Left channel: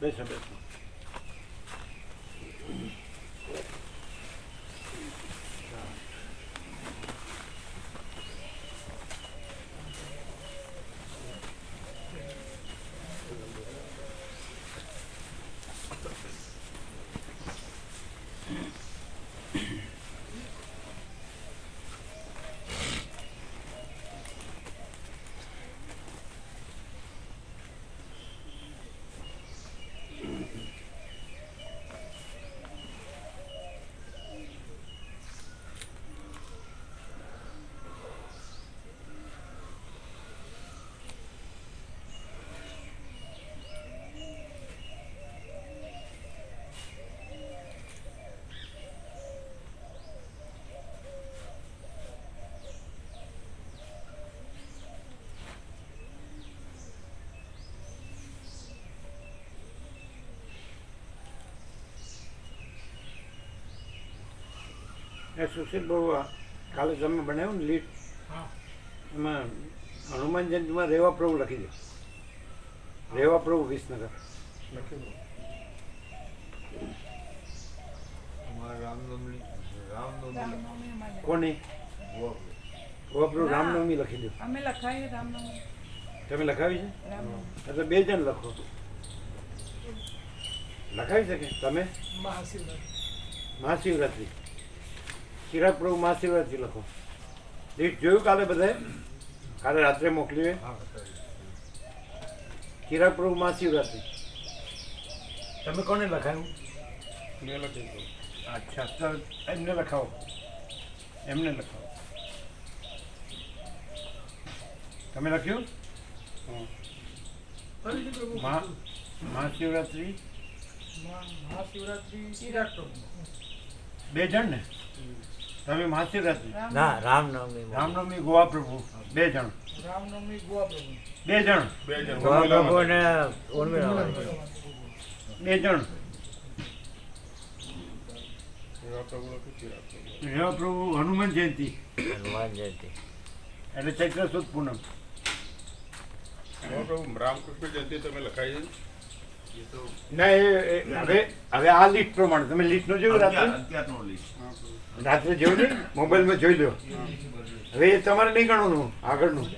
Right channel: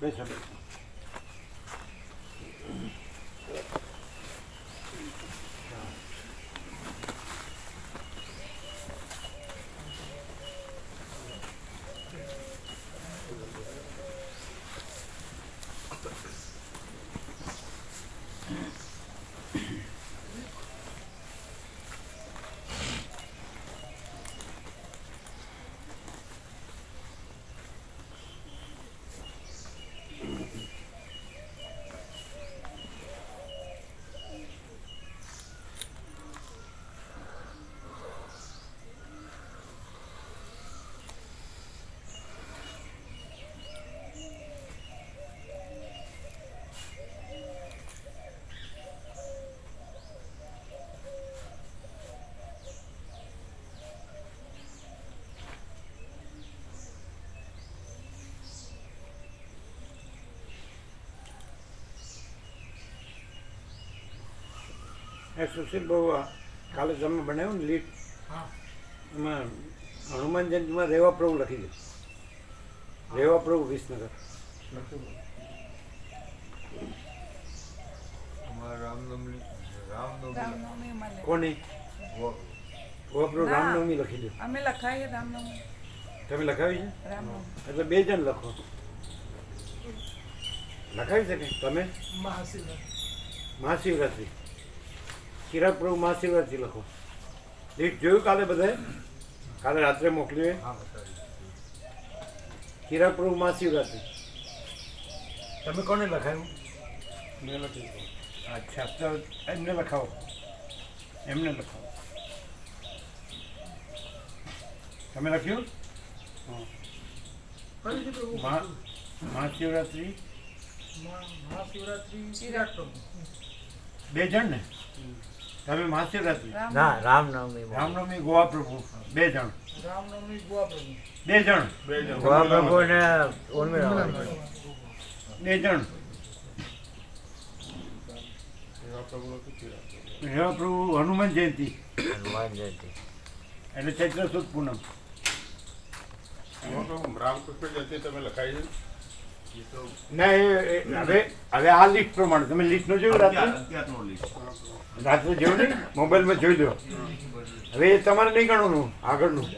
બેસો બેસો. એ સુશીલ બહુ કાલે તમે બનાવ્યું ને લીટ એમાં હનુમાન જયંતિમાં રેવા પ્રભુ લખી દે. રેવા પ્રભુ વિસનગર. કોની રેવા પ્રભુ રામનવમી લખી દો. તમે લખાવી છે એટલે 2 જણ લખો. લખાવી શકે તમે મહાશિવરાત્રિ ચિરાગ પ્રભુ મહાશિવરાત્રિ લખો. લીટ જોયું કાલે બધાએ? કાલે રાત્રે મોકલીએ. ચિરાગ પ્રભુ મહાશિવરાત્રિ. તમે કોને લખાયું? અચ્છા તો એમને લખાવો. એમને લખાવો. તમે લખ્યું? મહાશિવરાત્રિ 2 જણ ને? તમે મહાશિવરાત્રિ ના રામનવમી રામનવમી ગોવા પ્રભુ 2 જણ. રામનવમી ગોવા પ્રભુ 2 જણ. ગોવા પ્રભુ ને ઉર્મિલા 2 જણ. રેવા પ્રભુ હનુમાન જયંતિ હનુમાન જયંતિ એટલે ચૈત્ર સુદ પૂનમ. રામકૃષ્ણ જયંતિ તમે લખાઈ ના હવે આ લિસ્ટ પ્રમાણે તમે લિસ્ટનો જોયું રાત્રે? રાત્રે જોયું નહીં? મોબાઈલમાં જોઈ લો. હવે એ તમારે નહીં ગણવાનું આગળનું.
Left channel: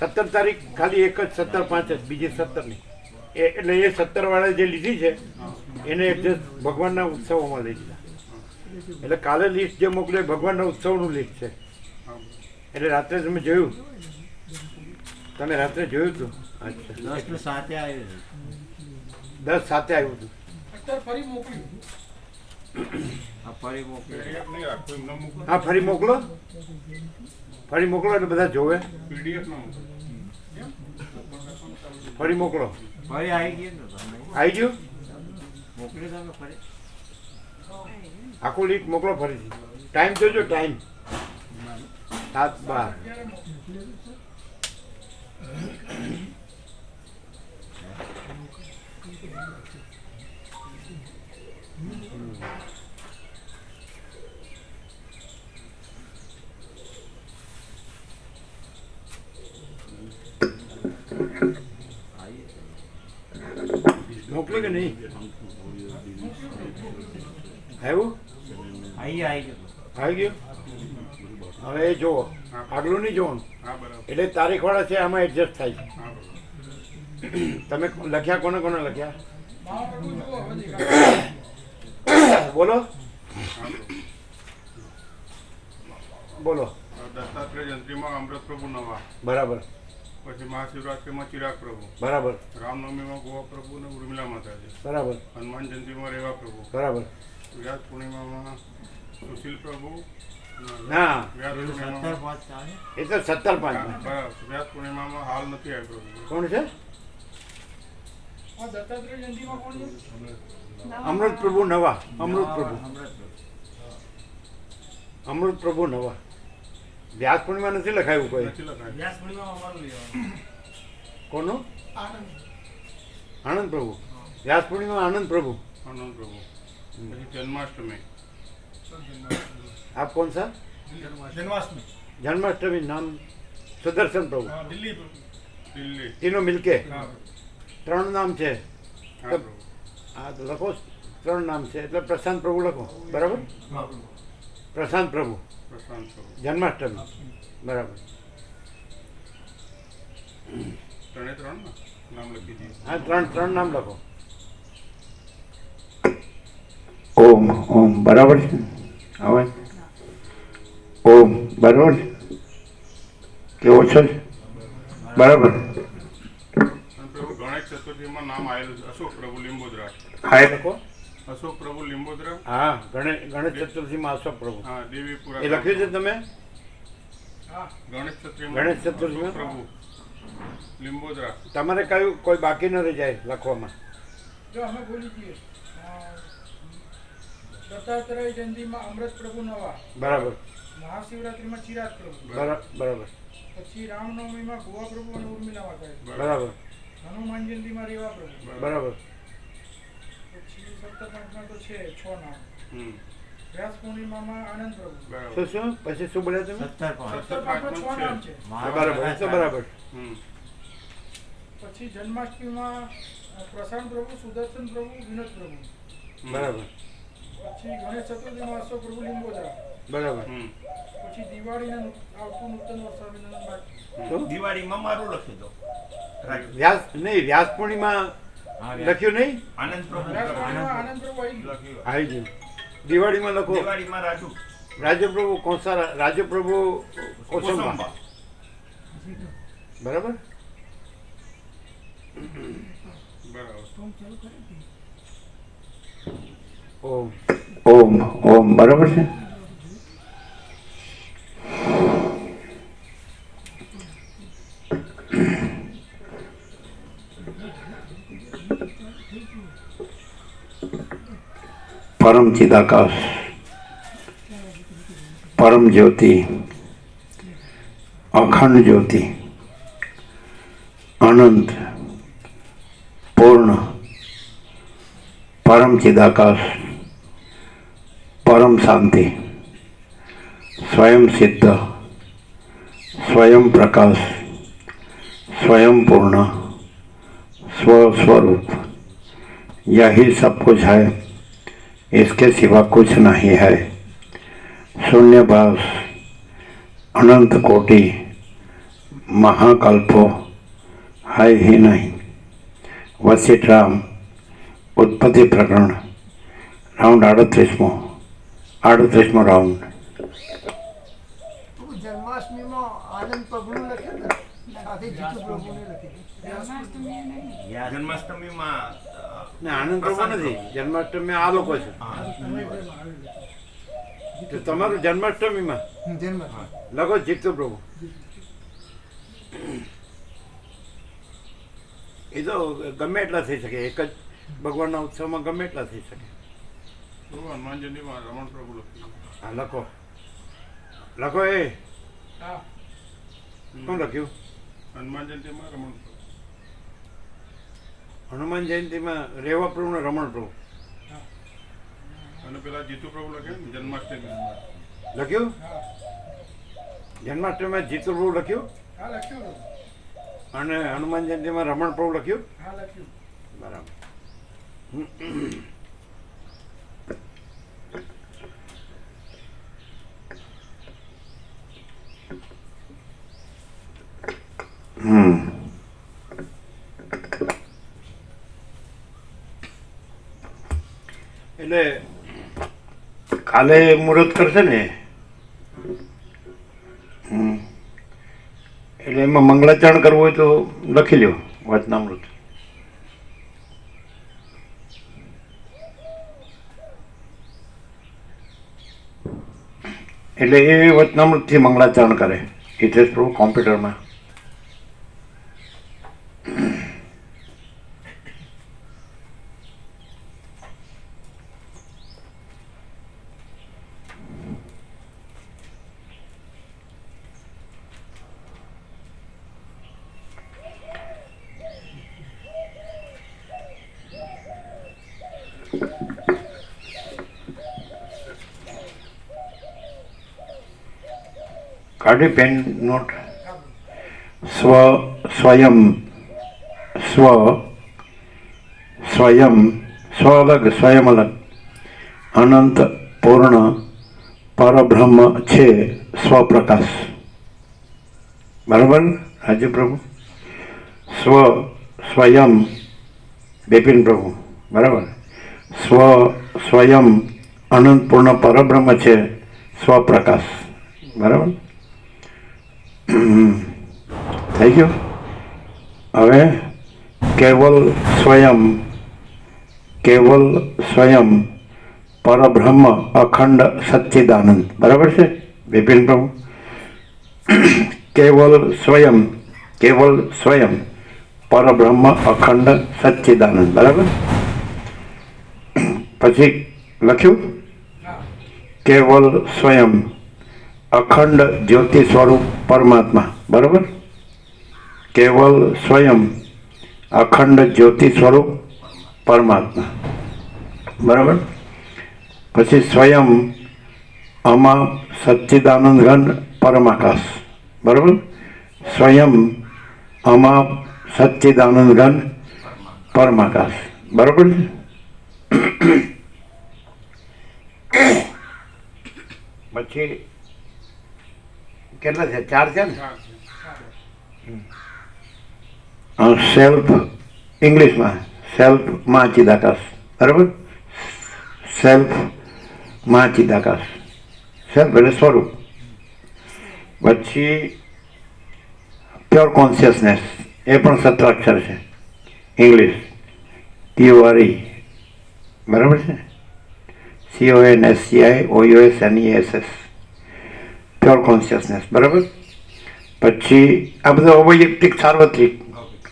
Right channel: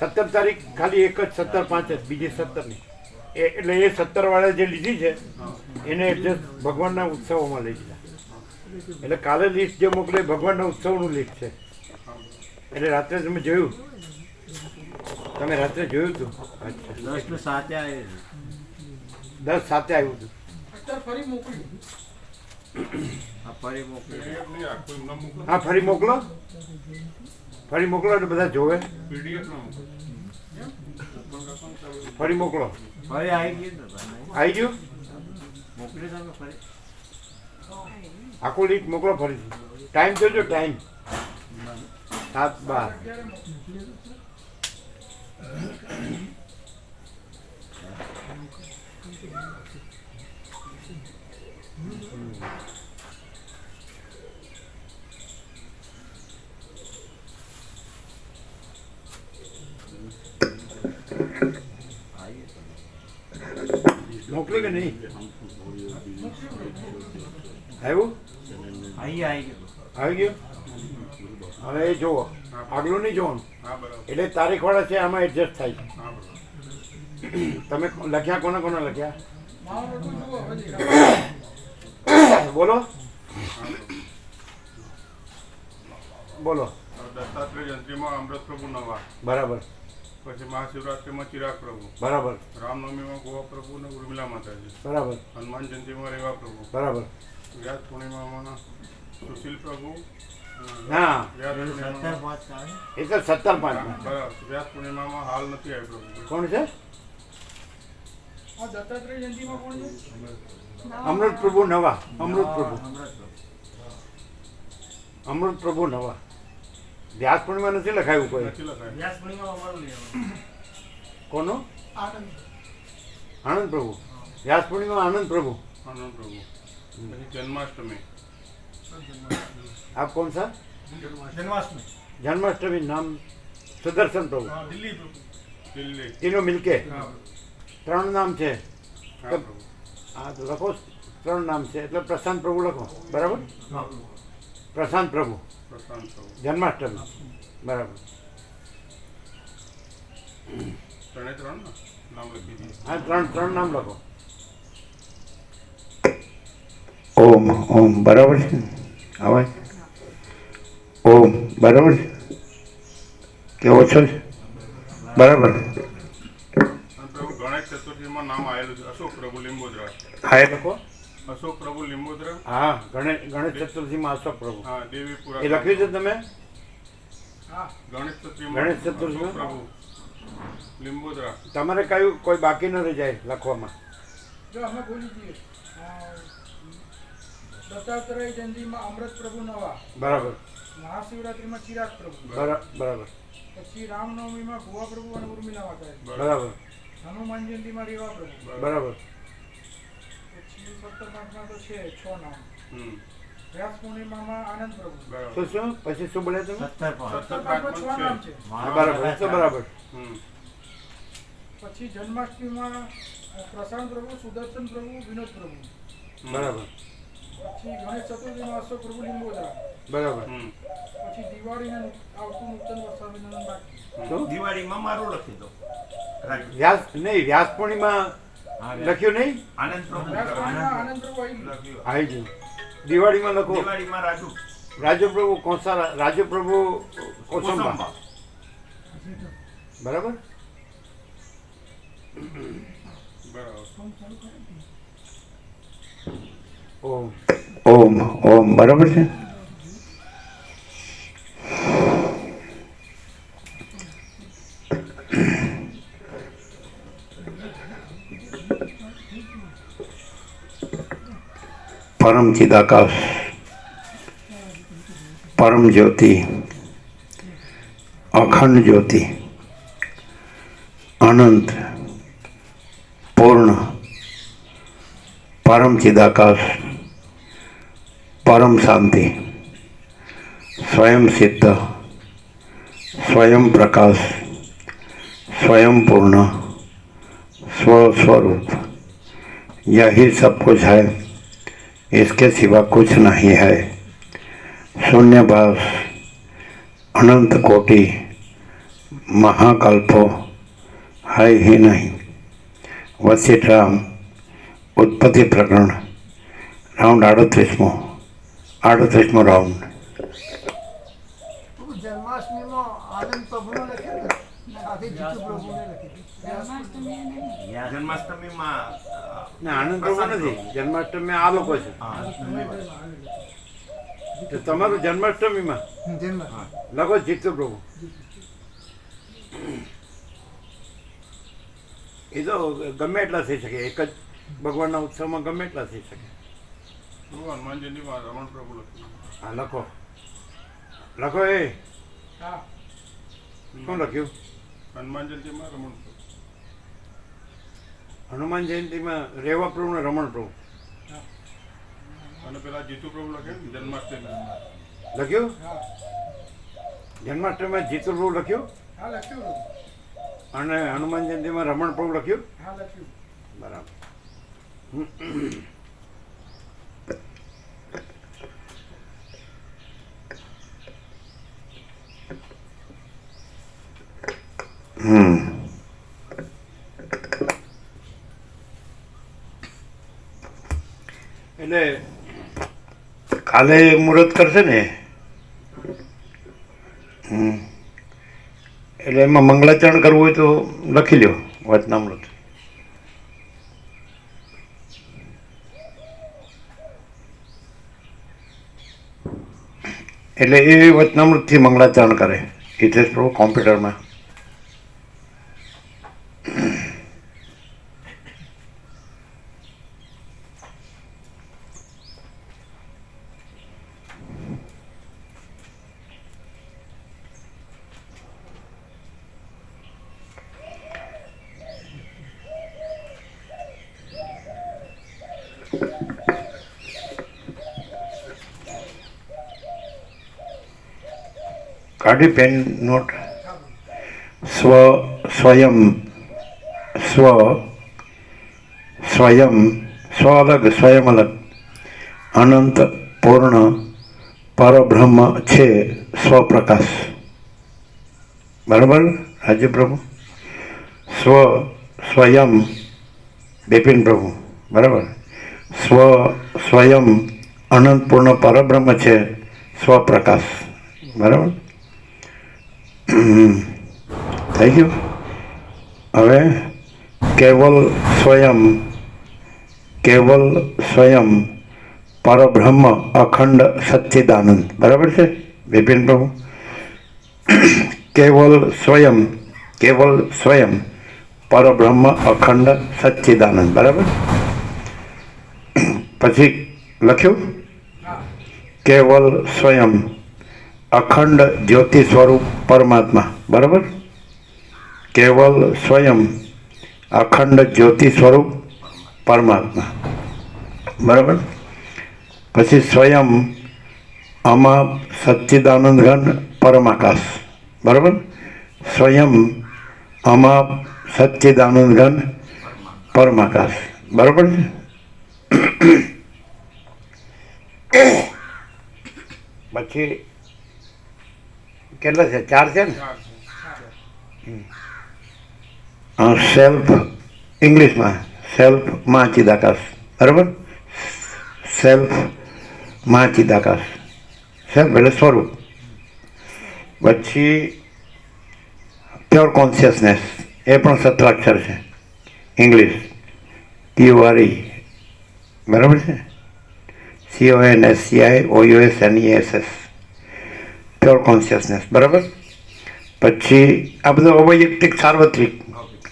17 તારીખ ખાલી એક જ 17/5 જ, બીજી 17 નહીં. એટલે એ 17 વાળા જે લીધી છે એને એડજસ્ટ ભગવાનના ઉત્સવોમાં લઈ લીધા. એટલે કાલે લિસ્ટ જે મોકલે ભગવાનના ઉત્સવનું લિસ્ટ છે. એટલે રાત્રે તમે જોયું? તમે રાત્રે જોયું હતું? અચ્છા 10 સાથે આવ્યું હતું. ફરી મોકલ્યું. હા ફરી મોકલો. ફરી મોકલો એટલે બધા જોવે. ફરી મોકલો. આવી ગયું? આખું લીટ મોકલો ફરીથી. ટાઈમ જોજો. ટાઈમ 7:12. મોકલો કે નહીં? આવ્યું? આવી ગયું? હવે એ જુઓ, આગલું નહીં જોવાનું. એટલે તારીખવાળા છે આમાં એડજસ્ટ થાય છે. તમે લખ્યા કોને કોને લખ્યા? બોલો બોલો. દત્તાત્રેય જયંતિમાં અમૃત પ્રભુ નવા. બરાબર. પછી મહાશિવરાત્રિમાં ચિરાગ પ્રભુ. બરાબર. રામનવમીમાં ગોવા પ્રભુ ને ઉર્મિલા માતાજી. બરાબર. હનુમાન જયંતિમાં રેવા પ્રભુ. બરાબર. વ્યાસ પૂર્ણિમામાં સુશીલ પ્રભુ. ના વ્યાસ પૂર્ણિમા એ તો 17/5. વ્યાસ પૂર્ણિમામાં હાલ નથી આવી પ્રભુ. કોણ છે? દત્તાત્રેય જયંતિમાં કોણ છે? અમૃત પ્રભુ નવા. અમૃત પ્રભુ. અમૃત પ્રભુ નવા. વ્યાસ પૂર્ણિમા નથી લખાયું કોઈ. નથી લખાય. કોનું? આનંદ પ્રભુ. વ્યાસ પૂર્ણિમા આનંદ પ્રભુ. આનંદ પ્રભુ. પછી જન્માષ્ટમી. આપ કોણ સા? જન્માષ્ટમી. જન્માષ્ટમી નામ સુદર્શન પ્રભુ. દિલ્હી. દિલ્હી. तीनों मिलके 3 नाम છે. હા પ્રભુ. હા તો લખો, 3 નામ છે એટલે પ્રશાંત પ્રભુ લખો, બરાબર? પ્રશાંત પ્રભુ પ્રશાંત પ્રભુ. જન્માષ્ટમી, બરાબર. ત્રણે ત્રણ ને નામ લખી દીધું. હા, 3 નામ લખો. ઓમ ઓમ બરાબર છે અવાજ? ઓમ બરાબર છે કે ઓછો છે? બરાબર. અને પ્રભુ ગણેશ ચતુર્થીમાં નામ આવેલું છે અશોક પ્રભુ લીંબોદરા. હા એ લખો. અશોક પ્રભુ લીંબોદરા. હા, ગણેશ ચતુર્થીમાં અશોક પ્રભુ હા, દેવીપુરા. એ લખ્યું છે તમે? હા ગણેશ ચતુર્થીમાં ગણેશ ચતુર્થીમાં? અશોક પ્રભુ લીંબોદરા. તમારે કયું કોઈ બાકી ન રહી જાય લખવામાં? જો અમે બોલી દઈએ દત્તાત્રેય જયંતિમાં અમૃત પ્રભુ નવા, બરાબર, મહાશિવરાત્રિમાં ચિરાગ પ્રભુ, બરાબર, પછી રામનવમીમાં ભુવા પ્રભુ અને ઉર્મિલા માતા, બરાબર, હનુમાન જયંતિમાં રેવા પ્રભુ, બરાબર. પછી 17 તો છે 6 નામ, હમ. વ્યાસ પૂર્ણિમામાં આનંદ પ્રભુ, બરાબર. શું પછી શું બોલ્યા તમે? 17 6 નામ છે. હા, બરાબર, એ તો બરાબર. હમ. પછી જન્માષ્ટમીમાં પ્રશાંત પ્રભુ, સુદર્શન પ્રભુ, વિનોદ પ્રભુ, બરાબર, પછી ગણેશ ચતુર્થીમાં અશોક પ્રભુ લીંબોદરા, બરાબર. હમ. પછી દિવાળીનું આવતું નૂતન વર્ષાભિનંદન બાકી, શું? દિવાળીમાં મારું લખી દો વ્યાસ પૂર્ણિમા લખ્યું નહીં? આનંદ પ્રભુ વ્યાસ પૂર્ણિમા આનંદ પ્રભુ આવી ગયું. આવી ગયું. દિવાળીમાં લખો દિવાળીમાં રાજુ રાજપ્રભુ કોસારા, રાજપ્રભુ કોસંબા, કોસંબા. બરાબર. બરાબર. ઓમ ઓમ ઓમ બરાબર છે. પરમ ચિદાકાશ, પરમ જ્યોતિ, અખંડ જ્યોતિ, અનંત, પૂર્ણ, પરમ ચિદાકાશ, પરમ શાંતિ, स्वयं सिद्ध, स्वयं प्रकाश, स्वयं पूर्ण, स्वस्वरूप, यही सब कुछ है, इसके सिवा कुछ नहीं है। शून्यभास, अनंत कोटि, महाकल्पो है ही नहीं। वशिष्ठ राम उत्पत्ति प्रकरण राउंड 38मो राउंड। જન્માષ્ટમીમાં આનંદ પ્રભુનું લખ્યું ને સાથે જીતુ પ્રભુને લખ્યું. જન્માષ્ટમીમાં ના, આનંદ પ્રભુ નથી. જન્માષ્ટમી આ લોકો છે. તો તમારું જન્માષ્ટમીમાં લખો જીતુ પ્રભુ. એ તો ગમે એટલા થઈ શકે, એક જ ભગવાનના ઉત્સવમાં ગમે એટલા થઈ શકે. પ્રભુ હનુમાન જયંતિમાં રમણ પ્રભુ લખ્યું. હા, લખો લખો. એ હા શું લખ્યું? હનુમાન જયંતિમાં રમણ પ્રભુ. હનુમાન જયંતિમાં રેવા પ્રભુ ને રમણ પ્રભુ અને પેલા જીતુ પ્રભુ લખ્યું ને જન્માષ્ટમી. લખ્યું. હા જન્માષ્ટમીમાં જીતુ પ્રભુ લખ્યું હા લખ્યું. અને હનુમાન જયંતિમાં રમણ પ્રભુ લખ્યું. હા લખ્યું. બરાબર. એટલે કાલે મુહૂર્ત કરશે ને, એટલે એમાં મંગળાચરણ કરવું હોય તો લખી લ્યો વચનામૃત. એટલે એ વચનામૃતથી મંગળાચરણ કરે હિતેશ પ્રભુ કોમ્પ્યુટરમાં. काढ़ी पेन नोट स्व स्वयं स्व સ્વયં, સ્વ અલગ, સ્વયં અલગ, અનંત પૂર્ણ પરબ્રહ્મ છે સ્વપ્રકાશ. બરાબર રાજ્ય પ્રભુ? સ્વયં બિપિન પ્રભુ. બરાબર. સ્વયં અનંત પૂર્ણ પરબ્રહ્મ છે સ્વપ્રકાશ. બરાબર. થઈ ગયું. હવે કેવલ સ્વયં પરબ્રહ્મ અખંડ સચ્ચિદાનંદ. બરાબર છે બિપિન પ્રભુ? કેવલ સ્વયં પરબ્રહ્મ અખંડ સચ્ચિદાનંદ. બરાબર. પછી લખ્યું કેવલ સ્વયં અખંડ જ્યોતિ સ્વરૂપ પરમાત્મા. બરાબર. કેવલ સ્વયં અખંડ જ્યોતિ સ્વરૂપ પરમાત્મા. બરાબર. પછી સ્વયં અમાપ સચ્ચિદાનંદ ઘન પરમાકાશ. બરાબર. સ્વયં અમાપ સચ્ચિદાનંદ ઘન પરમાકાશ. બરાબર છે. પછી કેટલા છે? 4 છે ને? સેલ્ફ ઇંગ્લિશમાં સેલ્ફમાં ચિદાકાશ. બરાબર. સેલ્ફમાં ચિદાકાશ. સેલ્ફ એટલે સ્વરૂપ. પછી પ્યોર કોન્શિયસનેસ, એ પણ 17 અક્ષર છે ઇંગ્લિશ. PURE. બરાબર છે. CONSCIOUSNESS, pure consciousness. બરાબર. પછી આ બધું અવૈયક્તિક સાર્વત્રિક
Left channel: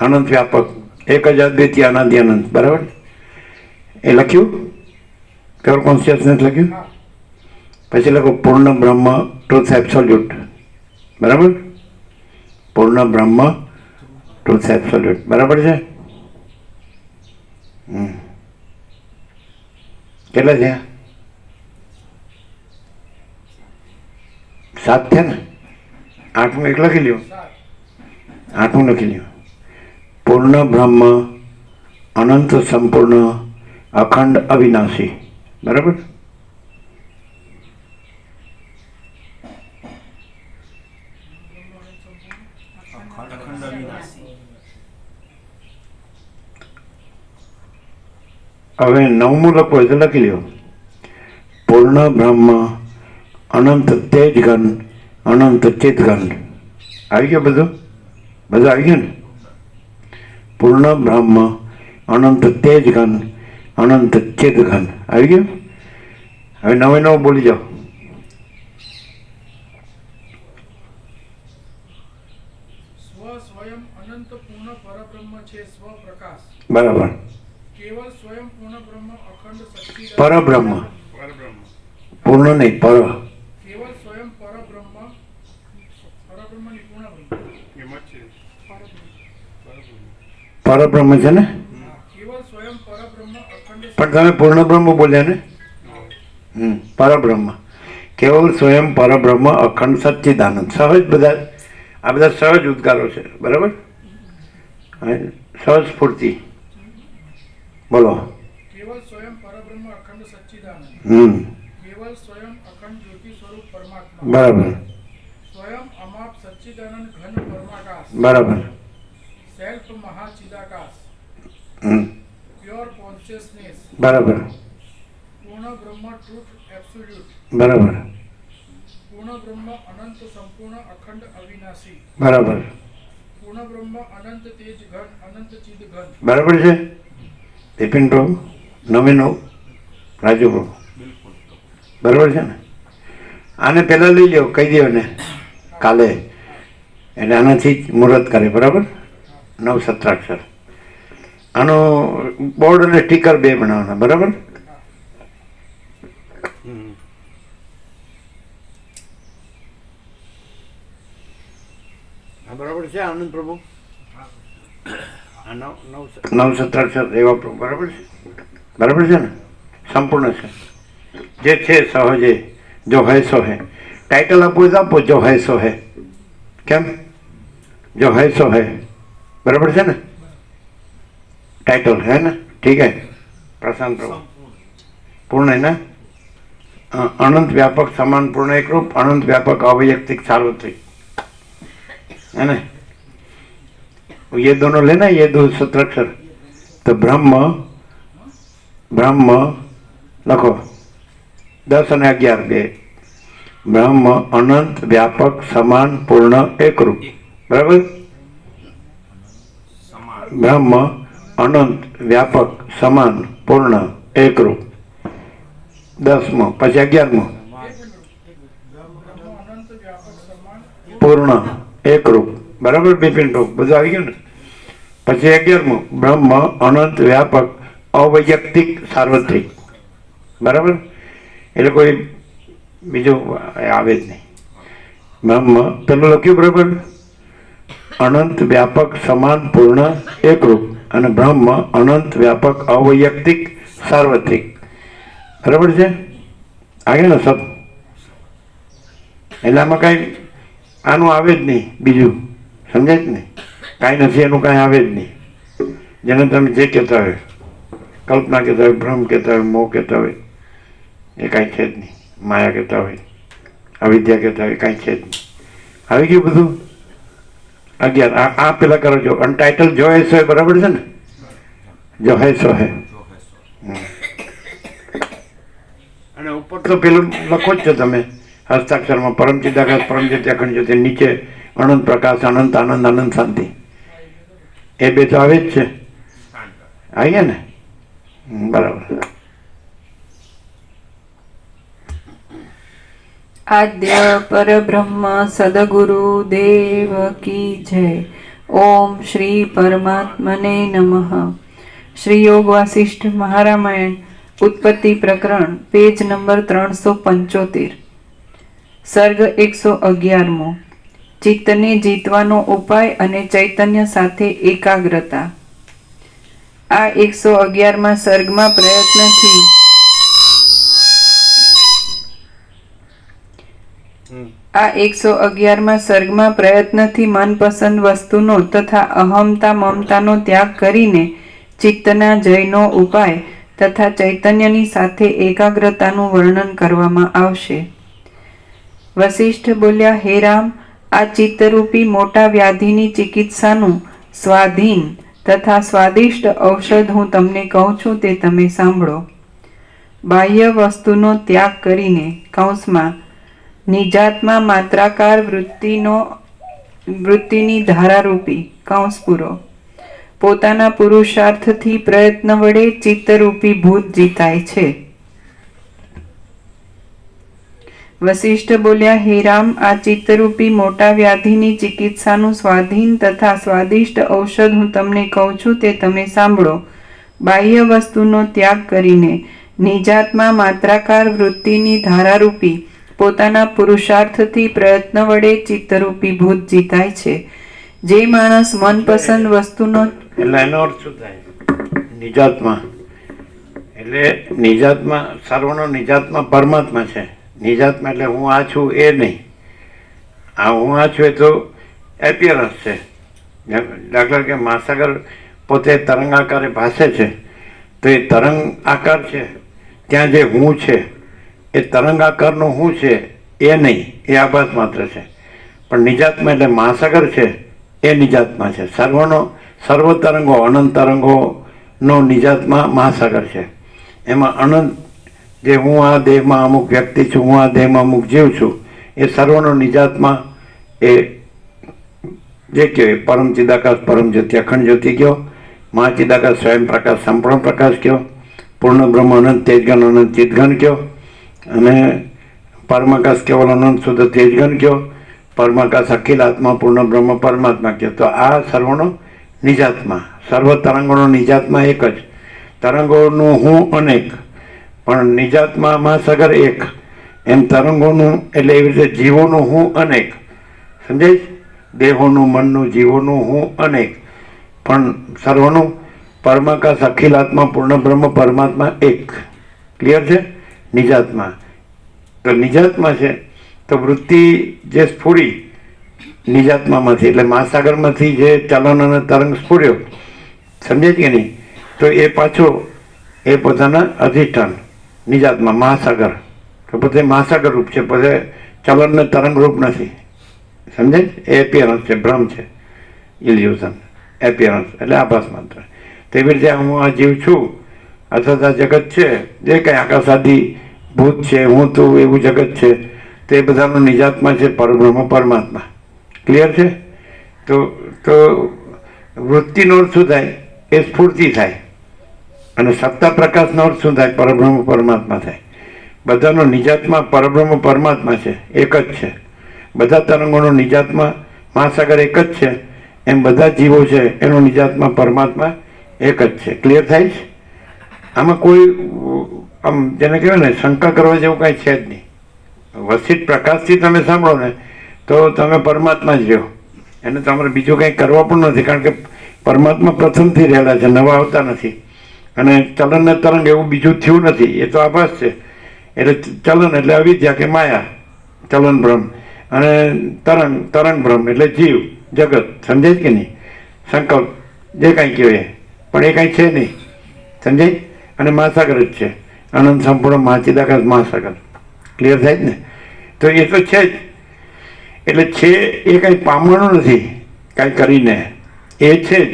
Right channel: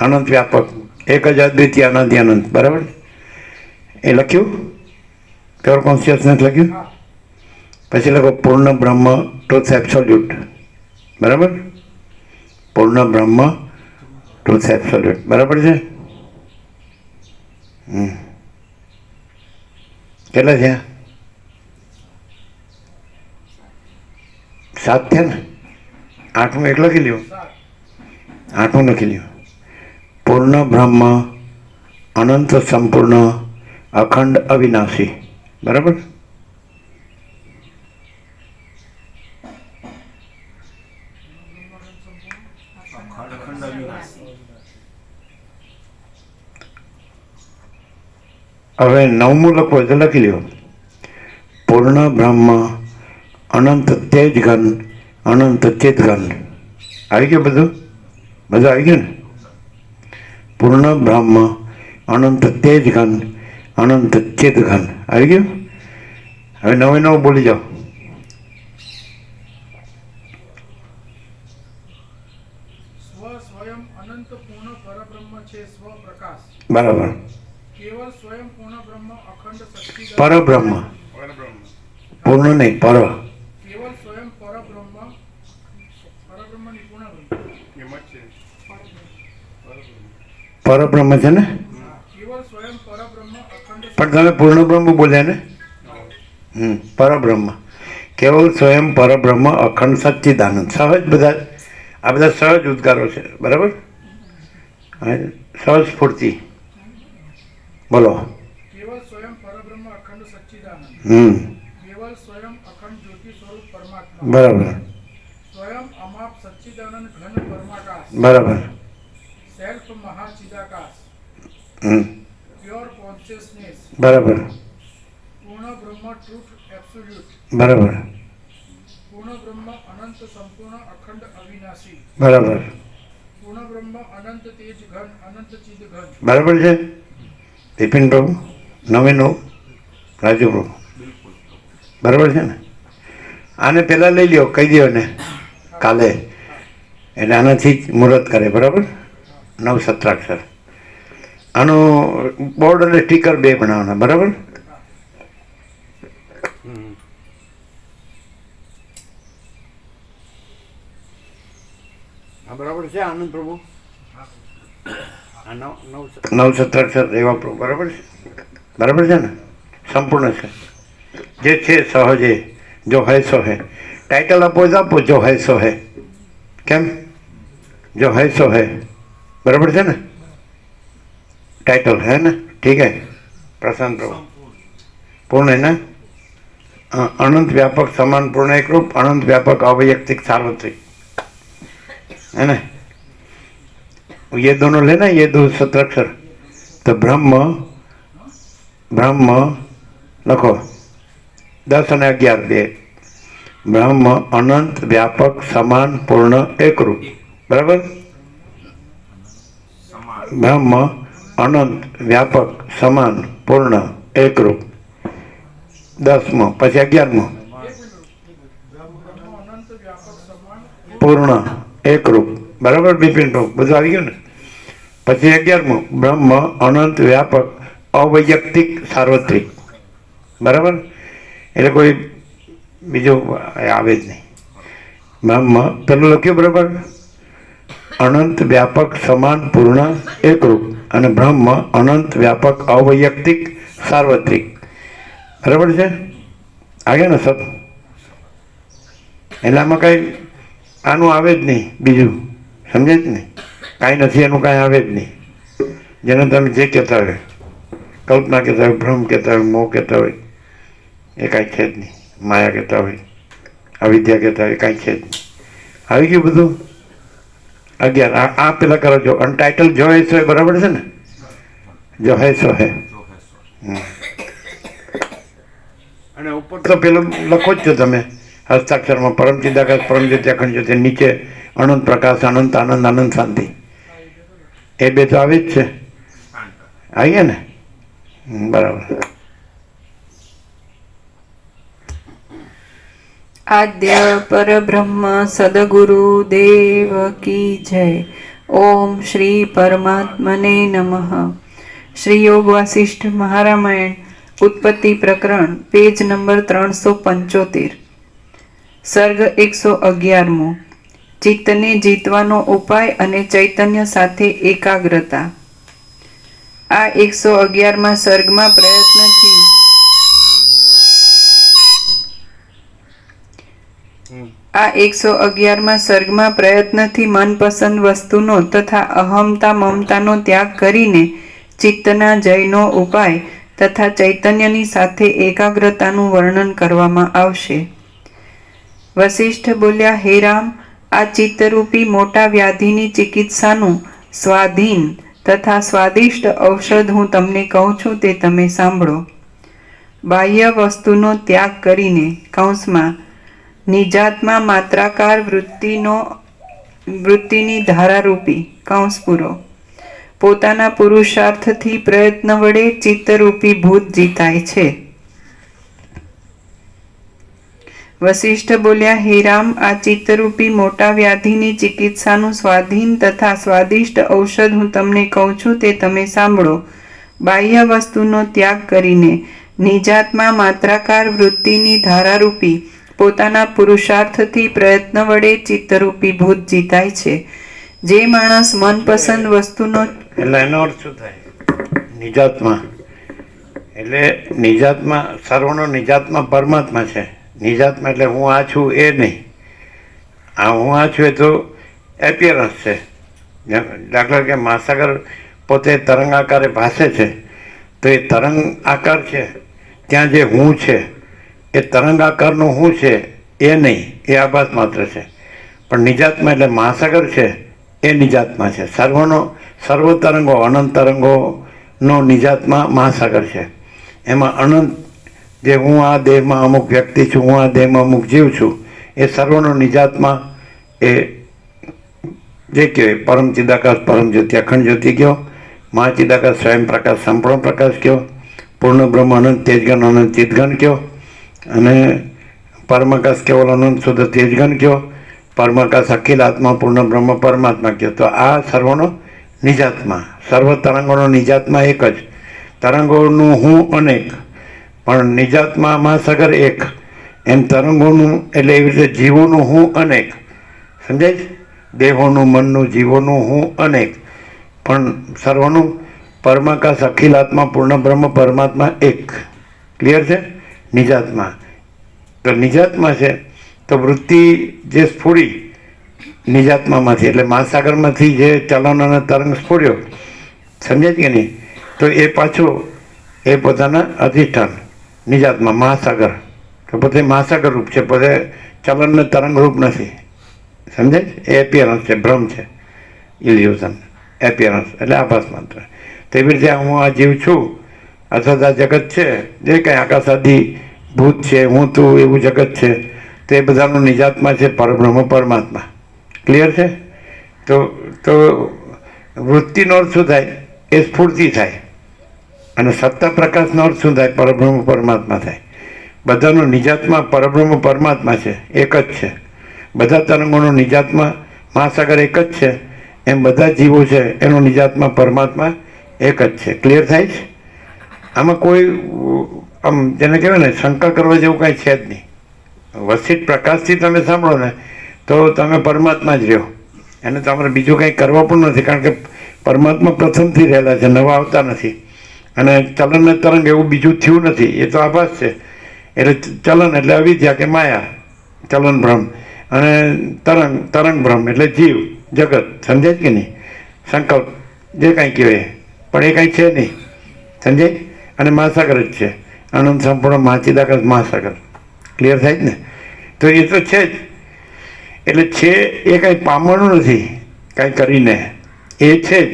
અનંત વ્યાપક એક જ અદ્વિતીય અનંત અનંત. બરાબર. એ લખ્યું પ્યોર કોન્શિયસનેસ લખ્યું. પછી લખો પૂર્ણ બ્રહ્મ ટ્રુથ એબ્સોલ્યુટ. બરાબર. પૂર્ણ બ્રહ્મ ટ્રુથ એબ્સોલ્યુટ. બરાબર છે. કેટલા છે? 7 છે ને? 8મું એક લખી લ્યો. 8મું લખી લ્યો. પૂર્ણ બ્રહ્મ અનંત સંપૂર્ણ અખંડ અવિનાશી. બરાબર. અખંડ અવિનાશી. હવે 9મું લખો તો લખી લ્યો. પૂર્ણ બ્રહ્મ અનંત તેજ ઘન અનંત ચિત ઘન. આવી ગયું બધું? બધું આવી ગયું ને? પૂર્ણ બ્રહ્મ અનંત તેજ ઘન અનંત ચિત ઘન. આવી ગયું? હવે 9 બોલી જાઓ. સ્વયં અનંત પૂર્ણ પરબ્રહ્મ છે સ્વપ્રકાશ. બરાબર. કેવલ સ્વયં પૂર્ણ બ્રહ્મ અખંડ સચ્ચિદાનંદ. પરબ્રહ્મ. પરબ્રહ્મ. પૂર્ણ નહીં, પર. કેવલ સ્વયં પરબ્રહ્મ ની પૂર્ણ બ્રહ્મ. એમ જ છે. પરબ્રહ્મ છે ને? કેવલ સ્વયં પરબ્રહ્મ અખંડ પણ તમે પૂર્ણ બ્રહ્મ બોલ્યા ને? પરબ્રહ્મ. કેવલ સ્વયં પરબ્રહ્મ અખંડ સચ્ચિદાનંદ. સહજ બધા, આ બધા સહજ ઉદ્ગારો છે. બરાબર. સહજ સ્ફૂર્તિ. બોલો. કેવલ સ્વયં પરબ્રહ્મ અખંડ સચ્ચિદાનંદ. કેવલ સ્વયં અખંડ જ્યોતિ સ્વરૂપ પરમાત્મા. બરાબર. સ્વયં અમાપ સચ્ચિદાનંદ ઘન પરમાકાશ. બરાબર. સેલ્ફ મહાચિદાકાશ. Pure consciousness. બરાબર. પૂર્ણ બ્રહ્મ ટ્રુથ એબ્સોલ્યુટ. બરાબર. પૂર્ણ બ્રહ્મ અનંત સંપૂર્ણ અખંડ અવિનાશી. બરાબર. પૂર્ણ બ્રહ્મ અનંત તેજ ઘન અનંત ચિદ ઘન. બરાબર છે બિપિન પ્રભુ? 9 રાજુ પ્રભુ. બરાબર છે ને? આને પહેલાં લઈ લ્યો, કહી દો ને કાલે, એટલે આનાથી જ મુહૂર્ત કરે. બરાબર. 9 17 આનું બોર્ડ અને સ્ટીકર 2 બનાવવાના. બરાબર. હા બરાબર છે આનંદ પ્રભુ. આ 9 17 એવા પ્રભુ. બરાબર છે? બરાબર છે ને? સંપૂર્ણ છે. જે છે સહજે જો હૈ સો હૈ. ટાઇટલ આપો તો આપો, જો હૈ સો હૈ. કેમ? જો હૈ સો હૈ. બરાબર છે ને? ટાઇટલ હે ને? ठीक है प्रशांत प्रभु पूर्ण है ना अनंत व्यापक समान पूर्ण एक रूप अनंत व्यापक अवैयक्तिक सार्वत्रिक है ना ये दोनों लेना ये दो सत्राक्षर तो ब्रह्म ब्रह्म लखो 10 અને 11 બે ब्रह्म अनंत व्यापक समान पूर्ण एक रूप बराबर ब्रह्म अनंत व्यापक समान पूर्ण एक रूप 10મો પછી 11મો બ્રહ્મ અનંત વ્યાપક સમાન પૂર્ણ એક રૂપ બરાબર બિપિન પ્રભુ બધું આવી ગયું ને પછી 11મો બ્રહ્મ અનંત વ્યાપક અવૈયક્તિક સાર્વત્રિક બરાબર એટલે કોઈ બીજું આવે જ નહીં બ્રહ્મ પેલું લખ્યું બરાબર અનંત વ્યાપક સમાન પૂર્ણ એકરૂપ અને બ્રહ્મ અનંત વ્યાપક અવૈયક્તિક સાર્વત્રિક બરાબર છે આગળ ને સબ એટલે આમાં કાંઈ આનું આવે જ નહીં બીજું સમજે જ નહીં કાંઈ નથી એનું કાંઈ આવે જ નહીં જેને તમે જે કહેતા હોય કલ્પના કહેતા હોય ભ્રમ કહેતા હોય મોહ કહેતા હોય એ કાંઈ છે જ નહીં માયા કહેતા હોય અવિદ્યા કહેતા હોય કાંઈ છે જ નહીં આવી ગયું બધું 11 આ પેલા કરો છો અને ટાઇટલ જો હે સો હે બરાબર છે ને જો હે સો હે અને ઉપર તો પેલું લખો જ છો તમે હસ્તાક્ષરમાં પરમ ચિદાકાશ પરમ જ્યોતિ અખંડ જ્યોતિ નીચે અનંત પ્રકાશ અનંત આનંદ અનંત શાંતિ એ બે તો આવે જ છે આવી ગયા ને બરાબર આદ્ય પરબ્રહ્મ સદગુરુ દેવ કી જય. ઓમ શ્રી પરમાત્મને નમઃ. શ્રી યોગ વાસિષ્ઠ મહારામાયણ ઉત્પત્તિ પ્રકરણ પેજ નંબર 375 સર્ગ 111મો ચિત્તને જીતવાનો ઉપાય અને ચૈતન્ય સાથે એકાગ્રતા. આ 111માં સર્ગમાં પ્રયત્નથી આ 111માં સર્ગમાં પ્રયત્નથી મનપસંદ વસ્તુનો તથા અહમતા મમતાનો ત્યાગ કરીને ચિત્તના જયનો ઉપાય તથા ચૈતન્યની સાથે એકાગ્રતાનું વર્ણન કરવામાં આવશે. વશિષ્ઠ બોલ્યા, હે રામ, આ ચિત્તરૂપી મોટા વ્યાધિની ચિકિત્સાનું સ્વાધીન તથા સ્વાદિષ્ટ ઔષધ હું તમને કહું છું તે તમે સાંભળો. બાહ્ય વસ્તુનો ત્યાગ કરીને કૌંસમાં નિજાત્મા માત્રાકાર વૃત્તિની ધારારૂપી કૌંસ પૂરો પોતાના પુરુષાર્થથી પ્રયત્ન વડે ચિત્તરૂપી ભૂત જીતાય છે. વશિષ્ઠ બોલ્યા, હે રામ, આ ચિત્તરૂપી મોટા વ્યાધિની ચિકિત્સાનું સ્વાધીન તથા સ્વાદિષ્ટ ઔષધ હું તમને કહું છું તે તમે સાંભળો. બાહ્ય વસ્તુનો ત્યાગ કરીને નિજાત્મા માત્રાકાર વૃત્તિની ધારારૂપી પોતાના પુરુષાર્થથી પ્રયત્ન વડે ચિત્તરૂપી ભૂત જીતાય છે. જે માણસ મનપસંદ વસ્તુનો એટલે એનો અર્થ શું થાય? નિજાત્મા એટલે નિજાત્મા સર્વનો નિજાત્મા પરમાત્મા છે. નિજાત્મા એટલે હું આ છું એ નહીં. આ હું આ છું એ તો એપિયરન્સ છે. દાખલા કે મહાસાગર પોતે તરંગ આકારે ભાસે છે તો એ તરંગ આકાર છે, ત્યાં જે હું છે એ તરંગ આકારનું હું છે એ નહીં, એ આભાસ માત્ર છે. પણ નિજાત્મા એટલે મહાસાગર છે એ નિજાત્મા છે. સર્વ તરંગો અનંત તરંગોનો નિજાત્મા મહાસાગર છે. એમાં અનંત જે હું આ દેહમાં અમુક વ્યક્તિ છું, હું આ દેહમાં અમુક જીવ છું, એ સર્વનો નિજાત્મા એ જે કહેવાય પરમ ચિદાકાશ પરમ જ્યોતિ અખંડ જ્યોતિ કયો, મહાચિદાકાશ સ્વયં પ્રકાશ સંપૂર્ણ પ્રકાશ કયો, પૂર્ણ બ્રહ્મ અનંત તેજગન અનંત ચિદગન કયો, અને પરમાકાશ કેવલ અનંત શુદ્ધ તેજગન કયો, પરમાકાશ અખિલ આત્મા પૂર્ણ બ્રહ્મ પરમાત્મા કયો. તો આ સર્વનો નિજાત્મા, સર્વ તરંગોનો નિજાત્મા એક જ. તરંગોનું હું અનેક પણ નિજાત્મા મહાસાગર એક. એમ તરંગોનું એટલે એવી રીતે જીવોનું હું અનેક. સમજાય છે? દેહોનું, મનનું, જીવોનું હું અનેક પણ સર્વનું પરમાકાશ અખિલ આત્મા પૂર્ણ બ્રહ્મ પરમાત્મા એક. ક્લિયર છે? નિજાત્મા તો નિજાત્મા છે. તો વૃત્તિ જે સ્ફુરી નિજાત્મામાંથી એટલે મહાસાગરમાંથી જે ચલન અને તરંગ સ્ફુર્યો, સમજે છે કે નહીં? તો એ પાછો એ પોતાના અધિષ્ઠાન નિજાતમાં મહાસાગર, તો પોતે મહાસાગર રૂપ છે, પોતે ચલનને તરંગ રૂપ નથી. સમજે? એ એપિયરન્સ છે, ભ્રમ છે, ઇલ્યુઝન, એપિયરન્સ એટલે આભાસ માત્ર. તેવી રીતે હું આ જીવ છું અથવા આ જગત છે, જે કંઈ આકાશાદી ભૂત છે, હું તું એવું જગત છે, તે બધાનો નિજાતમાં છે પરબ્રહ્મ પરમાત્મા. ક્લિયર છે? તો વૃત્તિનો અર્થ શું થાય? એ સ્ફૂર્તિ થાય. અને સત્તા પ્રકાશનો અર્થ શું થાય? પરબ્રહ્મ પરમાત્મા થાય. બધાનો નિજાતમાં પરબ્રહ્મ પરમાત્મા છે, એક જ છે. બધા તરંગોનો નિજાતમાં મહાસાગર એક જ છે, એમ બધા જીવો છે એનો નિજાતમાં પરમાત્મા એક જ છે. ક્લિયર થાય છે? આમાં કોઈ આમ જેને કહેવાય ને શંકા કરવા જેવું કાંઈ છે જ નહીં. વસિત પ્રકાશથી તમે સાંભળો ને તો તમે પરમાત્મા જ રહ્યો, એને તમારે બીજું કંઈ કરવા પણ નથી, કારણ કે પરમાત્મા પ્રથમથી રહેલા છે, નવા આવતા નથી. અને ચલન ને તરંગ એવું બીજું થયું નથી, એ તો આભાસ છે. એટલે ચલન એટલે અવિદ્યા કે માયા, ચલન ભ્રમ, અને તરંગ ભ્રમ એટલે જીવ જગત. સમજે કે નહીં? સંકલ્પ જે કાંઈ કહેવાય પણ એ કાંઈ છે નહીં. સમજે? અને મહાસાગર જ છે, આનંદ સંપૂર્ણ મહાચિદાકાશ મહાસાગર. ક્લિયર થાય જ ને? તો એ તો છે જ. એટલે છે એ કાંઈ પામવાનું નથી કાંઈ કરીને, એ છે જ.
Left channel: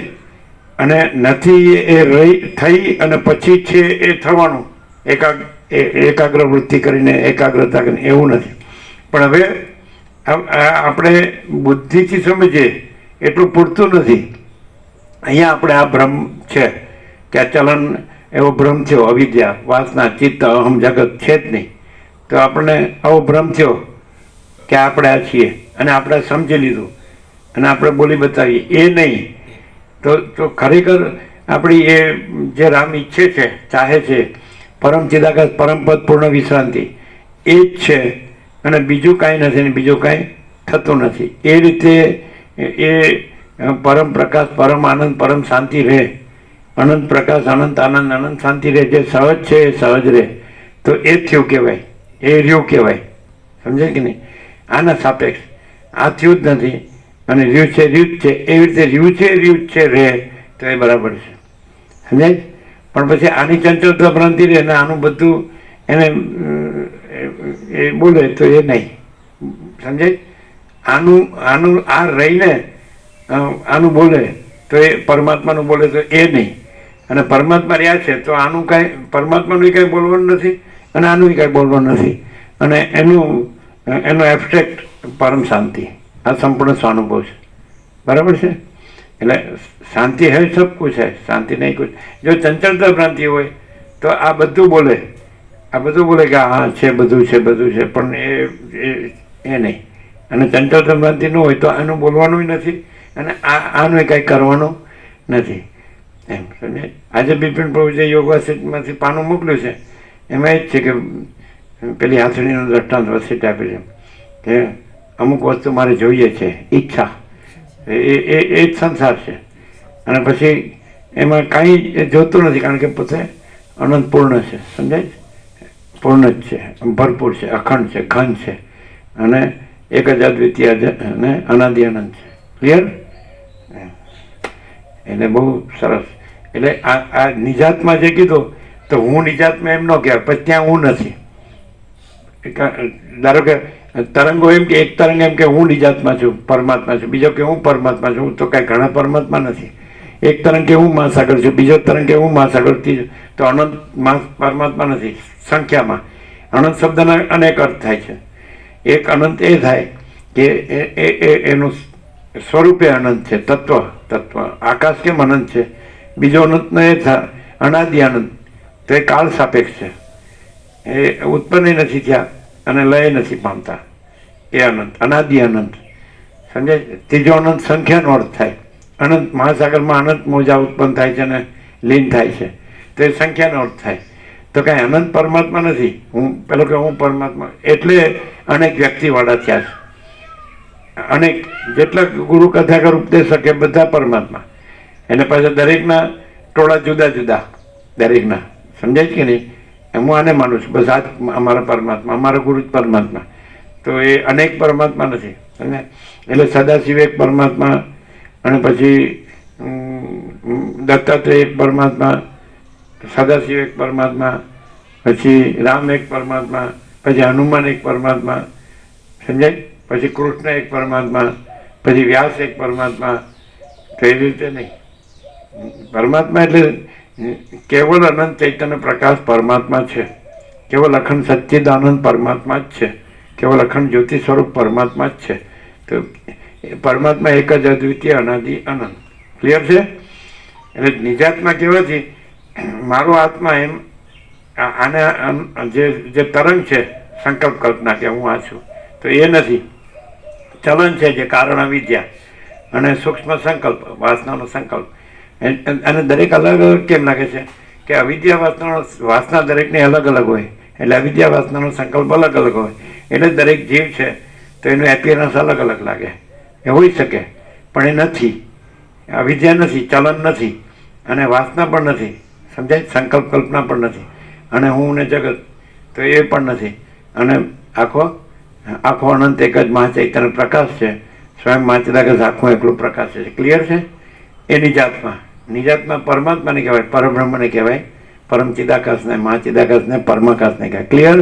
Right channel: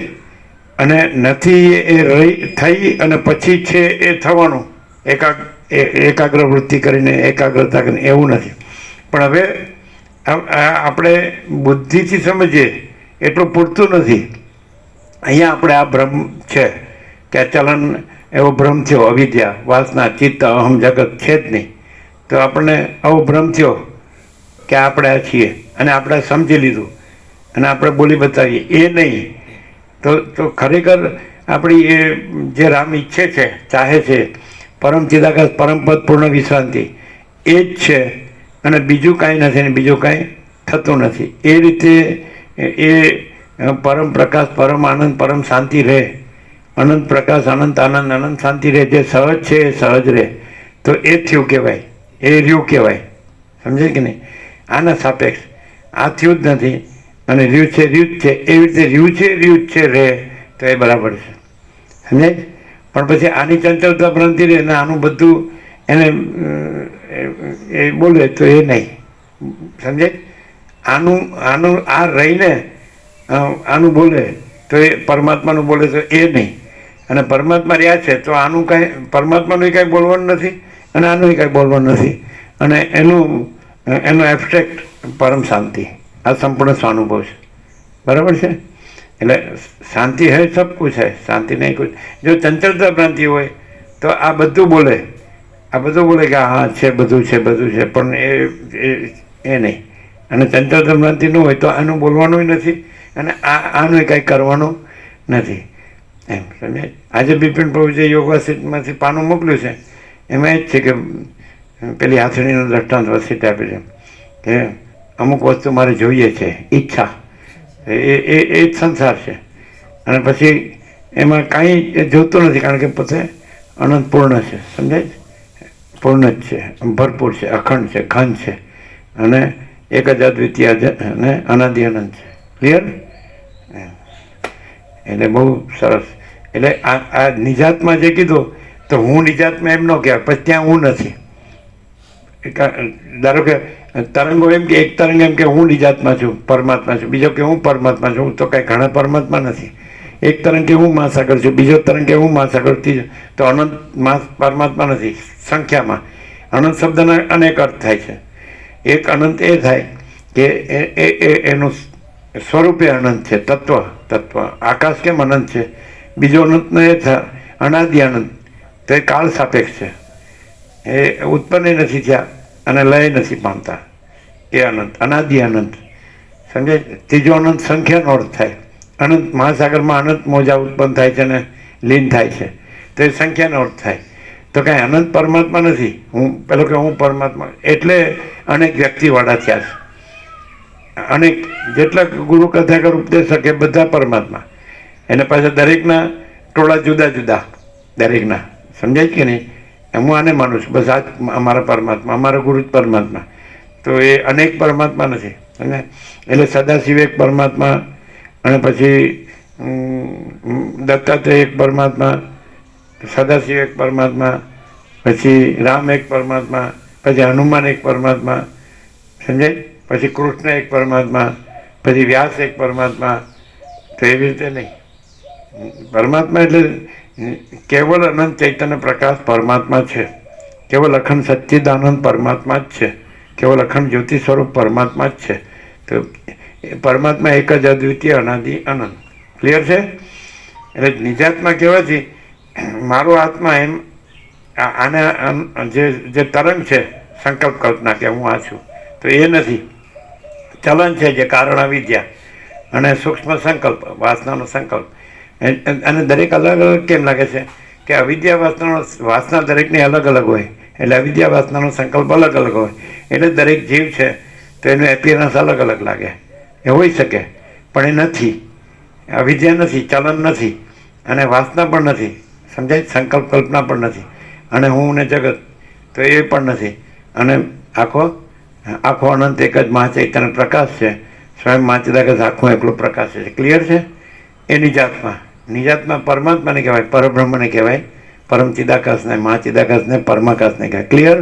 અને નથી એ રહી થઈ અને પછી છે એ થવાનું, એકાગ્ર વૃત્તિ કરીને, એકાગ્રતા કરીને, એવું નથી. પણ હવે આપણે બુદ્ધિથી સમજીએ એટલું પૂરતું નથી. અહીંયા આપણે આ ભ્રમ છે કે આ ચલન એવો ભ્રમ થયો, અવિદ્યા, વાસના, ચિત્ત, અહમ, જગત છે જ નહીં. તો આપણને આવો ભ્રમ થયો કે આપણે આ છીએ અને આપણે સમજી લીધું અને આપણે બોલી બતાવીએ, એ નહીં. તો ખરેખર આપણી એ જે રામ ઈચ્છે છે, ચાહે છે, પરમ ચિદાકાશ પરમપદ પૂર્ણ વિશ્રાંતિ, એ જ છે અને બીજું કાંઈ નથી ને બીજું કાંઈ થતું નથી. એ રીતે એ પરમ પ્રકાશ, પરમ આનંદ, પરમ શાંતિ રહે, અનંત પ્રકાશ, અનંત આનંદ, અનંત શાંતિ રહે, જે સહજ છે એ સહજ રહે. તો એ થયું કહેવાય, એ રહ્યું કહેવાય. સમજે કે નહીં? આના સાપેક્ષ આ થયું જ નથી અને રહ્યું છે રહ્યું જ છે. એવી રીતે રહ્યું છે રહે તો એ બરાબર છે. સમજે? પણ પછી આની ચંચળતા ભ્રાંતિ રહે ને આનું બધું એને એ બોલે તો એ નહીં. સમજે? આનું આ રહીને આનું બોલે તો એ પરમાત્માનું બોલે તો એ નહીં. અને પરમાત્મા રહ્યા છે તો આનું કાંઈ, પરમાત્માનું કાંઈ બોલવાનું નથી અને આનું કાંઈ બોલવાનું નથી. અને એનો એબ્સ્ટ્રેક્ટ પરમ શાંતિ, આ સંપૂર્ણ સ્વાનુભવ છે. બરાબર છે? એટલે શાંતિ હૈ સબ કુછ હૈ, શાંતિ નહીં કુછ. જો ચંચળતા ભ્રાંતિ હોય તો આ બધું બોલે, કે હા છે, બધું છે, પણ એ નહીં. અને ચંચળતા ભ્રાંતિ ન હોય તો આનું બોલવાનું નથી અને આનું કાંઈ કરવાનું નથી. એમ સમજે? આજે બિપિન પ્રભુ જે યોગ વસિતમાંથી પાનું મોકલ્યું છે એમાં એ જ છે કે પેલી હાથણીનું દ્રષ્ટાંત વસિત આપે છે કે અમુક વસ્તુ મારે જોઈએ છે, ઈચ્છા, એ જ સંસાર છે. અને પછી એમાં કાંઈ જોતું નથી કારણ કે પોતે અનંત પૂર્ણ છે. સમજાય? પૂર્ણ જ છે, ભરપૂર છે, અખંડ છે, ઘન છે અને એક જ અદ્વિતીય અને અનાદિ અનંત છે. ક્લિયર? એટલે બહુ સરસ. એટલે આ નિજાતમાં જે કીધું તો હું નિજાતમાં એમ ન કહેવાય, પછી ત્યાં હું નથી. ધારો કે તરંગો એમ કે એક તરંગ એમ કે હું નિજાતમાં છું, પરમાત્મા છું, બીજો કે હું પરમાત્મા છું, તો કાંઈ ઘણા પરમાત્મા નથી. એક તરંગ કે હું મહાસાગર છું, બીજો તરંગ કે હું મહાસાગર, તો અનંત પરમાત્મા નથી સંખ્યામાં. અનંત શબ્દના અનેક અર્થ થાય છે. એક અનંત એ થાય કે એનું સ્વરૂપે અનંત છે, તત્વ આકાશ કેમ અનંત છે. બીજો અનંતનો એ થાય અનાદિ અનંત, તો એ કાળ સાપેક્ષ છે, એ ઉત્પન્ન નથી થયા અને લય નથી પામતા. એ અનંત, અનાદિ અનંત. સમજે? ત્રીજો અનંત સંખ્યાનો અર્થ થાય. અનંત મહાસાગરમાં અનંત મોજા ઉત્પન્ન થાય છે અને લીન થાય છે, તો એ સંખ્યાનો અર્થ થાય. તો કાંઈ અનંત પરમાત્મા નથી. પેલો કે હું પરમાત્મા, એટલે અનેક વ્યક્તિવાળા થયા છે. અનેક જેટલા ગુરુ કથાકર ઉપદેશક એ બધા પરમાત્મા. એને પાછા દરેકના ટોળા જુદા જુદા, દરેકના. સમજાય કે નહીં? હું આને માનું છું, બસ આ અમારા પરમાત્મા, અમારો ગુરુ જ પરમાત્મા. તો એ અનેક પરમાત્મા નથી. સમજે? એટલે સદાશિવ એક પરમાત્મા, અને પછી દત્તાત્રેય એક પરમાત્મા, સદાશિવ એક પરમાત્મા, પછી રામ એક પરમાત્મા, પછી હનુમાન એક પરમાત્મા, સમજાય? પછી કૃષ્ણ એક પરમાત્મા, પછી વ્યાસ એક પરમાત્મા. તો એવી રીતે નહીં. પરમાત્મા એટલે કેવલ અનંત ચૈતન્ય પ્રકાશ પરમાત્મા છે. કેવલ અખંડ સચ્ચિદાનંદ પરમાત્મા જ છે. કેવલ અખંડ જ્યોતિ સ્વરૂપ પરમાત્મા જ છે. તો એ પરમાત્મા એક જ અદ્વિતીય અનાદિ અનંત. ક્લિયર છે? એટલે નિજાત્મા કહેવાથી મારો આત્મા એમ આને જે તરંગ છે સંકલ્પ કલ્પના કે હું આ છું, તો એ નથી. ચલન છે જે કારણ અવિદ્યા અને સૂક્ષ્મ સંકલ્પ વાસનાનો સંકલ્પ. અને દરેક અલગ અલગ કેમ લાગે છે કે અવિદ્યા વાસના દરેકની અલગ અલગ હોય, એટલે અવિદ્યા વાસનાનો સંકલ્પ અલગ અલગ હોય, એટલે દરેક જીવ છે તો એનું એપિયરન્સ અલગ અલગ લાગે. એ હોઈ શકે, પણ એ નથી. અવિદ્યા નથી, ચલન નથી, અને વાસના પણ નથી, સમજાય? સંકલ્પ કલ્પના પણ નથી, અને હું ને જગત તો એ પણ નથી. અને આખો અનંત એક જ મહાચૈતન્ય પ્રકાશ છે. સ્વયં મહાચિદાકાશ આખું એકલું પ્રકાશ છે. ક્લિયર છે? એ નિજાત્મા. નિજાત્મા પરમાત્માને કહેવાય, પરબ્રહ્મને કહેવાય, પરમ ચિદાકાશને, મહાચિદાકાશને, પરમાકાશને કહેવાય. ક્લિયર?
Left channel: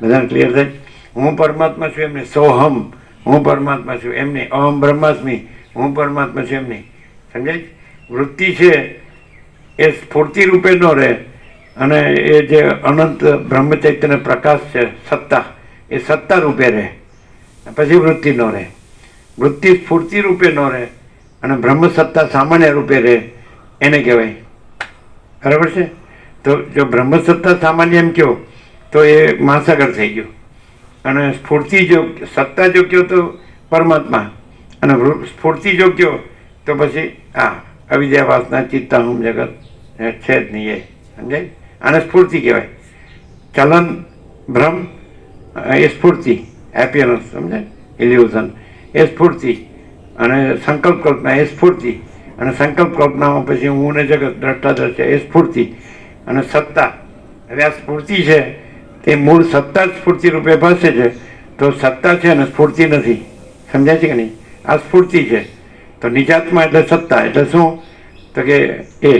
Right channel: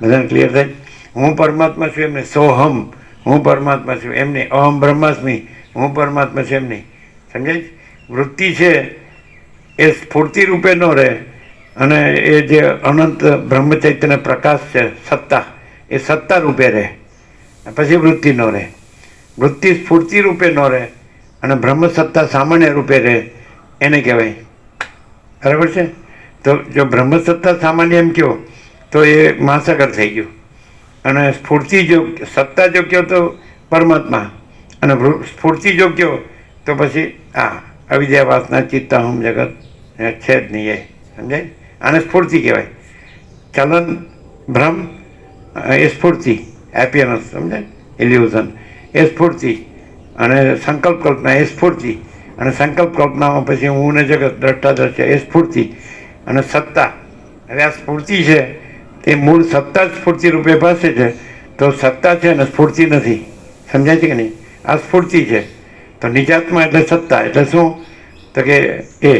બધાને ક્લિયર થાય? હું પરમાત્મા છું એમને સોહમ, હું પરમાત્મા છું એમ નહીં. અહમ બ્રહ્માસ્મિ, હું પરમાત્મા છું એમ નહીં. સમજાય? વૃત્તિ છે એ સ્ફૂર્તિ રૂપે ન રહે, અને એ જે અનંત બ્રહ્મચૈતન્ય પ્રકાશ છે સત્તા, એ સત્તા રૂપે રહે, પછી વૃત્તિ ન રહે. વૃત્તિ સ્ફૂર્તિ રૂપે ન રહે અને બ્રહ્મ સત્તા સામાન્ય રૂપે રહે, એને કહેવાય. બરાબર છે? તો જો બ્રહ્મ સત્તા સામાન્ય એમ કહો તો એ મહાસાગર થઈ ગયું, અને સ્ફૂર્તિ જો સત્તા જો કહો તો પરમાત્મા, અને સ્ફૂર્તિ જો કહો તો પછી અવિદ્યા વાસના ચિત્તાહમ જગત છે જ નહીં. એ સમજાય? આને સ્ફૂર્તિ કહેવાય. ચલન ભ્રમ એ સ્ફૂર્તિ, એપિયરન્સ, સમજાય? ઇલ્યુઝન એ સ્ફૂર્તિ, અને સંકલ્પ કલ્પના એ સ્ફૂર્તિ, અને સંકલ્પ કલ્પનામાં પછી હું ને જગત દ્રષ્ટાદ્રશ્ય છે એ સ્ફૂર્તિ, અને સત્તા. હવે આ સ્ફૂર્તિ છે તે મૂળ સત્તા જ સ્ફૂર્તિ રૂપે ભાસે છે. તો સત્તા છે ને સ્ફૂર્તિ નથી. સમજાય છે કે નહીં? આ સ્ફૂર્તિ છે. તો નિજાત્મા એટલે સત્તા. એટલે શું? તો કે એ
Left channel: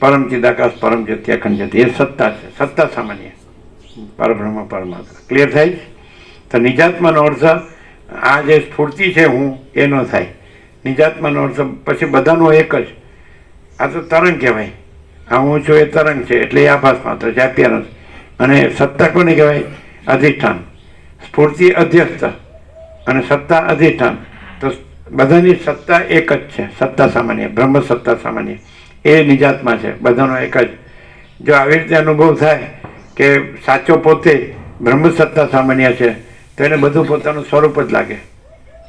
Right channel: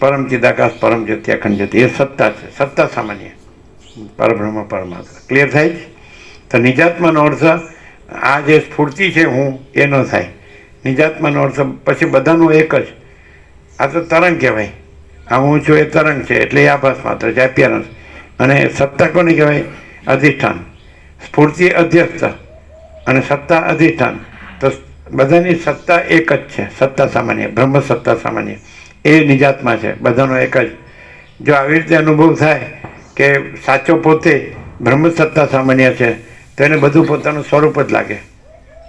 પરમ ચિદાકાશ પરમ જ્યોતિ અખંડ જ્યોતિ એ સત્તા છે. સત્તા સામાન્ય પરબ્રહ્મ પરમાત્મા. ક્લિયર થાય? તો નિજાત્માનો અર્થ આ જે સ્ફૂર્તિ છે હું એ ન થાય. નિજાત્માનો અર્થ પછી બધાનો એક જ. આ તો તરંગ કહેવાય. આ હું છું એ તરંગ છે, એટલે એ આભાસ માત્ર છે, એપિયરન્સ. અને સત્તા કોને કહેવાય? અધિષ્ઠાન. સ્ફૂર્તિ અધ્યસ્થ અને સત્તા અધિષ્ઠાન. તો બધાની સત્તા એક જ છે. સત્તા સામાન્ય, બ્રહ્મ સત્તા સામાન્ય, એ નિજાત્મા છે. બધાનો એક જ. જો આવી રીતે અનુભવ થાય કે સાચો પોતે બ્રહ્મ સત્તા સામાન્ય છે, તો એને બધું પોતાનું સ્વરૂપ જ લાગે,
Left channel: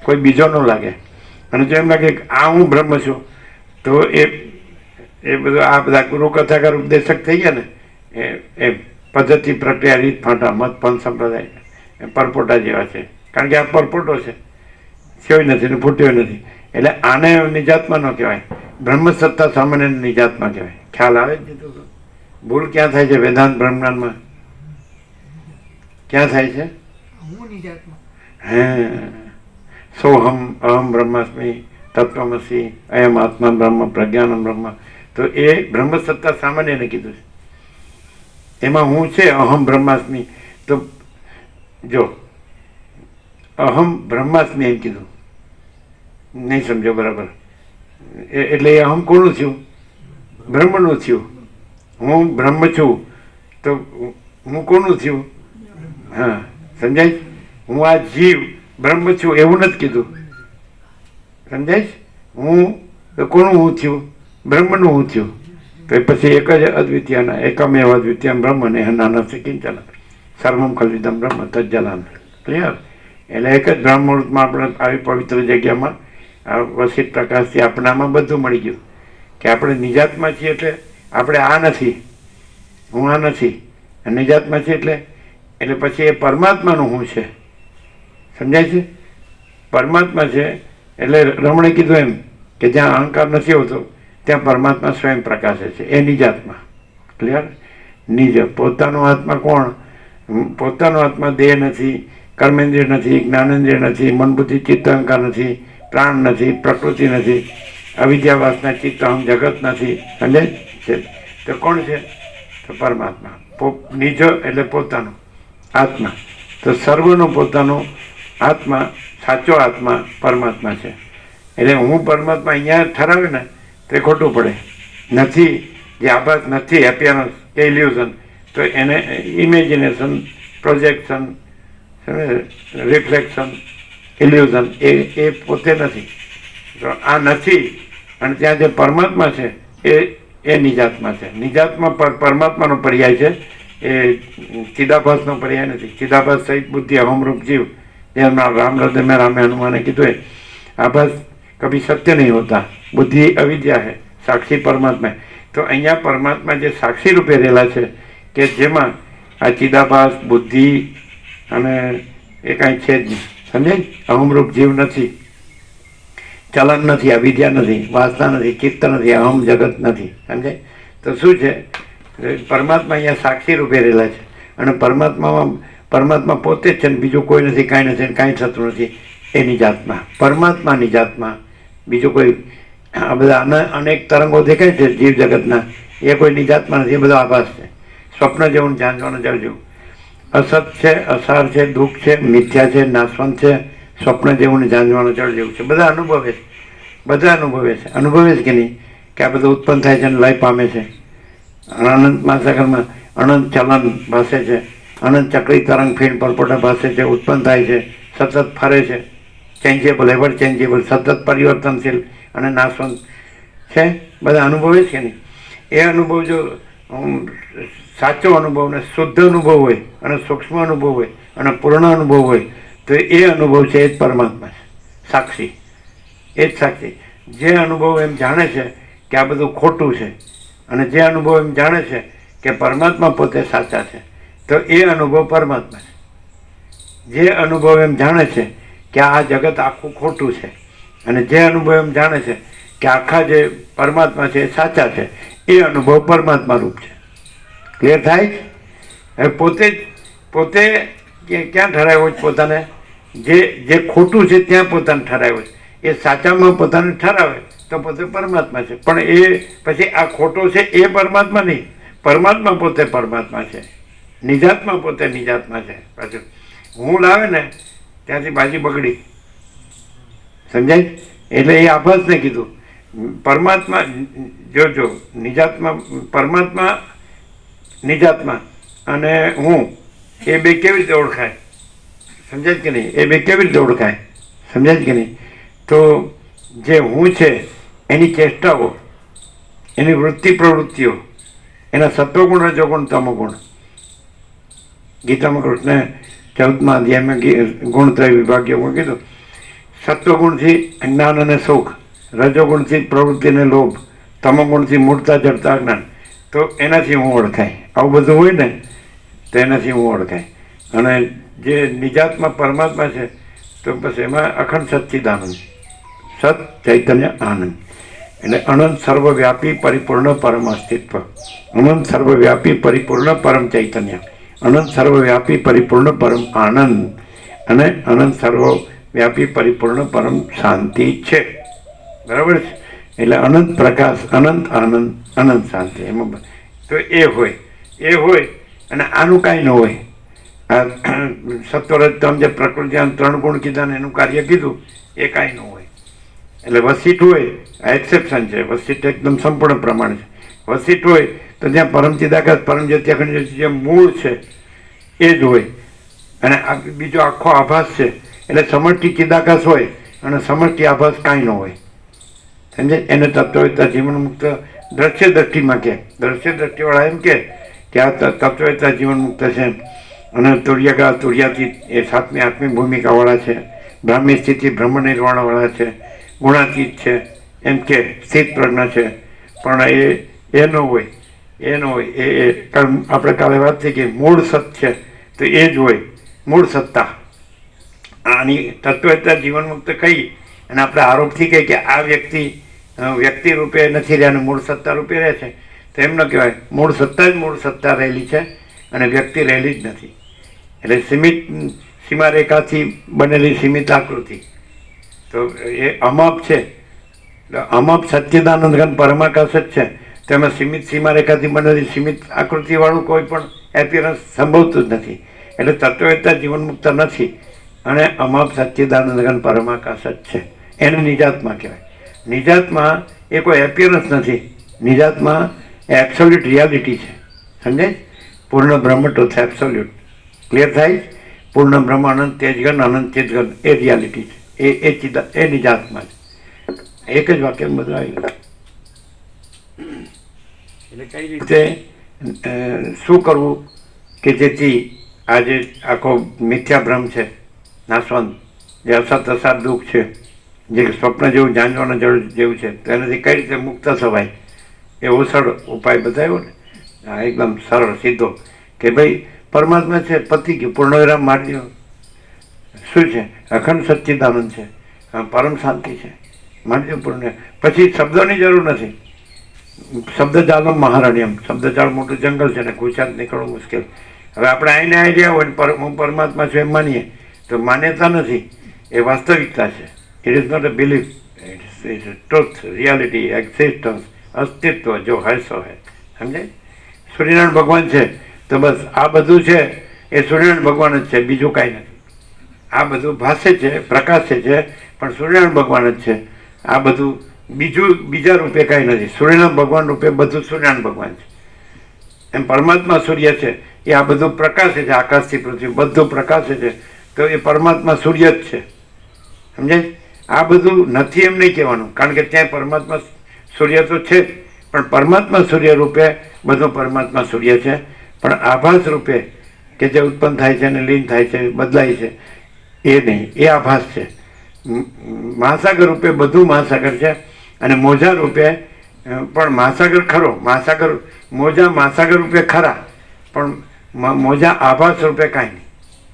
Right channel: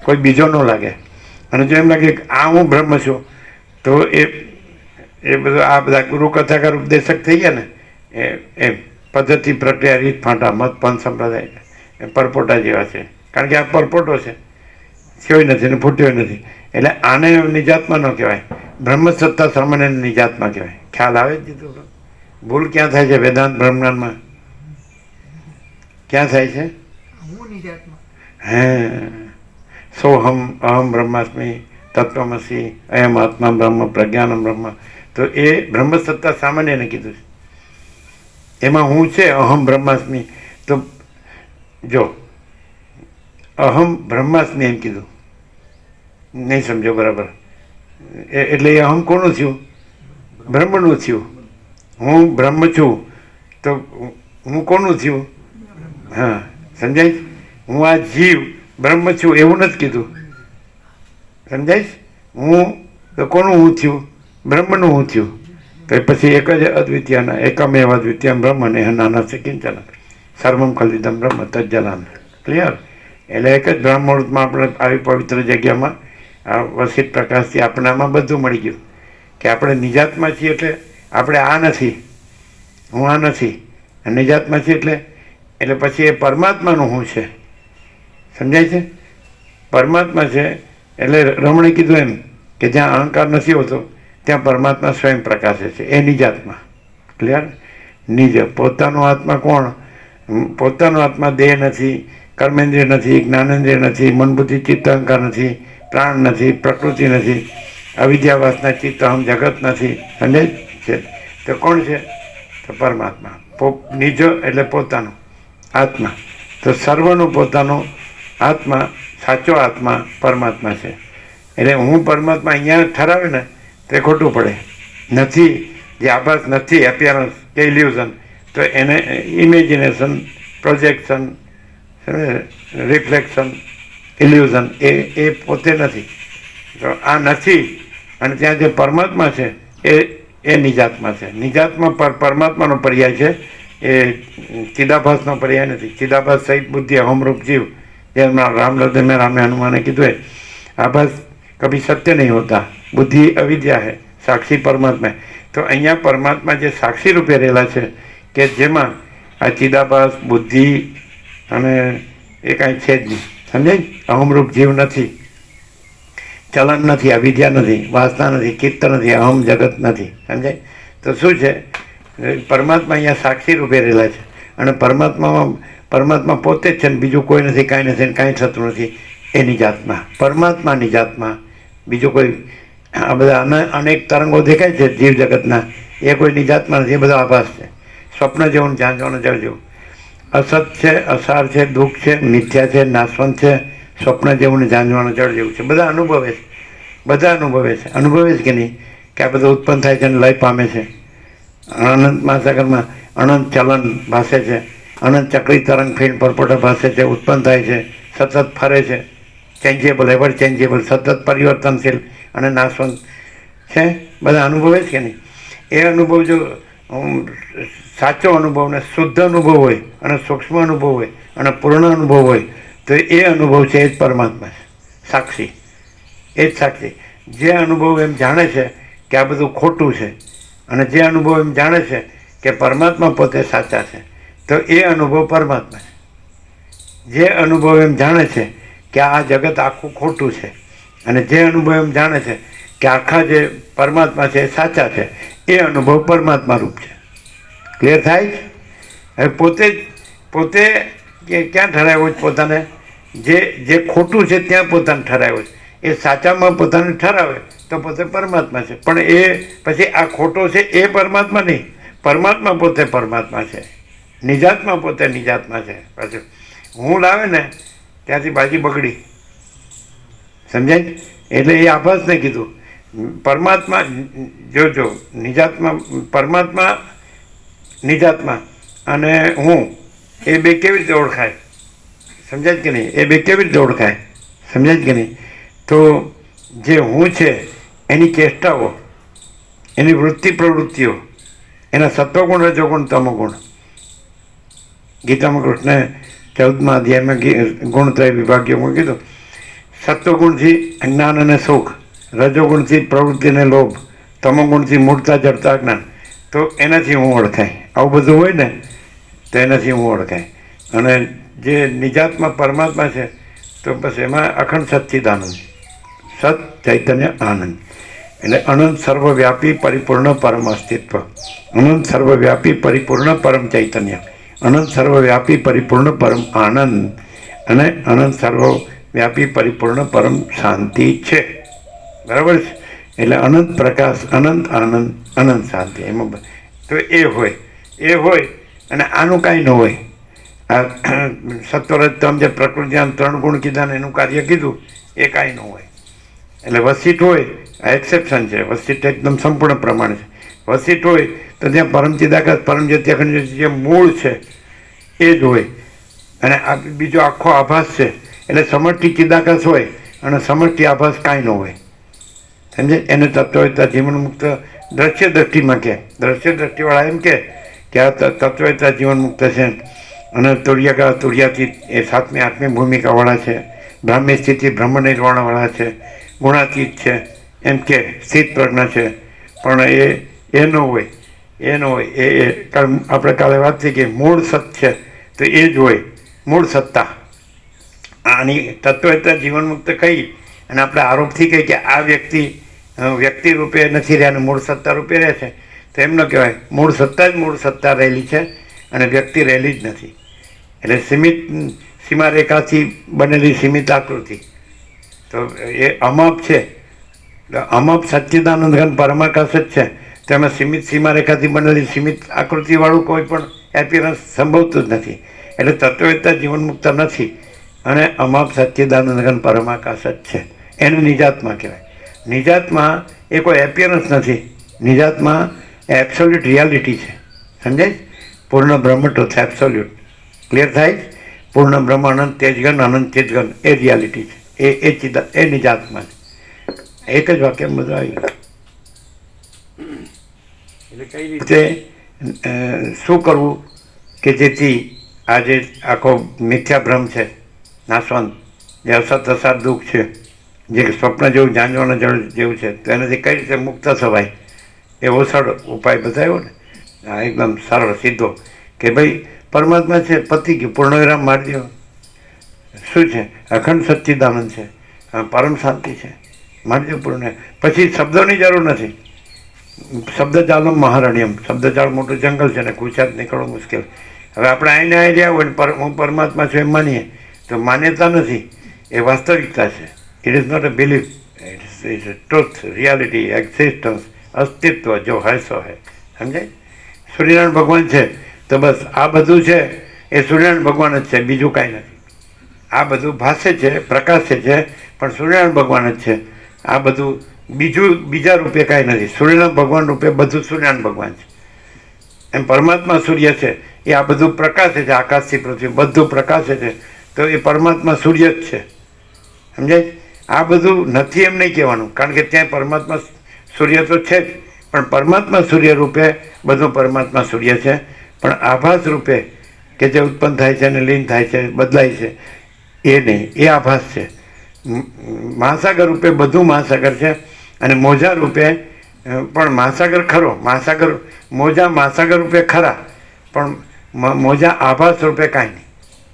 કોઈ બીજો ન લાગે. અને જો એમ લાગે કે આ હું બ્રહ્મ છું, તો એ બધું આ બધા ગુરુ કથાકાર ઉપદેશક થઈ ગયા ને, એ પદ્ધતિ પ્રક્રિયા રીત ફાંટા મત પંથ સંપ્રદાય પરપોટા જેવા છે. કારણ કે આ પરપોટો છે, થયો નથી ને ફૂટ્યો નથી. એટલે આને નિજાત્મા ન કહેવાય, બ્રહ્મ સત્તા સામાન્ય નિજાત્મા કહેવાય. ખ્યાલ આવે જ? ભૂલ ક્યાં થાય છે વેદાંત બ્રહ્માંડમાં? ક્યાં થાય છે? હે સોહમ અહમ બ્રહ્માસ્મિ તત્વમસી અયમ આત્મા બ્રહ્મ પ્રજ્ઞાનમ બ્રહ્મ. તો એ બ્રહ્મ સત્તા સામાન્યને કીધું છે. એમાં હું છે અહમ બ્રહ્માસ્મિ. તો જો અહમ બ્રહ્માસ્મિ એમ કીધું, નહીં સમજો બરાબર? એટલે એ અહમ કોનું થયું? બ્રહ્મનું થયું. હું બ્રહ્મ છું તો હું કોનું થયું? હા, સમજાય? હું આ જીવ બ્રહ્મ છું એવું નથી કીધું. સમજાય? હું તો કોનું હું થયું? બ્રહ્મનું હું થયું. તો પછી એક જ અદ્વિતીયના એકમેવ અદ્વિતીયમ બ્રહ્મ ને નાના કિંચન સર્વમ ખલિદમ બ્રહ્મ તજ્જલાન. ક્લિયર? એટલે એક જ બ્રહ્મરૂપમાં આપણે આવી પવિત્ર જગ્યામાં વસિત પ્રકાશથી આપણે આમાં બધું મળી ગયું કે આપણે નિજાતમાં છીએ. એટલે આપણે આ નથી, હું આ નથી, નિજાતમાં છીએ. એટલે પછી એ પરમાત્માનું હું છે. સમજાય છે? પરમાત્મા છે. એટલે રમણે કીધું એમ કે જ્યાં અહંકાર નથી હોતો ત્યાં પરમાત્મા સ્વયં પ્રકાશે છે. એ નિજાત્મા. ક્લિયર? નિજ પોતાનો આત્મા કોણ? પોતાનો આત્મા દેહ નથી, કર્મેન્દ્રિય નથી, જ્ઞાનેન્દ્રિય નથી, મન બુદ્ધિ ચિત્ત અહંકાર નથી, પ્રાણ નથી, પ્રકૃતિ નથી, અવિદ્યા વાસના ચિત્ત અહમ જગત નથી. સમજાય છે? તો કોણ છે? તો પરમાત્મા. નિજો એટલે પોતાનો આત્મા. તો સર્વનો પોતાનો આત્મા, સાચો આત્મા પરમાત્મા છે. એટલે હું પરમાત્મા અહીંયા ઠરાવે ને તે ખોટું પડે. નથી, જે આભાસ નથી, એપિયરન્સ કે ઇલ્યુઝન, તો એને ઇમેજિનેશન, પ્રોજેક્શન, રિફ્લેક્શન, ઇલ્યુઝન એ પોતે નથી. તો આ નથી, અને ત્યાં જે પરમાત્મા છે એ નિજાત્મા છે. નિજાત્મા પરમાત્માનો પર્યાય છે, એ ચિદાભાસનો પર્યાય નથી. ચિદાભાસ સહિત બુદ્ધિ અહમરૂપ જીવ, જે રામલદ્ર રામે હનુમાને કીધું એ આભાસ કભી સત્ય નહીં હોતા, બુદ્ધિ અવિદ્યા है, સાક્ષી પરમાત્મા. તો અહીંયા પરમાત્મા જે સાક્ષી રૂપે રહેલા છે, કે જેમાં આ ચિદાભાસ, બુદ્ધિ અને એ કાંઈ છે જ નહીં. સમજાય? અહમરૂપ જીવ નથી, ચલન નથી, અવિદ્યા નથી, વાસના નથી, ચિત્ત નથી, અહમ જગત નથી. સમજાય? તો શું છે? પરમાત્મા અહીંયા સાક્ષી રૂપે રહેલા છે, અને પરમાત્મા પોતે જ છે ને બીજું કોઈ નથી, કાંઈ નથી, કાંઈ થતું નથી. એ નિજાત્મા, પરમાત્મા નિજાત્મા. બીજું કોઈ આ બધા અનેક તરંગો દેખાય છે જીવ જગતના, એ કોઈ નિજાત્મા નથી, એ બધો આભાસ છે. સ્વપ્ન જેવું જાણવાનું જળ જેવું. અસત છે, અસાર છે, દુઃખ છે, મિથ્યા છે, નાશવંત છે, સ્વપ્ન જેવું જાણવાનું જળ જેવું છે. બધા અનુભવે છે, બધા અનુભવે છે. અનુભવે છે કે નહીં કે આ બધું ઉત્પન્ન થાય છે અને લય પામે છે. અનંત મહાસાગરમાં અનંત ચલન ભાસે છે, અનંત ચક્રી તરંગ ફીણ પરપોટા ભાસે છે, ઉત્પન્ન થાય છે, સતત ફરે છે, ચેન્જેબલ, એવર ચેન્જેબલ, સતત પરિવર્તનશીલ અને નાશવંત છે. બધા અનુભવે છે કે નહીં? એ અનુભવ જો સાચો અનુભવ ને શુદ્ધ અનુભવ હોય, અને સૂક્ષ્મ અનુભવ હોય, અને પૂર્ણ અનુભવ હોય, તો એ અનુભવ છે એ જ પરમાત્મા છે, સાક્ષી. એ જ સાક્ષી. જે અનુભવ એમ જાણે છે કે આ બધું ખોટું છે, અને જે અનુભવ એમ જાણે છે કે પરમાત્મા પોતે સાચા છે, તો એ અનુભવ પરમાત્મા છે. જે અનુભવ એમ જાણે છે કે આ જગત આખું ખોટું છે, અને જે અનુભવ એમ જાણે છે કે આખા જે પરમાત્મા છે એ સાચા છે, એ અનુભવ પરમાત્મા રૂપ છે. ક્લિયર થાય? હવે પોતે ક્યાં ઠરાવ્યો છે પોતાને? જે ખોટું છે ત્યાં પોતાને ઠરાવ્યો છે. એ સાચામાં પોતાને ઠરાવે તો પોતે પરમાત્મા છે. પણ એ પછી આ ખોટો છે એ પરમાત્મા નહીં, પરમાત્મા પોતે પરમાત્મા છે, નિજાત્મા પોતે નિજાત્મા છે. પાછું હું લાવે ને ત્યાંથી બાજી બગડી. સમજાય? એટલે એ આભાસને કીધું. પરમાત્મા જો નિજાત્મા, પરમાત્મા નિજાત્મા અને હું, એ બે કેવી રીતે ઓળખાય? સમજાય કે નહીં? એ બે કેવી રીતે ઓળખાય? સમજાય કે નહીં? તો જે હું છે એની ચેષ્ટાઓ, એની વૃત્તિ પ્રવૃત્તિઓ, એના સત્વગુણ, રજોગુણ, તમોગુણ. ગીતામાં કૃષ્ણે 14મા અધ્યાયમાં ગુણત્રય વિભાગ્યમાં કીધું, સત્વગુણથી જ્ઞાન અને સુખ, રજોગુણથી પ્રવૃત્તિ અને લોભ, તમોગુણથી મૂળતા, જડતા, જ્ઞાન. તો એનાથી હું ઓળખાય. આવું બધું હોય ને તો એનાથી હું ઓળખાય. અને જે નિજાત્મા પરમાત્મા છે તો બસ એમાં અખંડ સચ્ચિદાનંદ, સત ચૈતન્ય આનંદ. એટલે અનંત સર્વવ્યાપી પરિપૂર્ણ પરમ અસ્તિત્વ, અનંત સર્વવ્યાપી પરિપૂર્ણ પરમ ચૈતન્ય, અનંત સર્વવ્યાપી પરિપૂર્ણ પરમ આનંદ, અને અનંત સર્વવ્યાપી પરિપૂર્ણ પરમ શાંતિ છે. બરાબર છે? એટલે અનંત પ્રકાશ, અનંત આનંદ, અનંત શાંતિ. એમાં તો એ હોય અને આનું કાંઈ ન હોય. આ સત્વરજતમ જે પ્રકૃતિ આમ 3 ગુણ કીધા ને એનું કાર્ય કીધું, એ કાંઈ ન હોય. એટલે વસિત હોય, આ એક્સેપ્શન છે. વસિત એકદમ સંપૂર્ણ પ્રમાણ છે. વસિત હોય તો ત્યાં પરમચિદાકાશ, પરમજ્યોતિ, અખંડ જ્યોતિ જે મૂળ છે એ જ હોય. અને આ બીજો આખો આભાસ છે. એટલે સમષ્ટિ ચિદાકાશ હોય અને સમષ્ટિ આભાસ કાંઈ ન હોય. સમજે? એને તત્વવેતા જીવન મુક્ત દ્રશ્ય દ્રષ્ટિમાં કહે. દ્રશ્ય દ્રષ્ટિવાળા એમ કે આ તત્વવેતા જીવન મુક્ત છે, અને તુર્યકા, તુર્યાતીત એ 7મી 8મી ભૂમિકાવાળા છે, બ્રાહ્મી સ્થિતિ બ્રહ્મ નિર્વાણવાળા છે, ગુણાતીત છે, એમ કે સ્થિત પ્રજ્ઞા છે. પણ એ ન હોય, એ ન હોય. એ આપણે કાલે વાત થઈ કે મૂળ સત છે, તો એ જ હોય મૂળ સત્તા. આની તત્વવેતા જીવન મુક્ત કહી અને આપણે આરોપથી કહીએ કે આ વ્યક્તિ રૂપે નથી રહ્યા, મૂળ સત્તા રૂપે રહે છે, તો એમ ન કહેવાય. મૂળ સત્તા જ મૂળ સત્તા રહેલી છે, અને વ્યક્તિ રહેલી જ નથી. એટલે સીમારેખાથી બનેલી સીમિત આકૃતિ. તો એ અમાપ છે, અમાપ સચ્ચિદાનંદ ઘન પરમાકાશ જ છે. તેમાં સીમિત સીમારેખાથી બનેલી સીમિત આકૃતિવાળું કોઈ પણ એપિયરન્સ સંભવતું જ નથી. એટલે તત્વવેત્તા જીવનમુક્ત નથી અને અમાપ સચ્ચિદાનંદ ઘન પરમાકાશ જ છે. એને નિજાત્મા કહેવાય. નિજાત્મા એ કોઈ એપિયરન્સ નથી. નિજાત્મા એ એબ્સોલ્યુટ રિયાલિટી છે. સમજાય? પૂર્ણ બ્રહ્મ ટ્રુથ એબ્સોલ્યુટ. ક્લિયર થાય? પૂર્ણ બ્રહ્મ અનંત તેજગન અનંત ચિતગન એ રિયાલિટી છે. એ નિજાત્મા છે. એક જ વાક્ય બધું આવી ગયું. એટલે કઈ રીતે શું કરવું કે જેથી આજે આખો મિથ્યા ભ્રમ છે નાશવંત, જે અસત અસાર દુઃખ છે, જે સ્વપ્ન જેવું જાણવાના જળ જેવું છે, તો એનાથી કઈ રીતે મુક્ત થવાય એવો સરળ ઉપાય બતાવ્યો ને. હા, એકદમ સરળ સીધો કે ભાઈ પરમાત્મા છે, પતિ કે પૂર્ણવિરામ મારી દો. શું છે? અખંડ સચ્ચિદાનંદ છે, પરમ શાંતિ છે, મારી દો પૂર્ણ. પછી શબ્દોની જરૂર નથી. શબ્દજાળનો મહારણ્યમ. શબ્દજાળ મોટું જંગલ છે ને ગુજરાત નીકળવું મુશ્કેલ. હવે આપણે આઈને આવી રહ્યા હોય ને હું પરમાત્મા છું એમ માનીએ તો માન્યતા નથી, એ વાસ્તવિકતા છે. It is not a belief, it is truth, reality, existence, અસ્તિત્વ જો હૈ સો હૈ. સમજાય? સૂર્યનારાયણ ભગવાન છે તો બસ આ બધું છે એ સૂર્યનારાયણ ભગવાન જ છે, બીજું કાંઈ નથી. આ બધું ભાસે છે, પ્રકાશે છે, પણ સૂર્યનારાયણ ભગવાન જ છે. આ બધું બીજા રૂપે કાંઈ નથી. સૂર્યનારાયણ ભગવાન રૂપે બધું સૂર્યનારાયણ ભગવાન છે. એમ પરમાત્મા સૂર્ય છે, એ આ બધું પ્રકાશે છે, આકાશથી પૃથ્વી બધું પ્રકાશે છે, તો એ પરમાત્મા સૂર્ય જ છે. સમજાય? આ બધું નથી એમ નહીં કહેવાનું, કારણ કે ત્યાં પરમાત્મા સૂર્ય તો છે જ, પણ પરમાત્મા સૂર્ય રૂપે બધું પરમાત્મા સૂર્ય છે. પણ આભાસ રૂપે કે જે ઉત્પન્ન થાય છે અને લીન થાય છે, બદલાય છે, એ નહીં, એ આભાસ છે. મહાસાગર રૂપે બધું મહાસાગર છે અને મોજા રૂપે પણ મહાસાગર ખરો. મહાસાગર મોજા મહાસાગર રૂપે ખરા, પણ મોજા આભાસ રૂપે કાંઈ નહીં.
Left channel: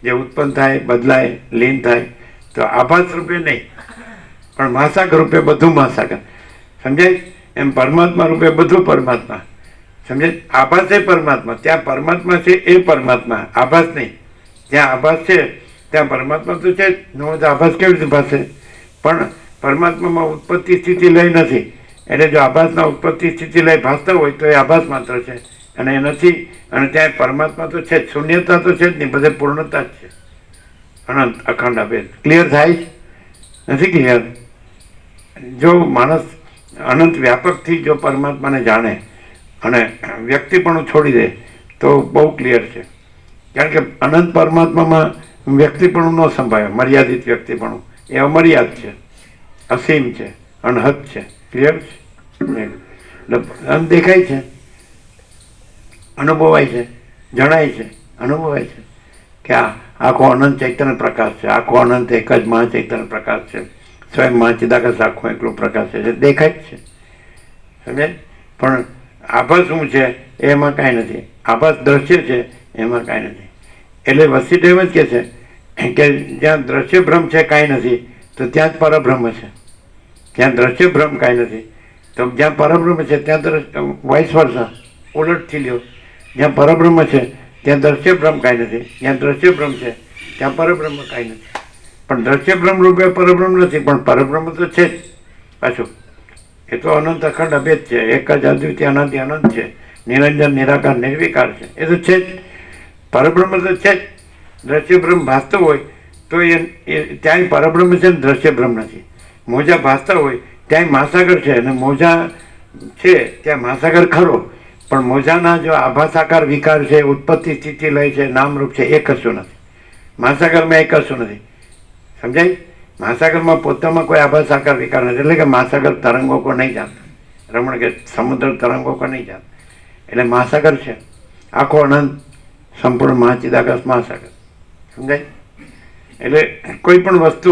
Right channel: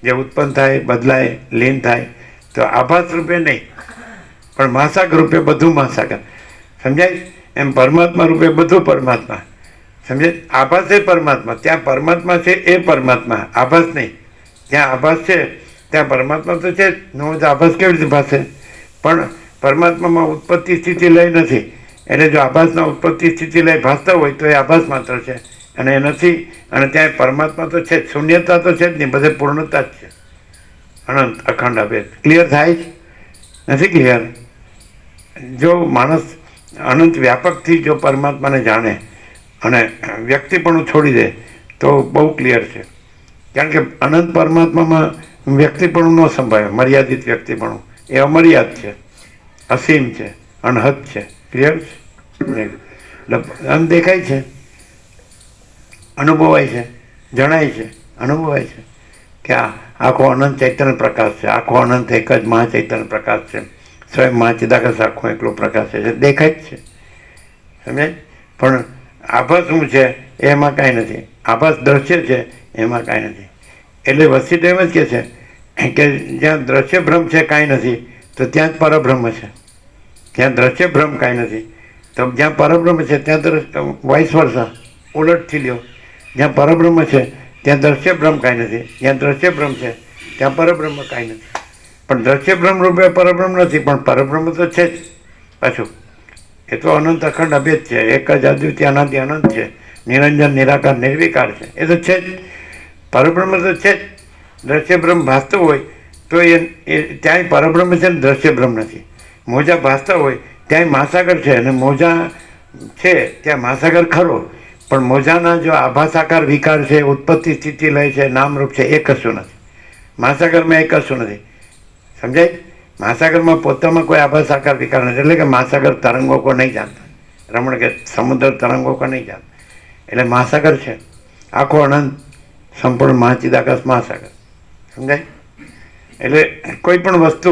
જે ઉત્પન્ન થાય, બદલાય, લીન થાય, તો આભાસ રૂપે નહીં, પણ મહાસાગર રૂપે બધું મહાસાગર. સમજાય? એમ પરમાત્મા રૂપે બધું પરમાત્મા. સમજાય? આભાસ એ પરમાત્મા. ત્યાં પરમાત્મા છે એ પરમાત્મા, આભાસ નહીં. જ્યાં આભાસ છે ત્યાં પરમાત્મા તો છે જ. નો આભાસ કેવી રીતે ભાષે? પણ પરમાત્મામાં ઉત્પત્તિ સ્થિતિ લઈ નથી. એટલે જો આભાસના ઉત્પત્તિ સ્થિતિ લઈ ભાસતા હોય તો એ આભાસ માત્ર છે, અને એ નથી. અને ત્યાં પરમાત્મા તો છે જ, શૂન્યતા તો છે જ નહીં, બધે પૂર્ણતા જ છે. અનંત અખંડ અભેદ. ક્લિયર થાય? નથી ક્લિયર? જો માણસ અનંત વ્યાપકથી જો પરમાત્માને જાણે અને વ્યક્તિપણું છોડી દે તો બહુ ક્લિયર છે. કારણ કે અનંત પરમાત્મામાં વ્યક્તિપણું ન સંભાળે. મર્યાદિત વ્યક્તિપણું એ અમર્યાદ છે, અસીમ છે, અનહદ છે. ક્લિયર છે? આમ દેખાય છે, અનુભવાય છે, જણાય છે, અનુભવાય છે કે આ આખો અનંત ચૈતન્ય પ્રકાશ છે, આખો અનંત એક જ મહાચૈતન્ય પ્રકાશ છે, સ્વયં મહાચિદાકાશ આખો એકલો પ્રકાશ છે, દેખાય જ છે. સમજાય? પણ આભાસ શું છે એમાં કાંઈ નથી. આભાસ દ્રશ્ય છે એમાં કાંઈ નથી. એટલે વસીદેવ એમ જ કહે છે કે જ્યાં દ્રશ્ય ભ્રમ છે કાંઈ નથી, તો ત્યાં જ પરબ્રહ્મ છે. જ્યાં દ્રશ્ય ભ્રમ કાંઈ નથી, તો જ્યાં પરબ્રહ્મ છે ત્યાં વાઇસ વર્ષા ઉલટથી લ્યો. જ્યાં પરબ્રહ્મ છે ત્યાં દ્રશ્ય ભ્રમ કાંઈ નથી, જ્યાં દ્રશ્ય ભ્રમ છે ત્યાં પરબ્રહ્મ કાંઈ નથી. પણ દ્રશ્ય ભ્રમ રૂપે પરબ્રહ્મ નથી, પણ પરબ્રહ્મ તો છે જ. પાછું એ તો અનંત અખંડ અભેદ છે, એક જ અદ્વિતીય અનાદિ અનંત છે, નિરંજન નિરાકાર નિર્વિકાર છે. એ તો છે જ, પરબ્રહ્મ તો છે જ. દ્રશ્ય ભ્રમ ભાસતો હોય તો એ ત્યાંય પરબ્રહ્મ છે ને દ્રશ્ય ભ્રમ નથી. મોજા ભાસતા હોય ત્યાંય મહાસાગર છે, અને મોજા છે ત્યાં મહાસાગર ખરો, પણ મોજાના જો આભાસાકાર વિકાર છે, ઉત્પત્તિ સ્થિતિ લય છે, નામરૂપ છે, એ કશું નથી. મહાસાગરમાં એ કશું નથી. સમજાય? મહાસાગરમાં પોતામાં કોઈ આભાસાકાર વિકાર નથી. એટલે કે મહાસાગર તરંગો કો નહીં જાણતા. રમણ કે સમુદ્ર તરંગો કો નહીં જાણતા. એટલે મહાસાગર છે, આખો અનંત સંપૂર્ણ મહાચિદાકાશ મહાસાગર. સમજાય? એટલે કોઈ પણ વસ્તુ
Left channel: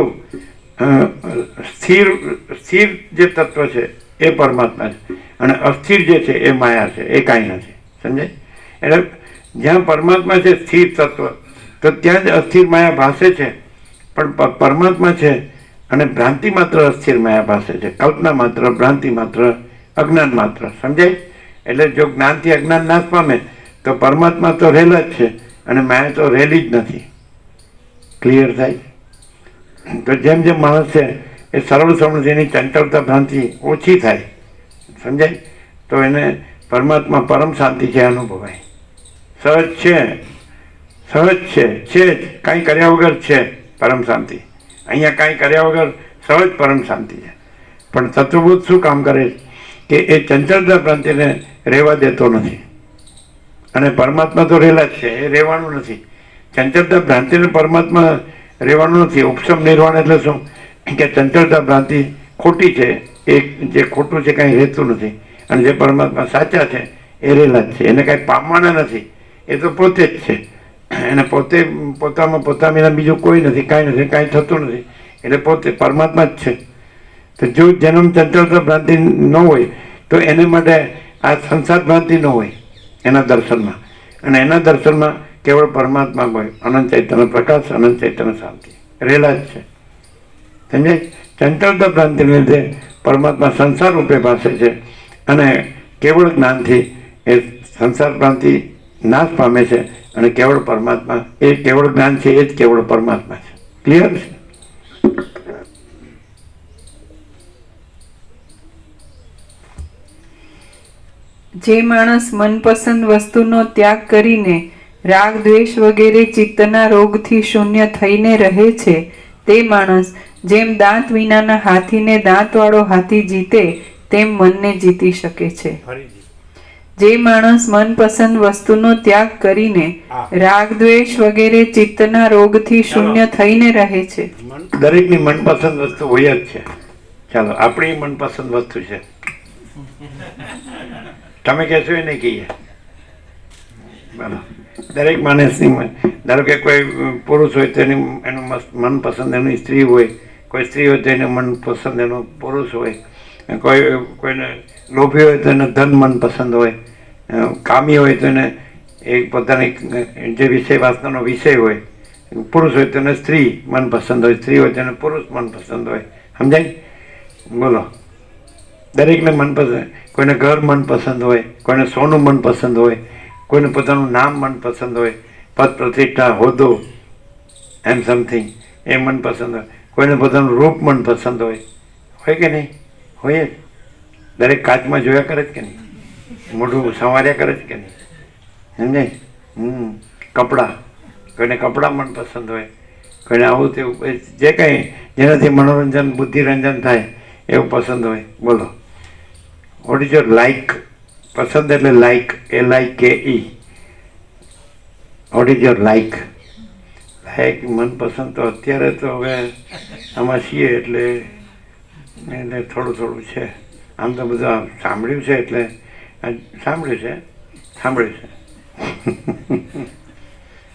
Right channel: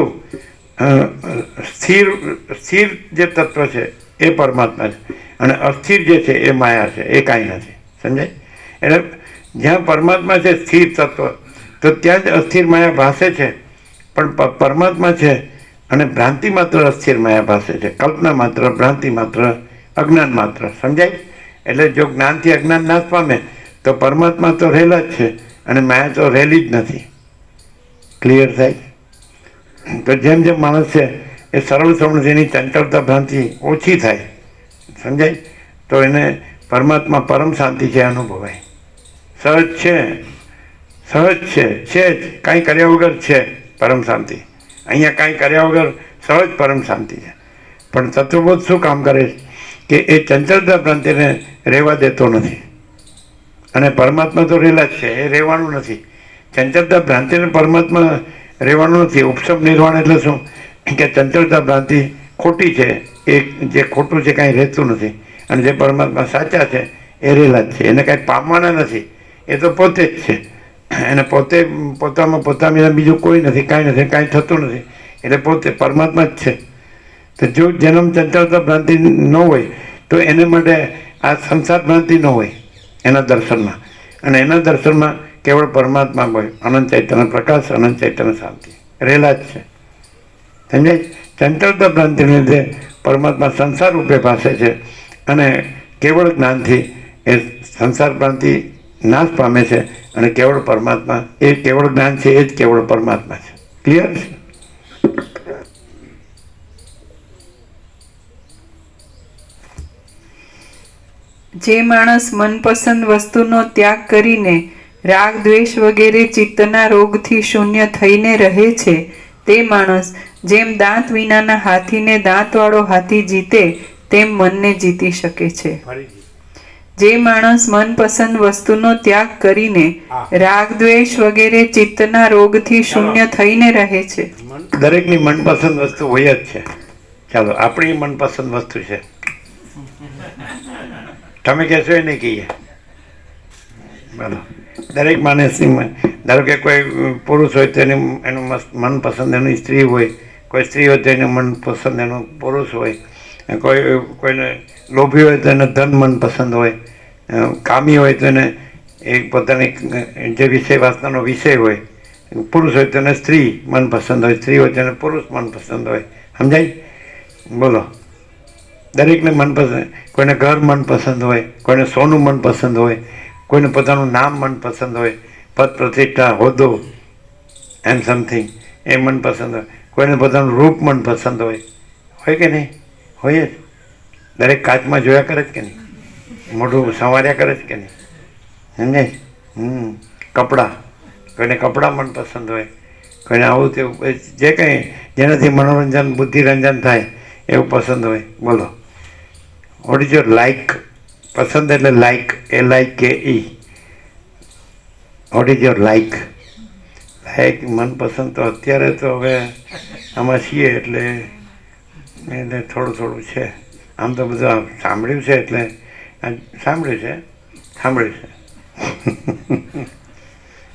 સ્થિર જે તત્વ છે એ પરમાત્મા છે, અને અસ્થિર જે છે એ માયા છે, એ કાંઈ નથી. સમજાય? એટલે જ્યાં પરમાત્મા છે સ્થિર તત્વ, તો ત્યાં જ અસ્થિર માયા ભાસે છે. પણ પરમાત્મા છે અને ભ્રાંતિ માત્ર અસ્થિર માયા ભાસે છે, કલ્પના માત્ર, ભ્રાંતિ માત્ર, અજ્ઞાન માત્ર. સમજાય? એટલે જો જ્ઞાનથી અજ્ઞાન નાશ પામે તો પરમાત્મા તો રહેલા જ છે અને માયા તો રહેલી જ નથી. ક્લિયર થાય? તો જેમ જેમ માણસ છે એ સરળ સમજ એની ચંચળતા ભ્રાંતિ ઓછી થાય. સમજાય? તો એને પરમાત્મા પરમ શાંતિ છે અનુભવાય. સહજ છે જ, કાંઈ કર્યા વગર છે પરમ શાંતિ. અહીંયા કાંઈ કર્યા વગર સહજ પરમ શાંતિ છે. પણ તત્વબોધ શું કામ કરે કે એ ચંચળતા ભ્રાંતિને રહેવા દેતો નથી. અને પરમાત્મા તો રહેલા જ છે, એ રહેવાનું નથી. ચંચળતા ભ્રાંતિને પરમાત્મા રહેવાનું નથી. ઉપશમ નિર્વાણ એટલે શું કે ચંચળતા ભ્રાંતિ ખોટી છે, એ જે ખોટું છે કાંઈ રહેતું નથી. અને જે પરમાત્મા સાચા છે એ રહેલા જ છે. એને કાંઈ પામવાના નથી, એ તો પોતે જ છે. એને પોતામાં પોતામાં બીજું કોઈ નથી, કાંઈ થતું નથી. એટલે પોતે પરમાત્મા જ છે. તો જો જન્મ ચંચળતા ભ્રાંતિ ન હોય તો એને માટે આ સંસાર ભ્રાંતિ ન હોય એના દર્શનમાં. અને એના દર્શનમાં કેવળ પરમાત્મા હોય, અનંત ચૈતન્ય પ્રકાશ, અનંત ચૈતન્ય શાંતિ રહેલા જ છે. સમજાય? ચંચળતા ભ્રાંતિને લીધે પરમાત્મા સંસાર રૂપે પાસે છે. અને કેવળ જ્ઞાનથી એ સંસાર ભ્રાંતિ નાશ પામે છે. અને કેવળ પરમાત્મા, એ કેવળ જ્ઞાન છે, એ જ કેવળ પરમાત્મા છે. ક્લિયર છે? જે માણસ મનપસંદ વસ્તુનો ત્યાગ કરીને રાગ દ્વેષ વગેરે ચિત્તના રોગથી શૂન્ય થઈને રહે છે તે માણસ જેમ દાંત વિનાના હાથીને દાંતવાળો હાથી જીતે તેમ મનને જીતી શકે છે. ફરીથી જે માણસ મનપસંદ વસ્તુનો ત્યાગ કરીને રાગ દ્વેષ વગેરે ચિત્તના રોગથી શૂન્ય થઈને રહે છે. દરેકની મનપસંદ વસ્તુ હોય જ છે. ચાલો, આપણી મનપસંદ વસ્તુ છે. તમે કહેશો એ નહીં કહીએ. બરાબર. દરેક માણસની, ધારો કે કોઈ પુરુષ હોય તો એનું મનપસંદ એની સ્ત્રી હોય, કોઈ સ્ત્રી હોય તો એનું મનપસંદ એનું પુરુષ હોય, કોઈને લોભી હોય તો એને ધન મનપસંદ હોય, કામી હોય તો એને એ પોતાની જે વિષય વાસનાનો વિષય હોય, પુરુષ હોય તો એને સ્ત્રી મનપસંદ હોય, સ્ત્રી હોય તો એને પુરુષ મનપસંદ હોય. સમજાય? બોલો. દરેકને મનપસંદ, કોઈને ઘર મનપસંદ હોય, કોઈને સોનું મનપસંદ હોય, કોઈને પોતાનું નામ મનપસંદ હોય, પદ પ્રતિષ્ઠા, હોદ્દો, એમ સમથિંગ એ મનપસંદ હોય, કોઈને પોતાનું રૂપ મનપસંદ હોય કે નહીં? હોય જ. દરેક કાચમાં જોયા કરે જ કે નહીં? મોઢું સંવાર્યા કરે જ કે નહીં? સમજાય? કપડાં, કોઈને કપડાં મનપસંદ હોય, કોઈને આવું તેવું, જે કંઈ જેનાથી મનોરંજન, બુદ્ધિરંજન થાય એવું પસંદ હોય. બોલો. What is your like? પસંદ એટલે like, LIKE. What is your like? Like મનપસંદ તો અત્યારે તો હવે આમાં છીએ એટલે એને થોડું છે. આમ તો બધું સાંભળ્યું છે એટલે સાંભળ્યું છે.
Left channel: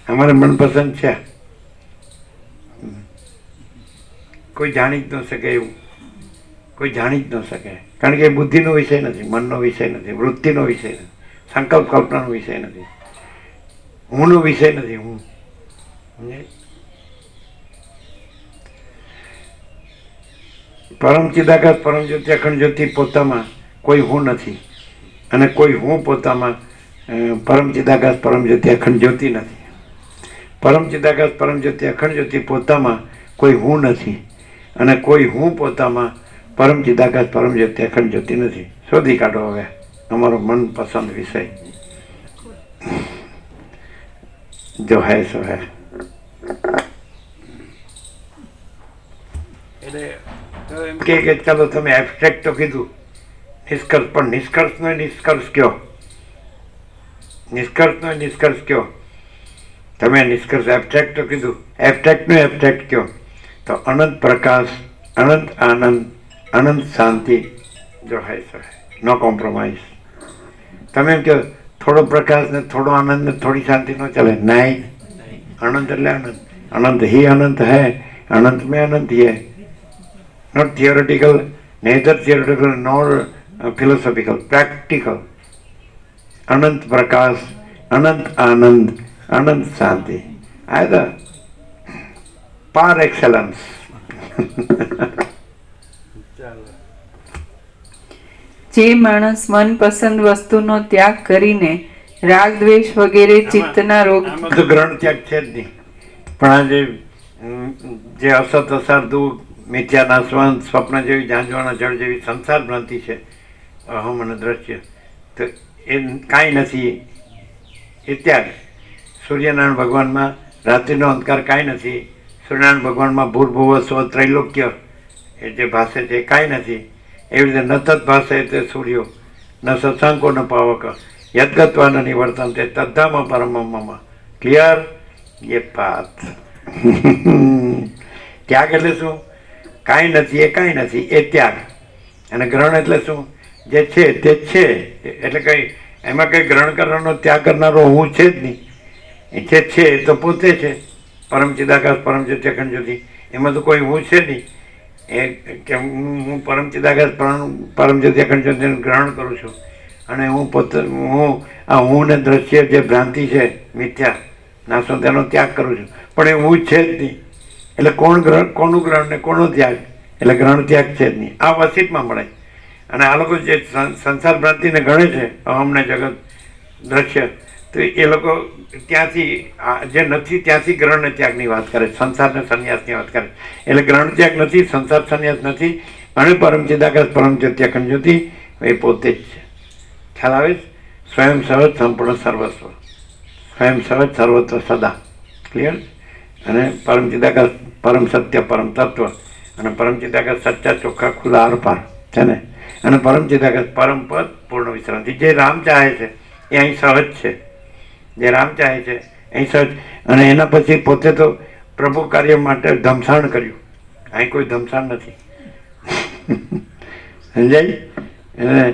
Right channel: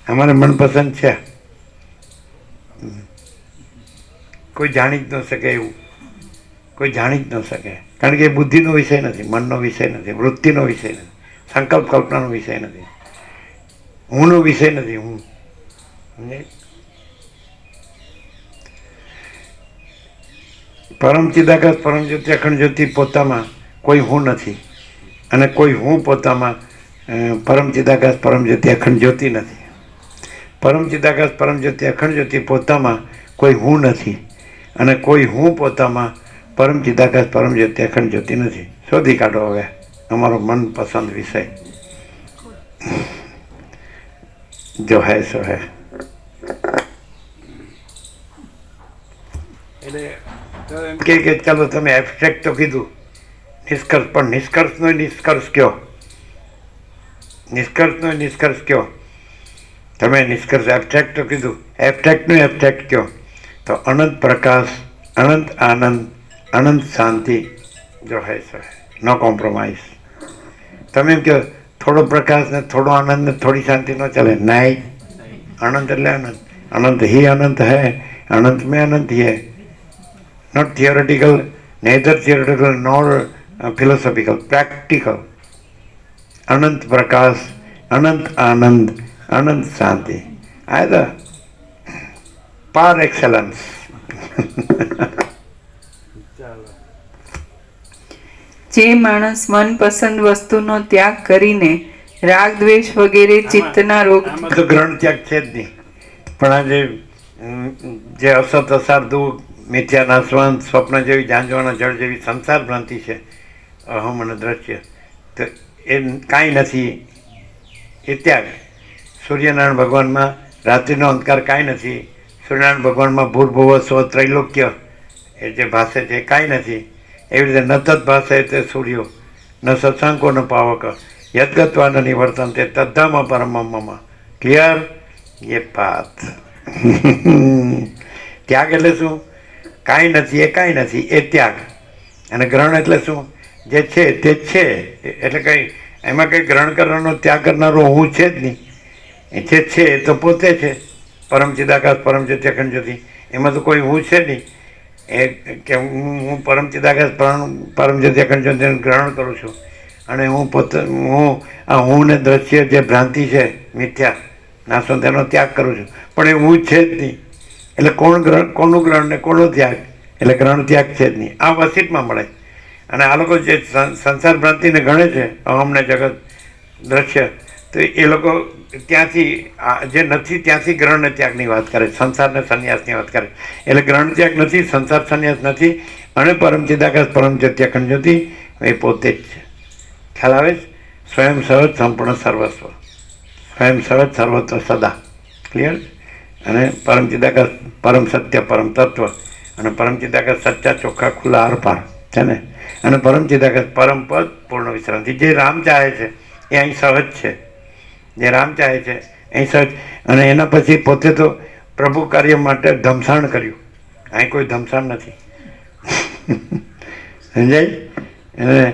અમારે મનપસંદ છે. કોઈ જાણી જ ન શકે એવું, કોઈ જાણી જ ન શકે. કારણ કે એ બુદ્ધિનો વિષય નથી, મનનો વિષય નથી, વૃત્તિનો વિષય નથી, સંકલ્પ કલ્પનાનો વિષય નથી, હુંનો વિષય નથી. હું પરમ ચિદાકાશ પરમ જ્યોતિ અખંડ જ્યોતિ પોતામાં કોઈ હું નથી, અને કોઈ હું પોતામાં પરમ ચિદાકાશ પરમ જ્યોતિ અખંડ જ્યોતિ નથી. પરમ ચિદાકાશ પરમ જ્યોતિ અખંડ જ્યોતિ પોતામાં કોઈ હું નથી, અને કોઈ હું પોતામાં પરમ ચિદાકાશ પરમ જ્યોતિ અખંડ જ્યોતિ નથી. શોધી કાઢો હવે અમારો મનપસંદ વિષય. જો હૈ સો હૈ. એટલે કે ચાલો તમે એબસ્ટ્રેક્ટ તો કીધું, નિષ્કર્ષ, પણ નિષ્કર્ષનો નિષ્કર્ષ કયો? નિષ્કર્ષનો નિષ્કર્ષ કયો? તમે નિષ્કર્ષ એબસ્ટ્રેક્ટ તો કીધું, એબસ્ટ્રેક્ટનો એબસ્ટ્રેક્ટ કયો? તો અનંત પ્રકાશ, અનંત આનંદ, અનંત શાંતિ. જો હૈ સો હૈ, નો કોમ્પ્રોમાઇઝ. તમે એમ કહો થોડો પ્રકાશ ને થોડો આનંદ ને થોડી શાંતિ ન ચાલે. નહીં, અનંત એટલે અનંત. અનંત ही अनंत है, अनंत में अनंत ही है. Not theoretical, neither theoretical nor philosophical, practical. Anant Prakash, Anant Anand, Anant Shanti. either par excellence. જે માણસ મનપસંદ વસ્તુનો ત્યાગ કરીને રાગ દ્વેષ વગેરે ચિત્તના રોગ આમાં તો ગ્રહણ ત્યાગ છે જ નહીં. પણ આ જે અસત અસાર દુઃખ, મિથ્યા નાશવંત, સ્વપ્ન જેવી, જાંજવાના જળ જેવી સંસાર ભ્રાંતિ છે, અહમ અને દ્રશ્ય, તો એ કાંઈ નથી એ ત્યાગ. સૂર્યનારાયણ ભગવાનમાં રાત્રિનો અંધકાર કાંઈ નથી. સૂર્યનારાયણ ભગવાનમાં ભૂર્ભુવ સ્વ ત્રૈલોક્ય એ જે ભાષે છે એ કાંઈ નથી. એવી રીતે ન તદ ભાષે તે સૂર્યો ન સત્સંકો ન પાવક યદગત્વાન નિવર્તન તે તદ્ધામાં પરમમાં ક્લિયર એ પાત. ત્યાગ એટલે શું? કાંઈ નથી એ કાંઈ નથી એ ત્યાગ. અને ગ્રહણ એટલે શું? જે છે તે છે. એટલે કંઈ એમાં કંઈ ગ્રહણ કરવાનો ત્યાગ કરનારો હું છે જ નહીં. એ જે છે એ તો પોતે છે. પરમ ચિદાકાશ પરમ જ્યોતિ અખંડ જ્યોતિ, એમાં તો કોઈ હું છે નહીં. એ કે હું પરમ ચિદાકાશ પરમ જ્યોતિ અખંડ જ્યોતિનું ગ્રહણ કરું છું અને હું પોતે હું ને દ્રશ્ય જે ભ્રાંતિ છે મિથ્યા નાશો તેનો ત્યાગ કરું છું, પણ એ હું છે જ નહીં. એટલે કોનું ગ્રહણ ને કોનો ત્યાગ? એટલે ગ્રહણ ત્યાગ છે જ નહીં. આ વસીટમાં મળે. અને આ લોકો જે સંસાર ભ્રાંતિને ગણે છે અહમને જગત દ્રશ્ય, તો એ લોકો ત્યાંથી જે નથી ત્યાંથી ગ્રહણ ત્યાગની વાત કરે, સંસારને સંન્યાસની વાત કરે. એટલે ગ્રહણ ત્યાગ નથી, સંસાર સંન્યાસ નથી, અને પરમ ચિદાકાશ પરમ જ્યોતિ અખંડ જ્યોતિ એ પોતે જ છે. ખ્યાલ આવે છે? સ્વયં સહજ સંપૂર્ણ સર્વસ્વ, સ્વયં સહજ સર્વત્ર સદા. ક્લિયર? અને પરમ ચિદાકાશ પરમ સત્ય પરમ તત્વ, અને પરમ ચિદાકાશ સચ્ચા ચોખ્ખા ખુલ્લા આરપાર છે ને. અને પરમ ચિદાકાશ પરમ પદ પૂર્ણ વિશ્રાંતિ. જે રામ ચાહે છે એ અહીં સહજ છે. જે રામ ચાહે છે અહીં સહજ. અને એના પછી પોતે તો પ્રભુ કાર્ય માટે ધમસાણ કર્યું. અહીં કોઈ ધમસાણ નથી. સમજાય? અને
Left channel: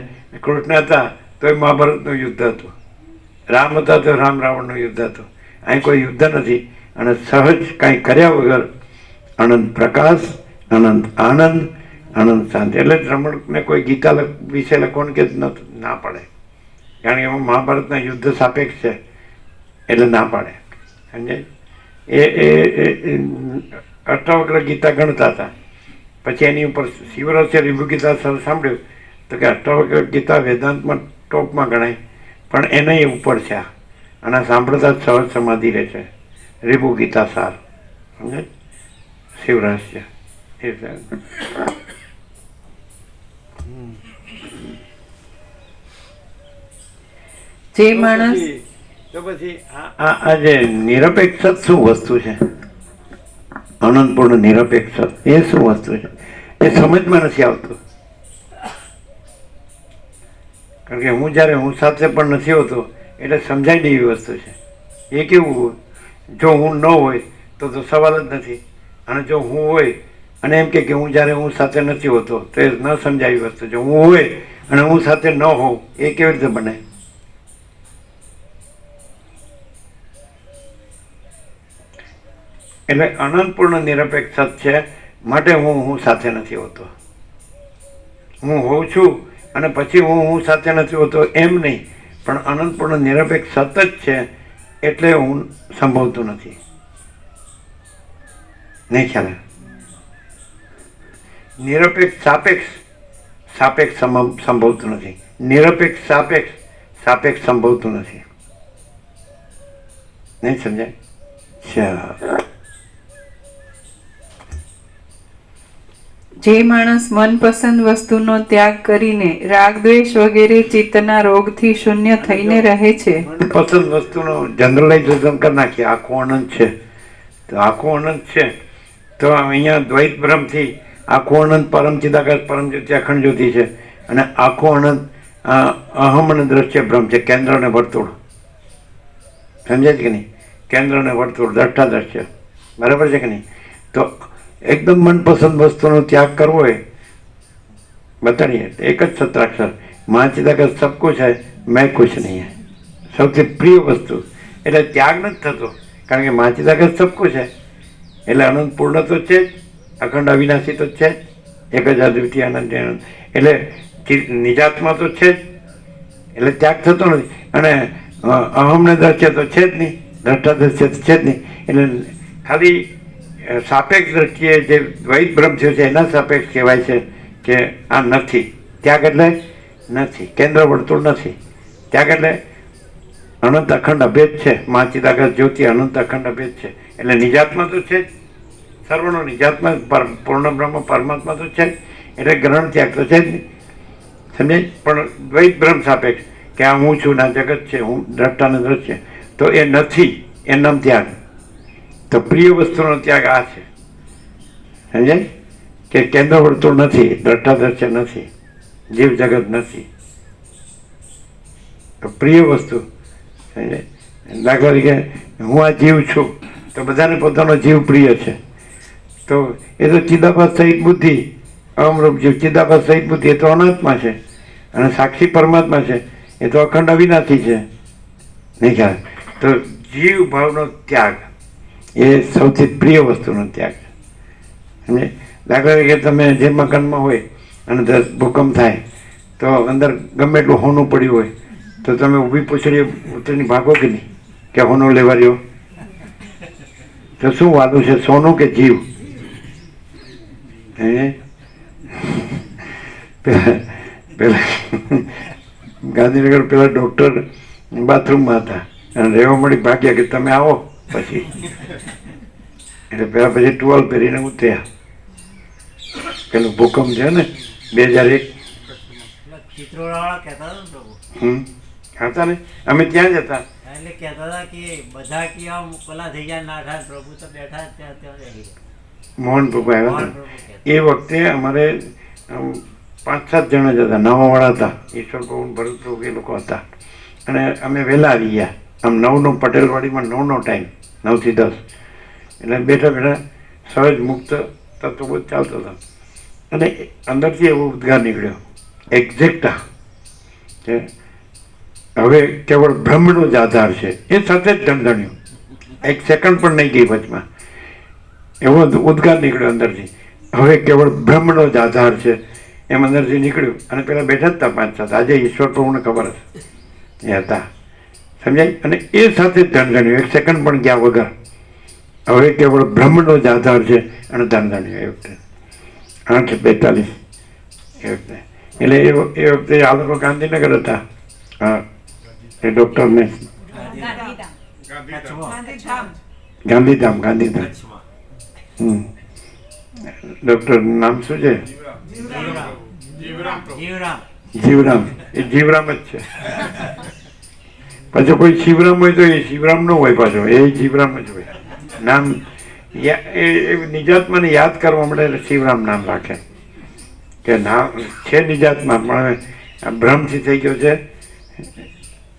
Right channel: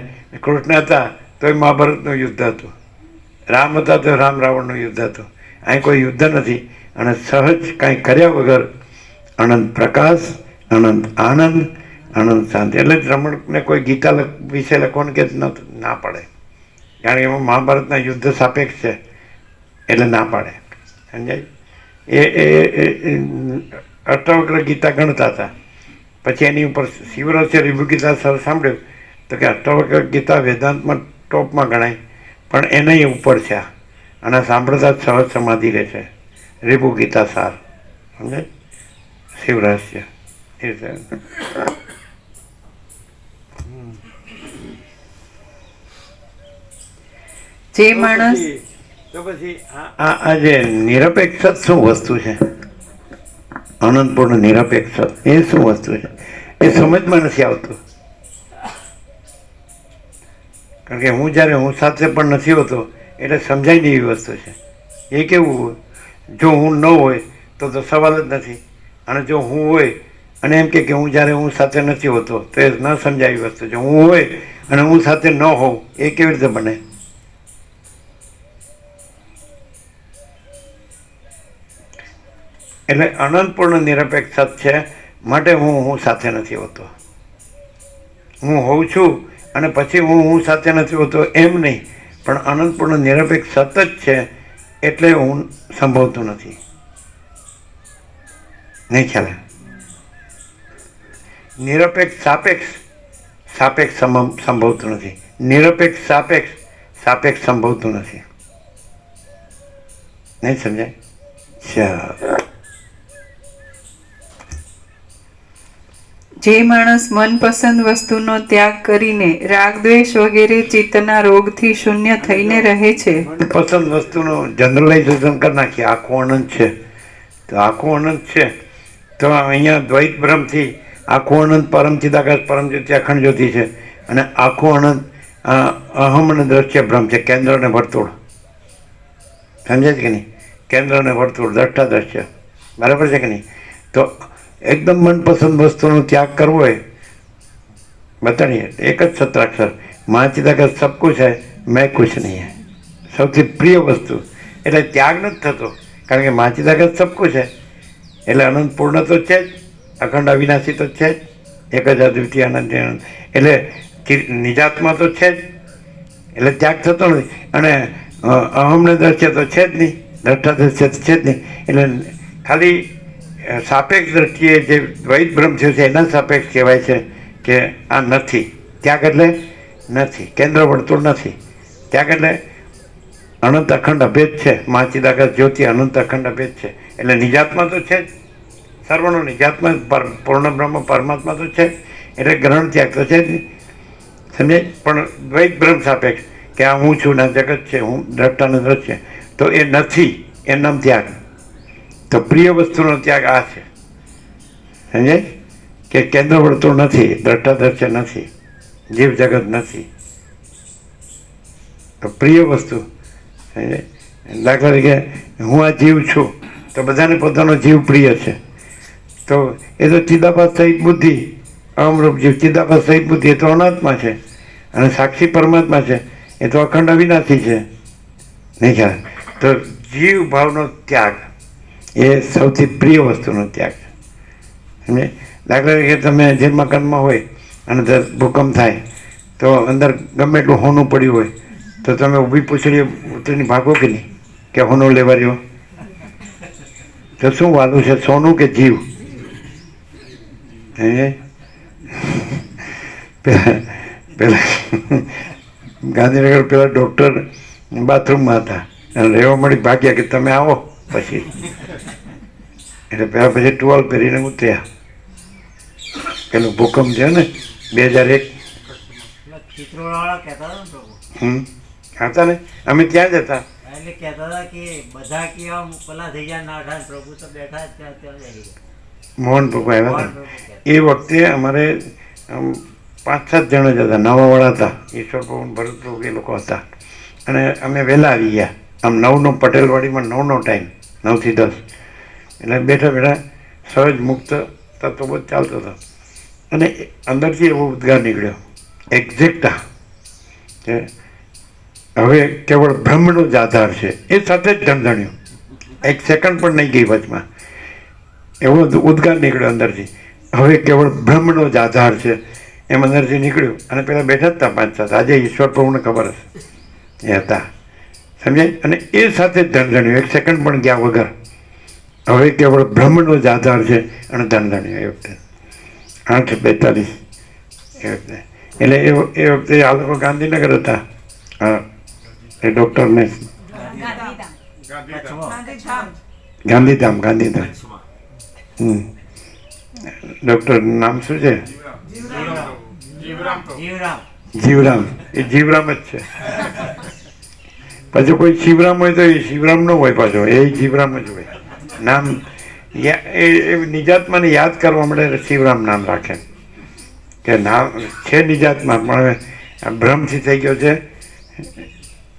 કૃષ્ણ હતા તો એ મહાભારતનું યુદ્ધ હતું. રામ હતા તો રામ રાવણનું યુદ્ધ હતું. અહીં કોઈ યુદ્ધ નથી. અને સહજ કાંઈ કર્યા વગર અનંત પ્રકાશ, અનંત આનંદ, અનંત શાંતિ. એટલે જ રમણને કોઈ ગીતા વિશે લખવાનું કે ના પાડે, કારણ કે એમાં મહાભારતના યુદ્ધ સાપેક્ષ છે એટલે ના પાડે. સમજાય? એ અષ્ટાવક્ર ગીતા ગણતા હતા. પછી એની ઉપર શિવરસે રીભુ ગીતા સાંભળ્યું તો કે અષ્ટાવક્ર ગીતા વેદાંતમાં ટોપમાં ગણાય, પણ એના ઉપર છે આ. અને સાંભળતા જ સહજ સમાધિ રહે છે. રીભુ ગીતા સાર. સમજાય? શિવરહસ્ય એ છે. જે માણસ તો પછી આ જે નિરપેક્ષ શું વસ્તુ છે? અનંતપૂર્ણ નિરપેક્ષ એ શું વસ્તુ છે? એ સમજમાં નથી આવતું. કારણ કે હું જ્યારે હું સાથે પણ નથી હોતો એટલે સમજાય નહીં એવી વસ્તુ છે. એ કેવું? જો હું ન હોય તો સવાલ જ નથી. અને જો હું હોય અને એમ કે હું જ્યારે હું સાથે નથી હોતો તો એ ન સમજાય એવી વસ્તુ. જો હું હોય અને હું સાથે ન હોઉં એ કેવી રીતે બને? એટલે અનંતપૂર્ણ નિરપેક્ષ છે. માટે હું સાથે નથી હોતો. હું હોઉં છું અને પછી હું સાથે નથી હોતો એમ નહીં, પણ અનંતપૂર્ણ નિરપેક્ષ સતત છે એટલે હું સંભવતું નથી. નહીં ખ્યાલ? નિરપેક્ષ સાપેક્ષ, સાપેક્ષ સંભવતું નથી. નિરપેક્ષ સાપેક્ષ, સાપેક્ષ સંભવતું નથી. નહીં સમજાય? ચાલો. જે માણસ મનપસંદ વસ્તુનો ત્યાગ કરીને રાગ દ્વેષ વગેરે ચિત્તના રોગથી શૂન્ય થઈને રહે છે. પસંદ વસ્તુનું જનરલાઇઝેશન કરી નાખીએ. આખું અનંત છે તો આખું અનંત છે તો અહીંયા દ્વૈત ભ્રમથી આખું અનંત પરમ ચિદાકાશ પરમ જ્યોતિ અખંડ જ્યોતિ છે. અને આખું અનંત અહમ અને દ્રશ્ય ભ્રમ છે. કેન્દ્ર અને વર્તુળ. સમજાય છે કે નહીં? કેન્દ્ર અને વર્તુળ, દ્રષ્ટા દ્રશ્ય. બરાબર છે કે નહીં? તો એકદમ મનપસંદ વસ્તુનો ત્યાગ કરવો હોય, બતાડીએ એક જ સત્રાક્ષર મા ચિદાકાશ સબ કુછ હૈ મેં કુછ નહીં હૈ. સૌથી પ્રિય વસ્તુ. એટલે ત્યાગ નથી થતો, કારણ કે મા ચિદાકાશ સબ કુછ હૈ. એટલે અનંત પૂર્ણ તો છે જ, અખંડ અવિનાશી તો છે જ, એક જ અદ્વિતીય અનંત. એટલે નિજાત્મા તો છે જ, એટલે ત્યાગ થતો નથી. અને અહમને દ્રશ્ય તો છે જ નહીં, દ્રષ્ટા દ્રશ્ય તો છે જ નહીં. એટલે ખાલી સાપેક્ષ દ્રષ્ટિએ જે દ્વૈત ભ્રમ થયો છે એના સાપેક્ષ કહેવાય છે કે આ નથી. ત્યાગ એટલે નથી, કેન્દ્ર વર્તુળ નથી. ત્યાગ એટલે અનંત અખંડ અભેદ છે. મા ચિદાકાશ જ્યોતિ અનંત અખંડ અભેદ છે. એટલે નિજાત્મા તો છે જ, સર્વનો નિજાત્મા પૂર્ણ બ્રહ્મ પરમાત્મા તો છે. એટલે ગ્રહણ ત્યાગ તો છે જ નહીં. સમજે? પણ દ્વૈત ભ્રમ સાપેક્ષ કે આ હું છું ના જગત છે, હું દ્રષ્ટાનું દ્રશ્ય, તો એ નથી, એ નામ ત્યાગ. તો પ્રિય વસ્તુનો ત્યાગ આ છે, સમજાય? કે કેન્દ્ર વર્તુળ નથી, દ્રષ્ટા દ્રશ્ય નથી, જીવ જગત નથી, તો પ્રિય વસ્તુ, સમજાય? દાખલા તરીકે હું આ જીવ છું, તો બધાને પોતાનો જીવ પ્રિય છે, તો એ તો ચિદાભાસ સહિત બુદ્ધિ, અમરૂપ જીવ ચિદાભાસ સહિત બુદ્ધિ, એ તો અનાત્મા છે, અને સાક્ષી પરમાત્મા છે, એ તો અખંડ અવિનાશી છે, નહીં ખ્યાલ? તો જીવ ભાવનો ત્યાગ એ સૌથી પ્રિય વસ્તુનો ત્યાગ છે, સમજે? દાખલા તરીકે તમે જે મકાનમાં હોય અને ભૂકંપ થાય તો અંદર ગમે એટલું હોનું પડ્યું હોય તો તમે ઊભી પૂછડી ઉતરીને ભાગો કે નહીં, કે હોનો લેવા રહ્યો? તો શું વાલું છે, સોનું કે જીવ? પેલા ગાંધીનગર પેલા ડૉક્ટર બાથરૂમમાં હતા અને રહેવા મળી ભાગ્યા કે તમે આવો પછી, એટલે પેલા પછી ટુવાલ પહેરીને ઉતર્યા. પેલું ભૂકંપ છે ને 2001, ચિત્રોડવાળા કહેતા હતા ને પ્રભુ, હતા ને, અમે ત્યાં જ હતા. એટલે કહેતા હતા કે બધા કે આમ પેલા થઈ ગયા નાઠા, પ્રભુ તો બેઠા જ ત્યાં ત્યાં રહી ગયા. મોહન પ્રભુ આવ્યા મોહન હતા. પ્રભુ કહેતા. એ વખતે અમારે 5-7 જણા જ હતા, નવાવાળા હતા, ઈશ્વર પ્રભુ, ભરત પ્રભુ, એ લોકો હતા. અને અમે વહેલા આવી ગયા, આમ 9નો પટેલવાડીમાં 9નો ટાઈમ, 9 થી 10, એટલે બેઠા બેઠા સહજ મુક્ત તત્વબોધ ચાલતો હતો. અને અંદરથી એવો ઉદ્ગાર નીકળ્યો, એક્ઝેક્ટ, કે હવે કેવળ બ્રહ્મનો જ આધાર છે. એ સાથે જ ધમધણ્યું, 1 સેકન્ડ પણ નહીં ગઈ વચમાં, એવો ઉદ્ગાર નીકળ્યો અંદરથી, હવે કેવળ બ્રહ્મનો જ આધાર છે, એમ અંદરથી નીકળ્યું. અને પેલા બેઠા જ હતા 5-7, આજે ઈશ્વર પ્રભુને ખબર હશે, એ હતા, સમજાય? અને એ સાથે જ ધમધણ્યું, 1 સેકન્ડ પણ ગયા વગર, હવે કેવળ બ્રહ્મનો જ આધાર છે, અને ધમધણ્યું. એ વખતે 8:42 એ વખતે. એટલે એ વખતે આ લોકો ગાંધીનગર હતા, હા, એ ડૉક્ટરને ગાંધીધામ ડૉક્ટર નામ શું છે? જીવરામ. એ જીવરામ જ છે. પાછો કોઈ શિવરામ હોય તો એ શિવરામ ન હોય, પાછો એ જીવરામ જ હોય. નામ એ નિજાત્માને યાદ કરવા માટે શિવરામ નામ રાખે, કે નામ છે નિજાત્મા, પણ હવે ભ્રમથી થઈ ગયો છે.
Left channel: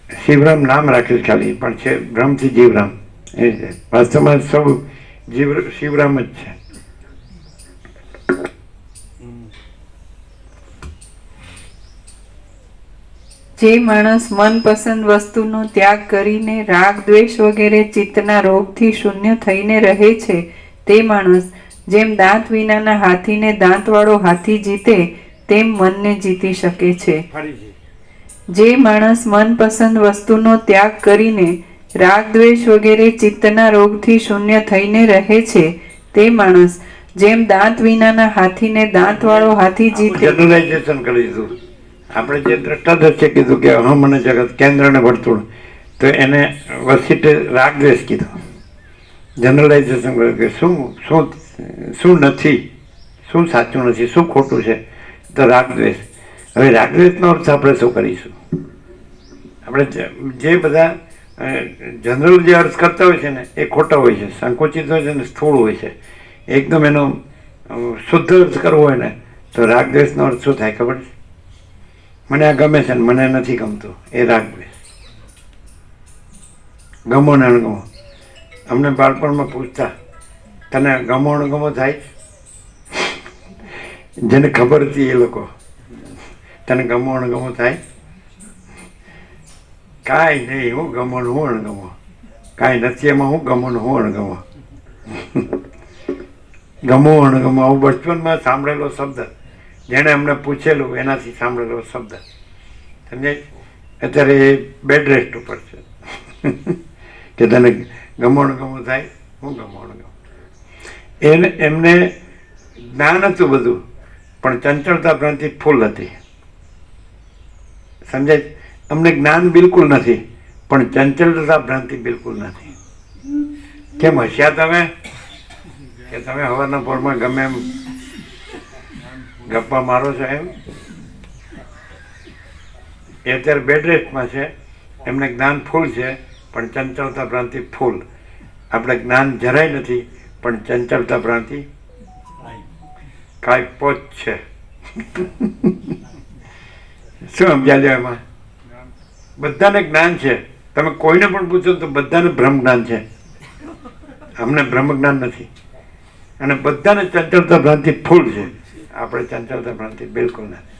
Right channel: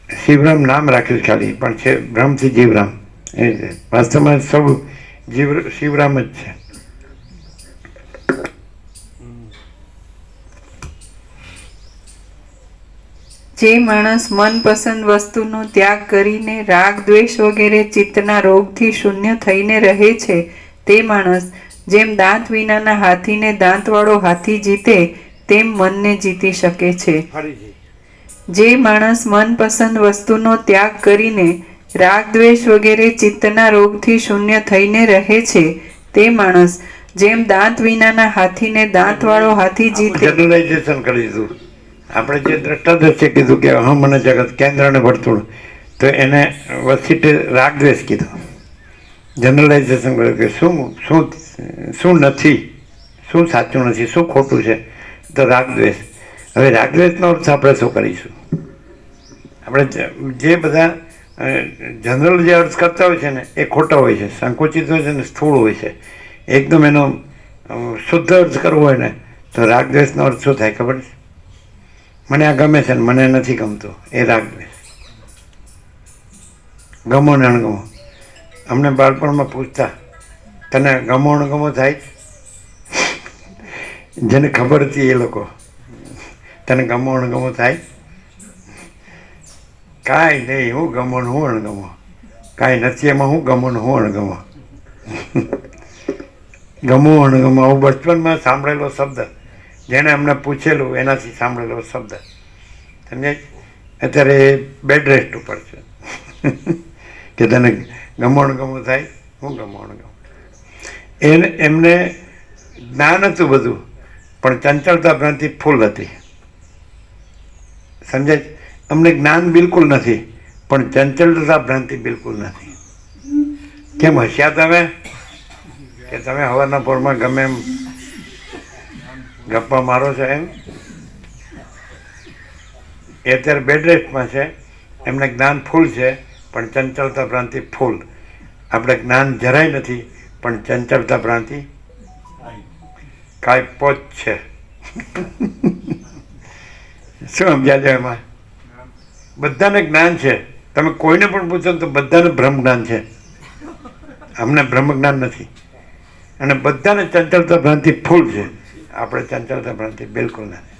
શિવરામ નામ રાખ્યું ખાલી, પણ છે ભ્રમથી જીવરામ. એ છે વાસ્તવમાં સૌ શિવરામ જ છે. જે માણસ મનપસંદ વસ્તુનો ત્યાગ કરીને રાગ દ્વેષ વગેરે ચિત્તના રોગથી શૂન્ય થઈને રહે છે, તે માણસ જેમ દાંત વિનાના હાથીને દાંતવાળો હાથી જીતે તેમ મનને જીતી શકે છે. ફરીથી જે માણસ મનપસંદ વસ્તુનો ત્યાગ કરીને રાગ દ્વેષ વગેરે ચિત્તના રોગથી શૂન્ય થઈને રહે છે, તે માણસ જેમ દાંત વિનાના હાથીને દાંતવાળો હાથી જીતે. જનરલાઇઝેશન કરી દીધું આપણે. જે દ્રષ્ટાદર્શે કીધું કે અહમ અને જગત, કેન્દ્ર અને વર્તુળ, તો એને વસીટે રાગ દ્વેષ કીધું. જનરલાઇઝેશન કર્યું કે શું શું શું નથી, શું સાચું નથી, શું ખોટું છે, તો રાગ દ્વેષ. હવે રાગ દ્વેષનો અર્થ આપણે શું કરીશું? આપણે જે બધા જનરલ જે અર્થ કરતા હોય છે ને, એ ખોટા હોય છે, સંકુચિત હોય છે ને સ્થૂળ હોય છે. એકદમ એનો શુદ્ધ અર્થ કરવો હોય ને, તો રાગ દ્વેષનો અર્થ શું થાય ખબર છે? મને આ ગમે છે ને મને નથી ગમતું, એ રાગ દ્વેષ. ગમો ને અણગમો. અમને બાળપણમાં પૂછતા, તને ગમો અણગમો થાય? જેને ખબર હતી એ લોકો, તને ગમો અણગમો થાય? કાંઈ નહીં, હું ગમો ને હું અણગમો, કાંઈ નથી એમાં, હું ગમો ને હું અણગમો. ગમો અણગમો આવું બચપનમાં સાંભળેલો શબ્દ, જેણે અમને પૂછેલું એનાથી સાંભળેલો શબ્દ, સમજાય? અત્યારે બેડ રેસ્ટ ઉપર છે કે તને ગમણ ગમો થાય, હું ગમણ ગમો. એમને જ્ઞાન હતું બધું, પણ ચંચળતા ભ્રાંતિ ફૂલ હતી, સમજાય? અમને જ્ઞાન બિલકુલ નથી, પણ ચંચળતા ભ્રાંતિ બિલકુલ નથી. કેમ હસ્યા તમે? કે તમે હવારના પોરમાં ગમે એમ ગપ્પા મારો છો એમ? એ અત્યારે બેડ રેસ્ટમાં છે, એમને જ્ઞાન ફૂલ છે પણ ચંચળતા ભ્રાંતિ ફૂલ. આપણે જ્ઞાન જરાય નથી પણ ચંચળતા ભ્રાંતિ કાંઈ પોચ છે. શું સમજ્યા છે એમાં? બધાને જ્ઞાન છે, તમે કોઈને પણ પૂછો તો બધાને બ્રહ્મ જ્ઞાન છે, અમને બ્રહ્મ જ્ઞાન નથી. અને બધાને ચંચળતા ભ્રાંતિ ફૂલ છે, આપણે ચંચળતા ભ્રાંતિ બિલકુલ નથી.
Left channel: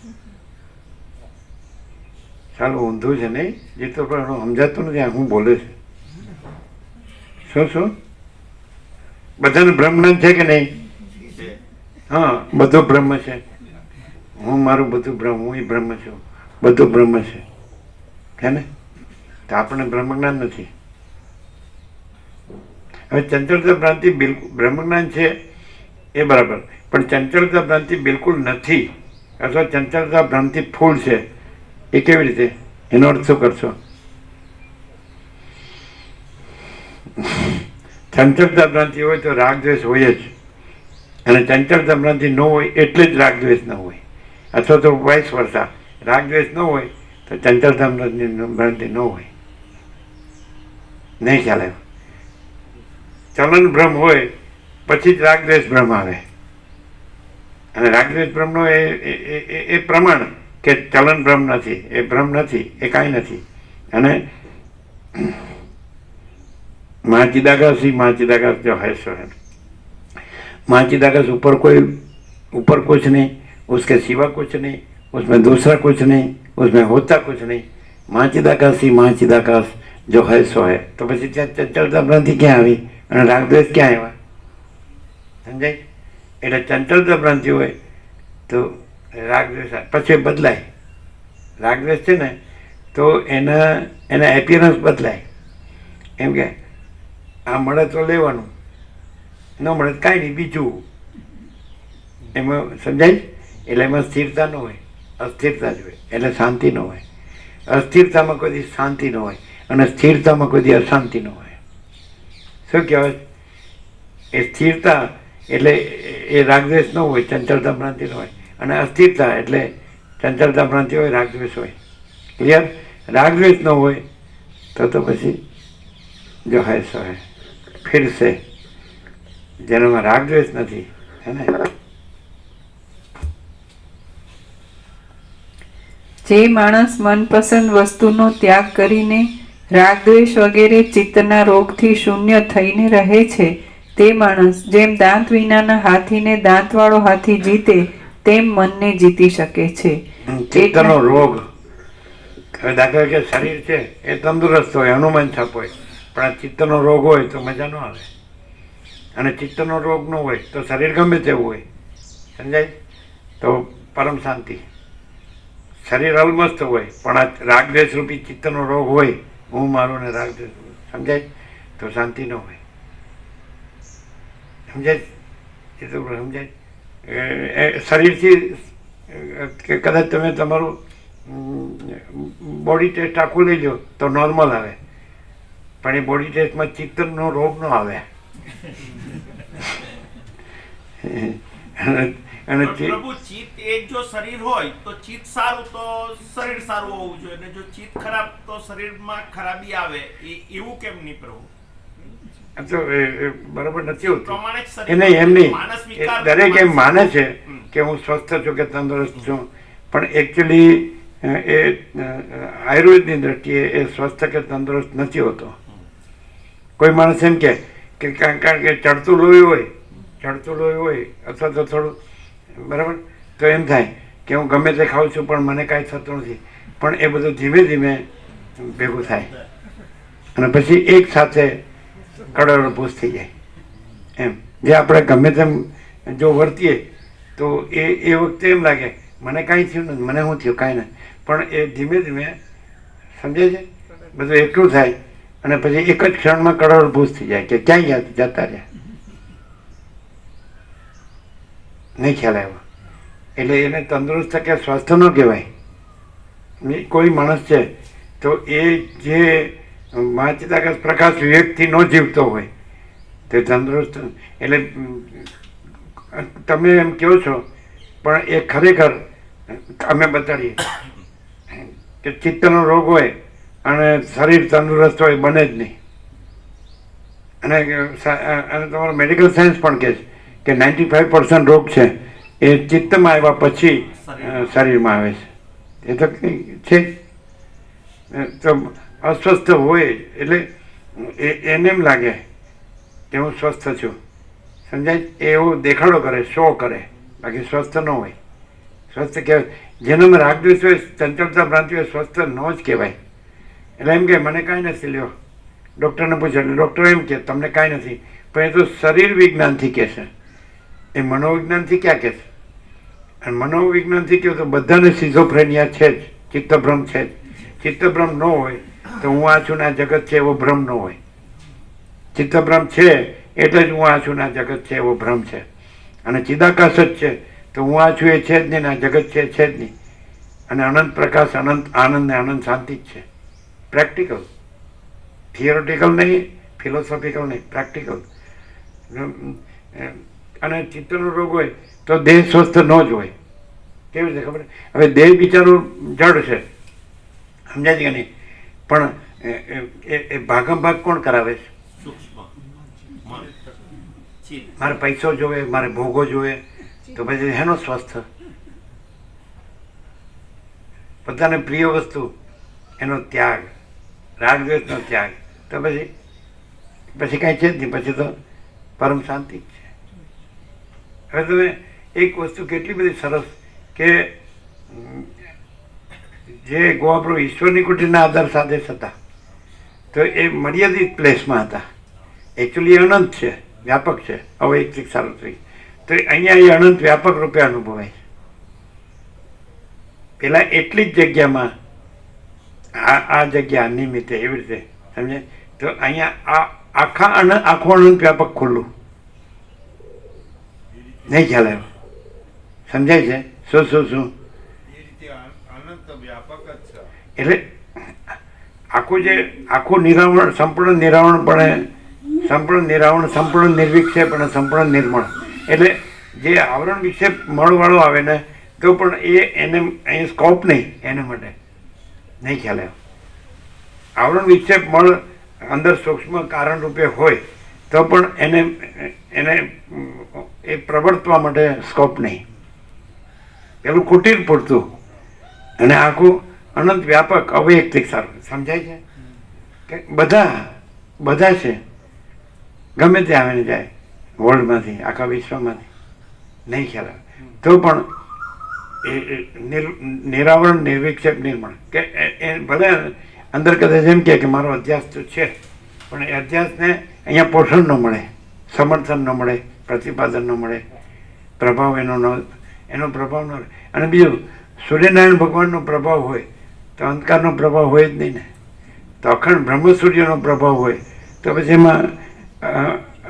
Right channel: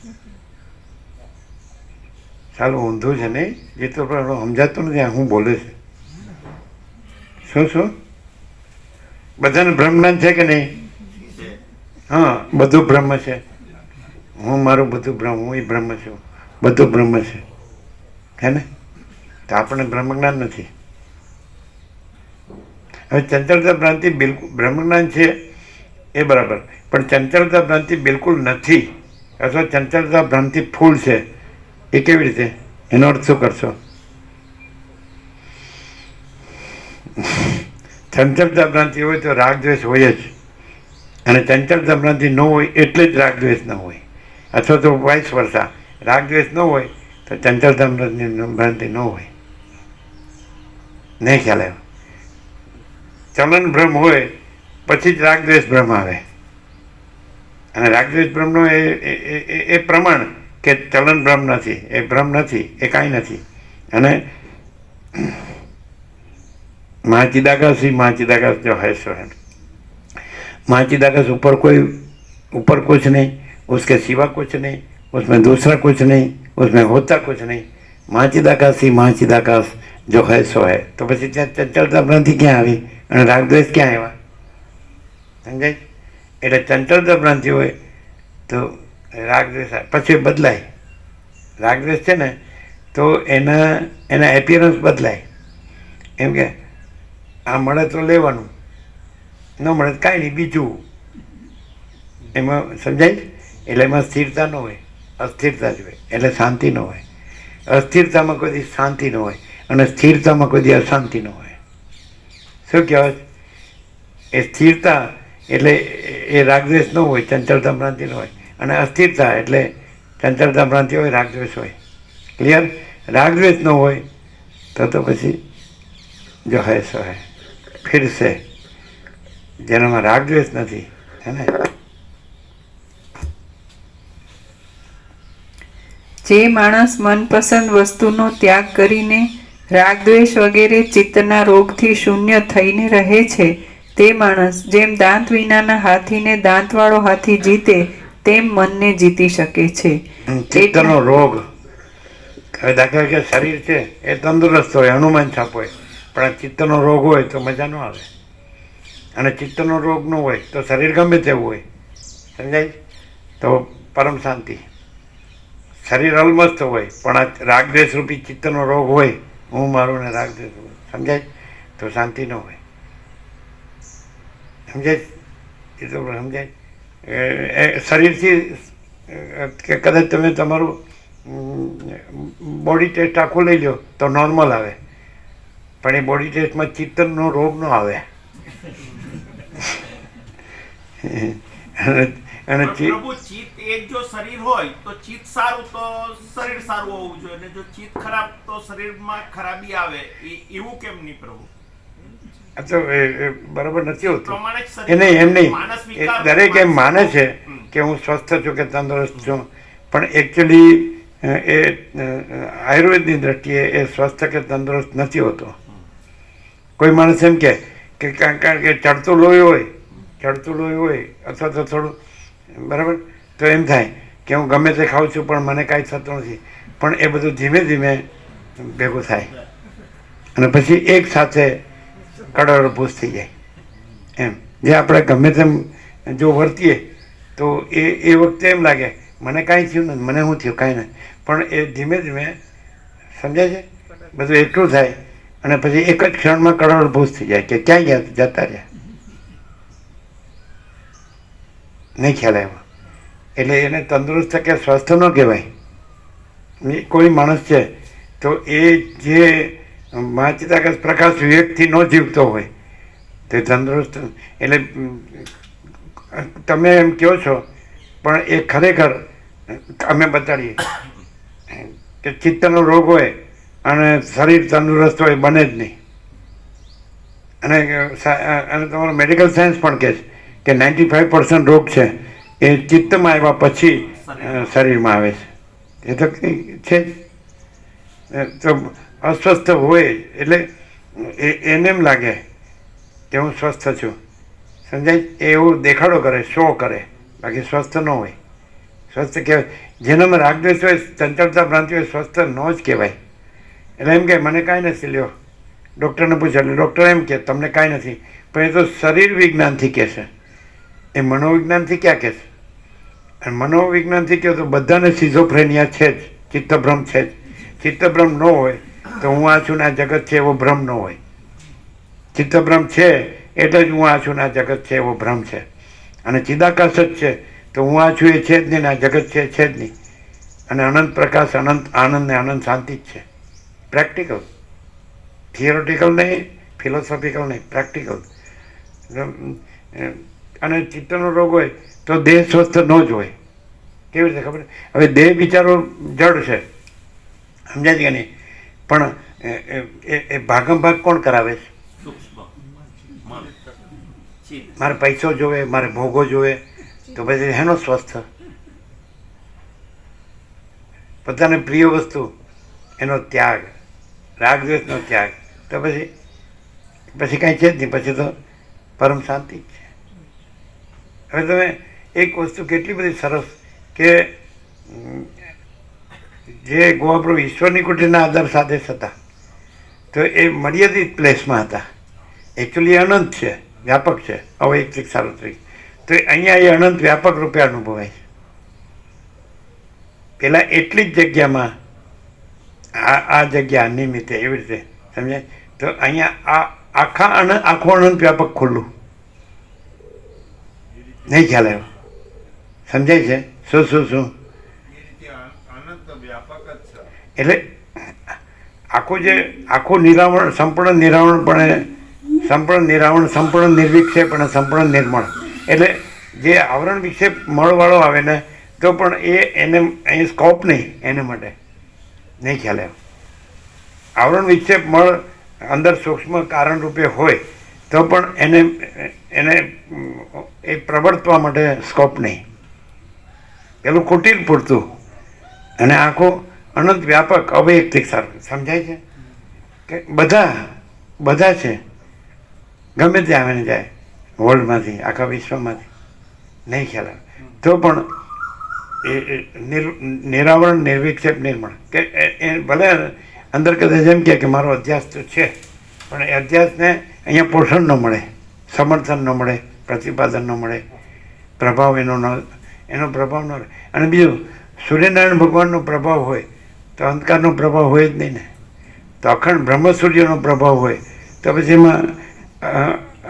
સારું ઊંધું છે નહીં, જે તો પણ સમજાતું નથી આ હું બોલે છે. શું બધાને બ્રહ્મ જ્ઞાન છે કે નહીં? હા, બધું બ્રહ્મ છે. હું મારું બધું બ્રહ્મ, હું બ્રહ્મ છું, બધું બ્રહ્મ છે, હે ને? તો આપણને બ્રહ્મ જ્ઞાન નથી. હવે ચંચળતા ભ્રાંતિ બિલકુલ બ્રહ્મ જ્ઞાન છે એ બરાબર, પણ ચંચળતા ભ્રાંતિ બિલકુલ નથી અથવા ચંચળતા ભ્રાંતિ ફૂલ છે, એ કેવી રીતે? એનો અર્થ શું કરશો? ચંચળતા ભ્રાંતિ હોય તો રાગ દ્વેષ હોય જ, અને ચંચળતા ભ્રાંતિ ન હોય એટલે જ રાગ દ્વેષ ન હોય, અથવા તો વાઇસ વર્સા, રાગ દ્વેષ ન હોય તો ચંચળતા ભ્રાંતિ ન હોય. નહીં ખ્યાલ આવ્યો? ચલન ભ્રમ હોય પછી જ રાગ દ્વેષ ભ્રમ આવે, અને રાગ દ્વેષ ભ્રમનો એ પ્રમાણ કે ચલન ભ્રમ નથી, એ ભ્રમ નથી, એ કાંઈ નથી. અને महाचिदाकाश ही महाचिदाकाश जो है सो है, महाचिदाकाश ऊपर कुछ नहीं, उसके सिवा कुछ नहीं, उसमें दूसरा कुछ नहीं, उसमें होता कुछ नहीं. महाचिदाकाश ही महाचिदाकाश जो है सो है. तो પછી ત્યાં ચંચળતા ભ્રાંતિ ક્યાં આવી અને રાગદ્વેષ ક્યાં આવ્યા? સમજાય? એટલે ચંચળતા ભ્રાંતિ હોય તો રાગદ્વેષ પછી બદલાય. રાગદ્વેષ છે ને તો એના એપિયરન્સ બદલાય. એમ કે આ મળે તો લેવાનું, ન મળે તો કાંઈ નહીં બીજું. એમાં સમજાય? એટલે એમાં સ્થિરતા ન હોય, અસ્થિરતા જ હોય, એટલે શાંતિ ન હોય. અસ્થિરતામાં કોઈ દી શાંતિ ન હોય અને સ્થિરતામાં કોઈ દી અશાંતિ ન હોય. શું કહેવાય? એ સ્થિરતા એટલે એ રાગદ્વેષ ન હોય, ચંચળતા ભ્રાંતિ ન હોય, અને અસ્થિરતા એટલે ચંચળતા ભ્રાંતિ હોય, રાગદ્વેષ હોય. ક્લિયર? રાગદ્વેષ ન હોય તો પછી જો હે સો હે. फिर से જેનામાં રાગદ્વેષ નથી, હે ને? જે માણસ મનપસંદ વસ્તુનો ત્યાગ કરીને રાગદ્વેષ વગેરે ચિત્તના રોગથી શૂન્ય થઈને રહે છે, તે માણસ જેમ દાંત વિનાના હાથીને દાંતવાળો હાથી જીતે તેમ મનને જીતી શકે છે. ચિત્તનો રોગ, દાખલા કે શરીર છે એ તંદુરસ્ત હોય, હનુમાન છાપ હોય, પણ આ ચિત્તનો રોગ હોય તો મજા ન આવે. અને ચિત્તનો રોગ ન હોય તો શરીર ગમે તેવું હોય, સમજાય? તો પરમ શાંતિ. શરીર અલમસ્ત હોય પણ આ રાગદ્વેષ રૂપી ચિત્તનો રોગ હોય, હું મારું ને રાગદ્વેષ, સમજાય? તો શાંતિ ન હોય. સમજાય? એ તો સમજાય? શરીરથી કદાચ તમે તમારું બોડી ટેસ્ટ આખું લઈ લો તો નોર્મલ આવે, પણ એ બોડી ટેસ્ટમાં ચિત્તનો રોગ ન આવે. અને પ્રભુ ચિત્ત એક જો શરીર હોય તો ચિત્ત સારું તો શરીર સારું હોવું જોઈએ, અને જો ચિત્ત ખરાબ તો શરીરમાં ખરાબી આવે, એવું કેમ નહીં પ્રભુ? તો બરોબર નથી હોતું એ નહીં, એમ નહીં. દરેક એમ માને છે કે હું સ્વસ્થ છું કે તંદુરસ્ત છું, પણ એકચ્યુઅલી એ આયુર્વેદની દ્રષ્ટિએ એ સ્વસ્થ કે તંદુરસ્ત નથી હોતો. કોઈ માણસ એમ કે કારણ કે ચડતું લોહી હોય અથવા તો થોડું બરાબર, તો એમ થાય કે હું ગમે તે ખાઉં છું પણ મને કાંઈ થતું નથી, પણ એ બધું ધીમે ધીમે ભેગું થાય અને પછી એક સાથે કડવાળભૂસ થઈ જાય. એમ જે આપણે ગમે તેમ જો વર્તીએ તો એ વખતે એમ લાગે મને કાંઈ થયું નથી, મને શું થયું કાંઈ નથી, પણ એ ધીમે ધીમે સમજાય છે બધું એટલું થાય અને પછી એક જ ક્ષણમાં કડવાળભૂસ થઈ જાય કે ક્યાંય જતા રહ્યા. નહીં ખ્યાલ આવ્યો? એટલે એને તંદુરસ્ત કે સ્વસ્થ ન કહેવાય. કોઈ માણસ છે તો એ જે મહાચિદાકાશ પ્રકાશ વિવેકથી ન જીવતો હોય તે તંદુરસ્ત, એટલે તમે એમ કહો છો પણ એ ખરેખર અમે બતાડીએ કે ચિત્તનો રોગ હોય અને શરીર તંદુરસ્ત હોય બને જ નહીં. અને તમારું મેડિકલ સાયન્સ પણ કહે છે કે 95% રોગ છે એ ચિત્તમાં આવ્યા પછી શરીરમાં આવે છે. એ તો કંઈ છે જ. તો અસ્વસ્થ હોય એટલે એને એમ લાગે કે હું સ્વસ્થ છું, સમજાય? એ એવું દેખાડો કરે, શો કરે, બાકી સ્વસ્થ ન હોય. સ્વસ્થ કહેવાય જેનામાં રાગદ્વેષ હોય, ચંચળતા ભ્રાંતિ હોય, સ્વસ્થ ન જ કહેવાય. એટલે એમ કે મને કાંઈ નથી લ્યો, ડૉક્ટરને પૂછે એટલે ડૉક્ટર એમ કે તમને કાંઈ નથી, પણ એ તો શરીર વિજ્ઞાનથી કહેશે, એ મનોવિજ્ઞાનથી ક્યાં કહેશે? અને મનોવિજ્ઞાનથી કહે તો બધાને સિઝોફ્રેનિયા છે જ, ચિત્તભ્રમ છે જ. ચિત્તભ્રમ ન હોય તો હું આ છું ને આ જગત છે એવો ભ્રમ ન હોય. ચિત્તભ્રમ છે એટલે જ હું આ છું ને આ જગત છે એવો ભ્રમ છે. અને ચિદાકાશ જ છે તો હું આ છું એ છે જ નહીં ને આ જગત છે જ નહીં. અને અનંત પ્રકાશ, અનંત આનંદ ને અનંત શાંતિ જ છે. પ્રેક્ટિકલ, થિયોરિટિકલ નહીં, ફિલોસોફિકલ નહીં, પ્રેક્ટિકલ. અને ચિત્તનો રોગ હોય તો દેહ સ્વસ્થ ન જ હોય. કેવી રીતે ખબર? હવે દેહ બિચારો જડ છે, સમજાય છે કે નહીં? પણ એ ભાગમ ભાગ કોણ કરાવે છે? સૂક્ષ્મ મન, ચિત્ત. મારે પૈસો જોવે, મારે ભોગો જોવે, તો પછી એનો સ્વસ્થ. પોતાને પ્રિય વસ્તુ એનો ત્યાગ, રાગદ્વેષનો ત્યાગ, તો પછી કાંઈ છે જ નહીં, પછી તો પરમ શાંતિ જ છે. હવે તમે એક વસ્તુ કેટલી બધી સરસ કે જે ગોવાપ્રભુ ઈશ્વરની કુટીરના આધાર સાધેશ હતા તો એ મર્યાદિત પ્લેસમાં હતા. એકચ્યુઅલી અનંત છે, વ્યાપક છે, અવૈયક્તિક સાર્વત્રિક. તો અહીંયા એ અનંત વ્યાપક રૂપે અનુભવાય છે. પેલા એટલી જ જગ્યામાં આ જગ્યા નિમિત્તે એવી રીતે સમજાય. તો અહીંયા આખું અનંત વ્યાપક ખુલ્લું નહીં ખ્યાલ આવ્યો, સમજાય છે? શું એટલે આખું નિરાવરણ, સંપૂર્ણ નિરાવરણ, સંપૂર્ણ નિર્વિક્ષેપ અને સંપૂર્ણ નિર્મળ. એટલે જે આવરણ વિક્ષેપ મળવાળો આવે ને તો પણ એને અહીં સ્કોપ નહીં, એને માટે નહીં ખ્યાલ આવ્યો. આવરણ વિક્ષેપ મળ અંદર સૂક્ષ્મ કારણ રૂપે હોય તો પણ એને એ પ્રવર્તવા માટે સ્કોપ નહીં. પેલું કુટીર પૂરતું અને આખું અનંત વ્યાપક અવૈયક્તિક સારું. સમજાય છે કે બધા છે, ગમે ત્યાં આવીને જાય વર્લ્ડમાંથી, આખા વિશ્વમાંથી, નહીં ખ્યાલ આવે તો પણ એ નિરાવરણ, નિર્વિક્ષેપ, નિર્મળ. કે એ ભલે અંદર કદાચ એમ કે મારો અધ્યાસ તો છે પણ એ અધ્યાસને અહીંયા પોષણ ન મળે, સમર્થન ન મળે, પ્રતિપાદન ન મળે, પ્રભાવ એનો પ્રભાવ ન રહે. અને બીજું, સૂર્યનારાયણ ભગવાનનો પ્રભાવ હોય તો અંધકારનો પ્રભાવ હોય જ નહીં ને. તો અખંડ બ્રહ્મ સૂર્યનો પ્રભાવ હોય તો પછી એમાં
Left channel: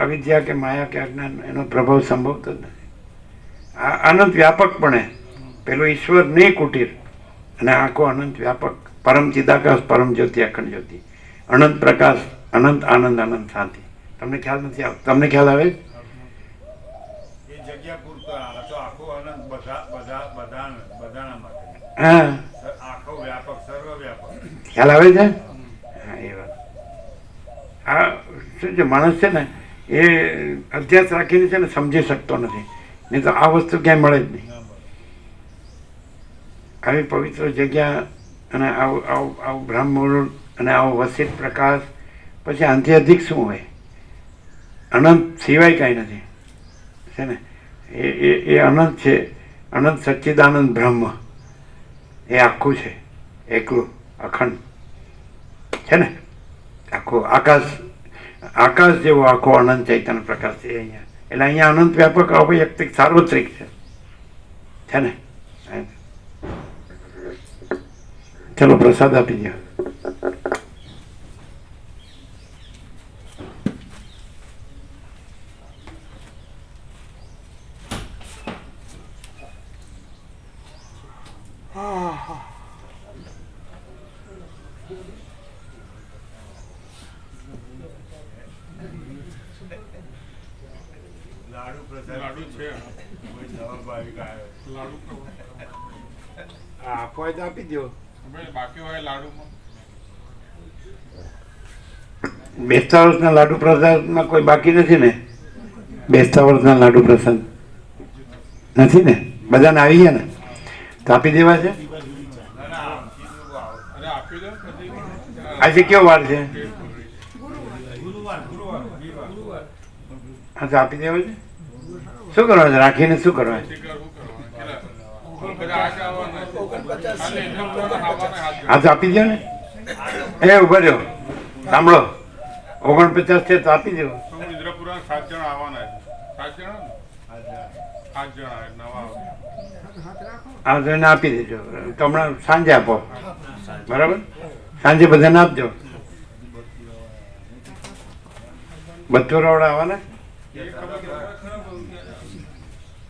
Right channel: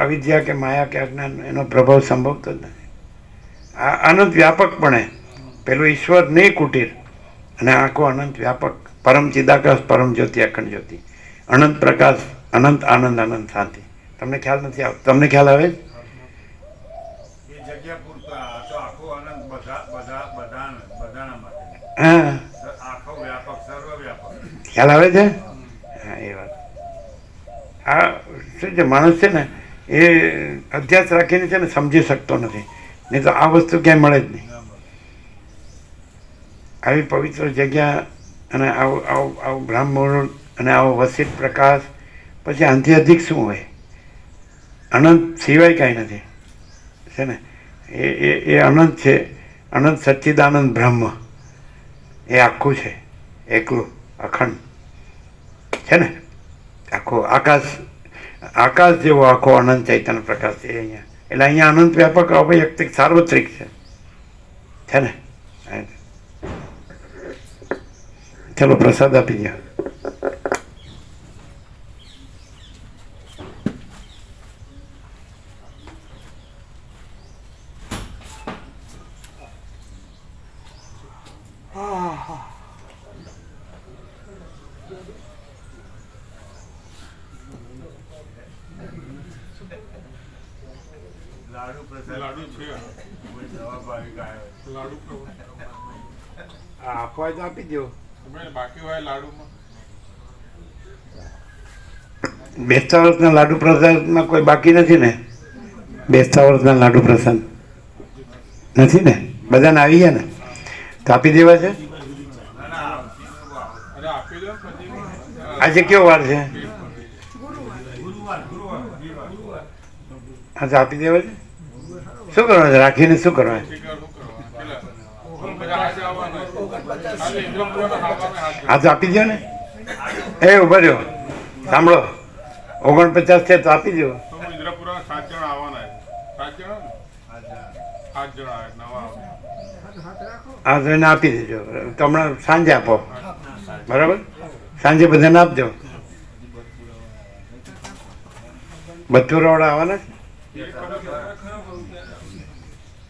અવિદ્યા કે માયા કે અજ્ઞાન એનો પ્રભાવ સંભવતો જ નથી. આ અનંત વ્યાપકપણે પેલું ઈશ્વર નહીં કુટીર અને આખો અનંત વ્યાપક, પરમ ચિદાકાશ, પરમ જ્યોતિ, અખંડ જ્યોતિ, અનંત પ્રકાશ, અનંત આનંદ, અનંત શાંતિ. તમને ખ્યાલ નથી આવતો? તમને ખ્યાલ આવે? એ જગ્યા પૂરતા તો આખો આનંદ બધાના માટે. હા, આખો વ્યાપક, સર્વવ્યાપક. ખ્યાલ આવે છે? હા, એ વાત. આ શું છે, માણસ છે ને એ અધ્યાસ રાખીને છે ને સમજી શકતો નથી, નહીં તો આ વસ્તુ ક્યાંય મળે જ નહીં. આવી પવિત્ર જગ્યા અને આવું બ્રહ્મમુહૂર્ત અને આવો વસિત પ્રકાશ, પછી આનાથી અધિક શું હોય? અનંત સિવાય કાંઈ નથી, છે ને? એ અનંત છે, અનંત સચ્ચિદાનંદ બ્રહ્મ. એ આખું છે, એકલું, અખંડ છે ને. આખો આકાશ જેવો આખો અનંત ચૈતન્ય પ્રકાશ છે અહીંયા. એટલે અહીંયા અનંત વ્યાપક અવૈયક્તિક સાર્વત્રિક છે ને. ચલો પ્રસાદ આપી દો. લાડુ છે. આપવા હોય તો આપી દો. તમે બાકી હોય લાડુમાં બેસતા વર્ષના લાડુ પ્રસાદમાં કોઈ બાકી નથી ને? બેસતા વર્ષના લાડુ પ્રસાદ નથી ને? બધાને આવી ગયા ને? તો આપી દેવા છે. અરે આપી દો પછી આજે કયો વાર છે? હા તો આપી દેવા છે. શું કરવા છે? રાખીને શું કરવા છે? હા તો આપી દો ને. એ ઉભા રહ્યો, સાંભળો, 49 છે તો આપી દો. ઇન્દ્રપુરા 7 જણા આવવાના છે. 7 જણા ને 8 જણા નવા હા તો એને આપી દેજો. તો હમણાં સાંજે આપો, બરાબર? સાંજે બધાને આપજો. બથુરાવાળા આવવાના છે?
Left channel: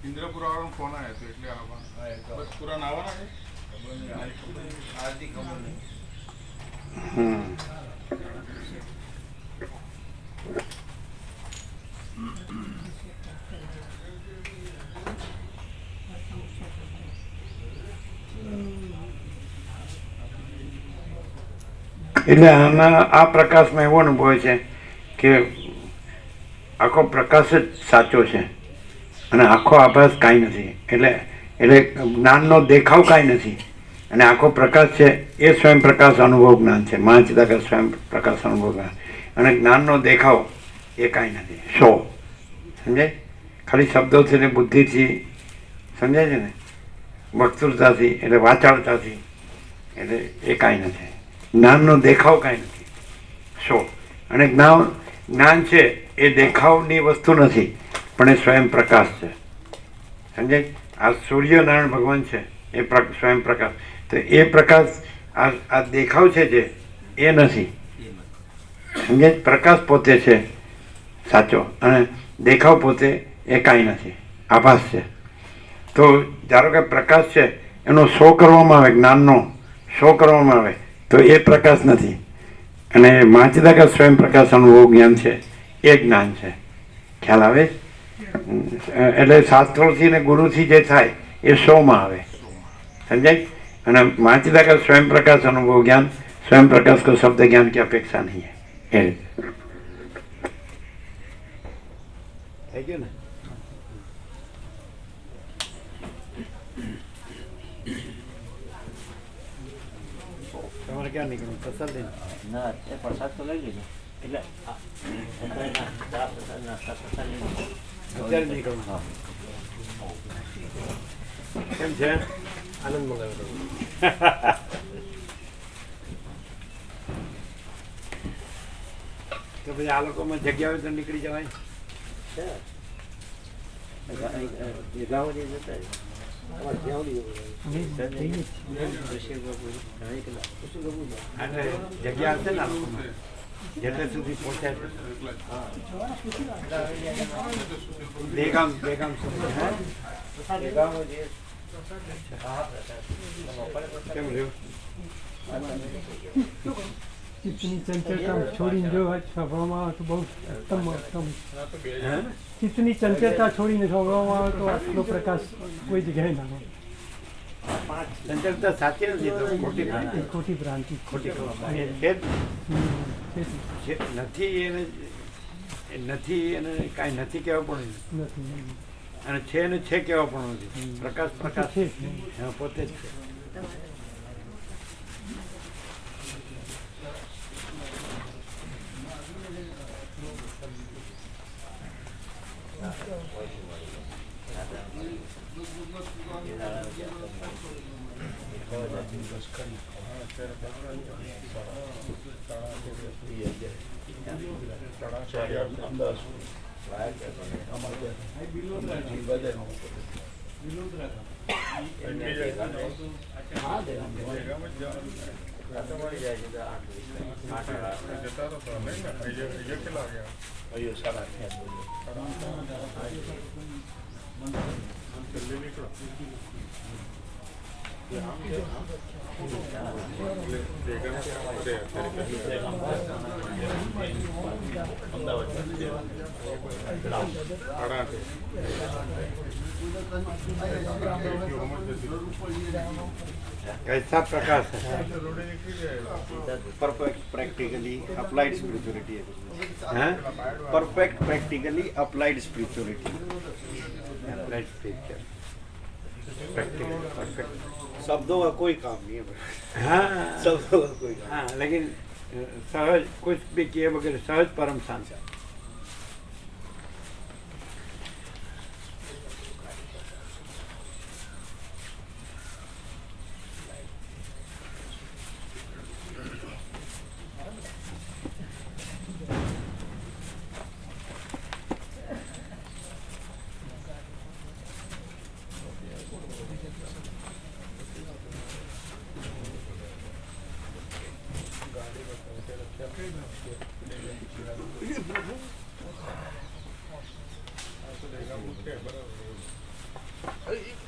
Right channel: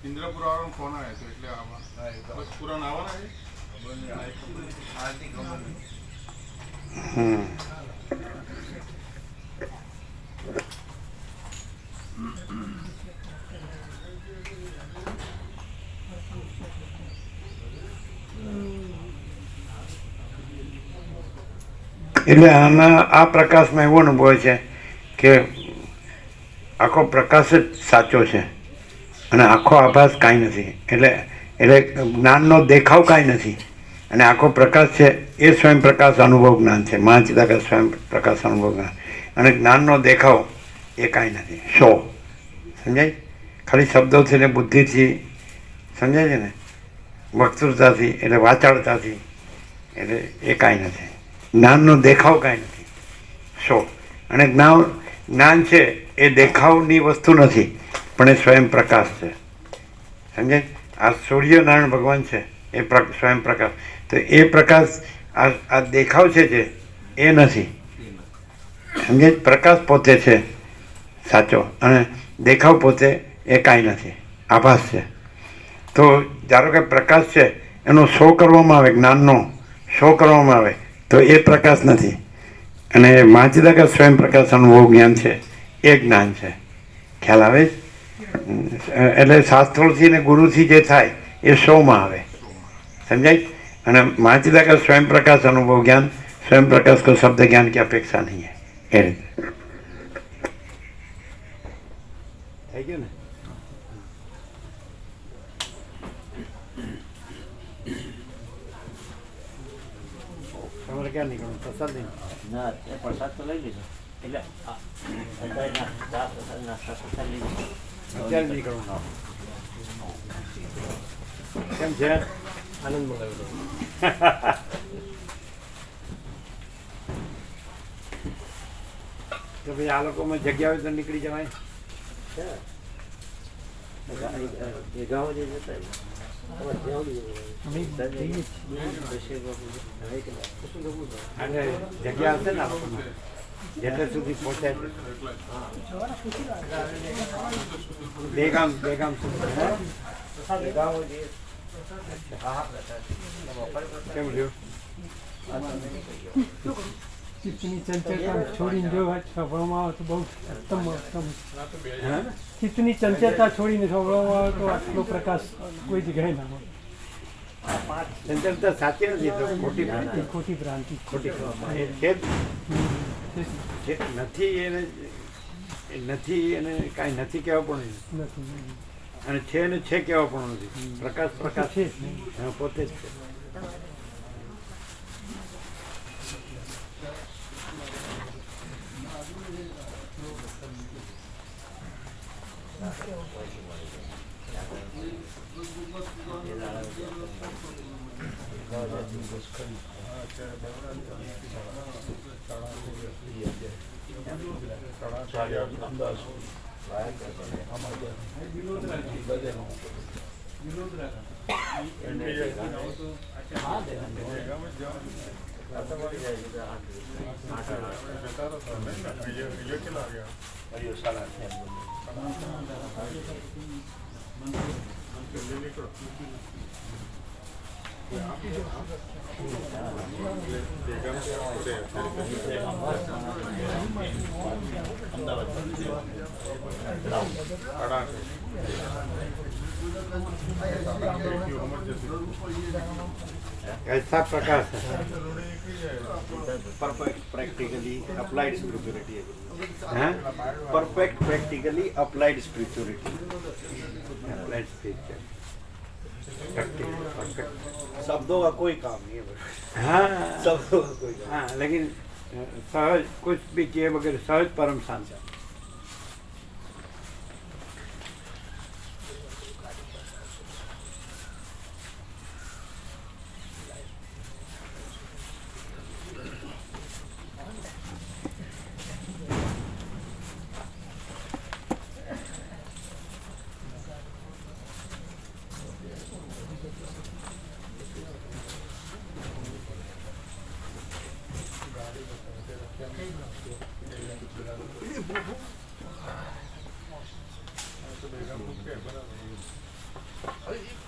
ઇન્દ્રપુરા વાળો ફોન આવ્યો હતો એટલે બસ પુરા આવવાના છે. હમ. એટલે આમાં આ પ્રકાશમાં એવો અનુભવ છે કે આખો પ્રકાશ જ સાચો છે અને આખો આભાસ કાંઈ નથી. એટલે જ્ઞાનનો દેખાવ કાંઈ નથી અને આખો પ્રકાશ છે એ સ્વયં પ્રકાશ અનુભવ જ્ઞાન છે. મહાચિદાકાર સ્વયં પ્રકાશ અનુભવ જ્ઞાન અને જ્ઞાનનો દેખાવ એ કાંઈ નથી. શો સમજાય? ખાલી શબ્દોથી ને બુદ્ધિથી સમજાય છે ને, વક્તૃતાથી એટલે વાચાળતાથી, એટલે એ કાંઈ નથી. જ્ઞાનનો દેખાવ કાંઈ નથી. શો અને જ્ઞાન છે એ દેખાવની વસ્તુ નથી પણ એ સ્વયં પ્રકાશ છે. સમજાય? આ સૂર્યનારાયણ ભગવાન છે એ સ્વયં પ્રકાશ. તો એ પ્રકાશ આ દેખાવ છે જે એ નથી. સમજાય? પ્રકાશ પોતે છે સાચો અને દેખાવ પોતે એ કાંઈ નથી, આભાસ છે. તો ધારો કે પ્રકાશ છે એનો શો કરવામાં આવે, જ્ઞાનનો શો કરવામાં આવે તો એ પ્રકાશ નથી. અને મહાચિદાકાર સ્વયં પ્રકાશ અનુભવ જ્ઞાન છે એ જ્ઞાન છે. ખ્યાલ આવે? એટલે શાસ્ત્રોથી ને ગુરુથી જે થાય એ શોમાં આવે. સમજાય? અને મહાચિદાકાર स्वयं प्रकाश अनुभव ज्ञान, स्वयं प्रकाश को शब्द ज्ञान की अपेक्षा नहीं है. થઈ ગયું ને? તમારે ક્યાં નીકળવું? પ્રસાદ લઈને? ના એ પ્રસાદ તો લઈ લીધો એટલે અત્યારના ચા પ્રસાદના પ્રસાદ લઈ લીધો. અત્યારે નીકળવું. કેમ છે? આનંદ મળ્યો. તો ભાઈ આ લોકોમાં જગ્યા હોય તો નીકળી જવાય. એ ગામ જે જતા અને જગ્યા હશે ને આ લોકોમાં જેટલે સુધી પહોંચાય છે. બે ગામ સુધી. કેમ રહ્યું? ચિત્તની ચંચળતા છોડીને જો સ્વભાવમાં આવે તો બહુ ઉત્તમ. ચિત્તની ચંચળતા છોડીને સ્વભાવમાં આવે તો આટલો પ્રકાશ કોઈ જગ્યાએ ના હોય. ચંચળતા સાચી નથી, તો ખોટી ભ્રાંતિ. ખોટી ભ્રાંતિ. ખોટી છે નથી એને નથી એને કાંઈ નથી કહેવા પણ નથી અને છે ને છે કહેવા પણ નથી. પ્રકાશ છે. હા, પોતે જ છે. कैसा प्रकाश है परफेक्ट प्रैक्टिकली अप्लाइड स्पिरिचुअलिटी हैं? Perfect practically applied spirituality Applied spiritual. Practical, perfect. शब्दों का कोई काम नहीं है हाँ शब्दों का कोई काम हाँ लेकिन सहज कुछ भी किए बगैर सहज परम शांति અરે,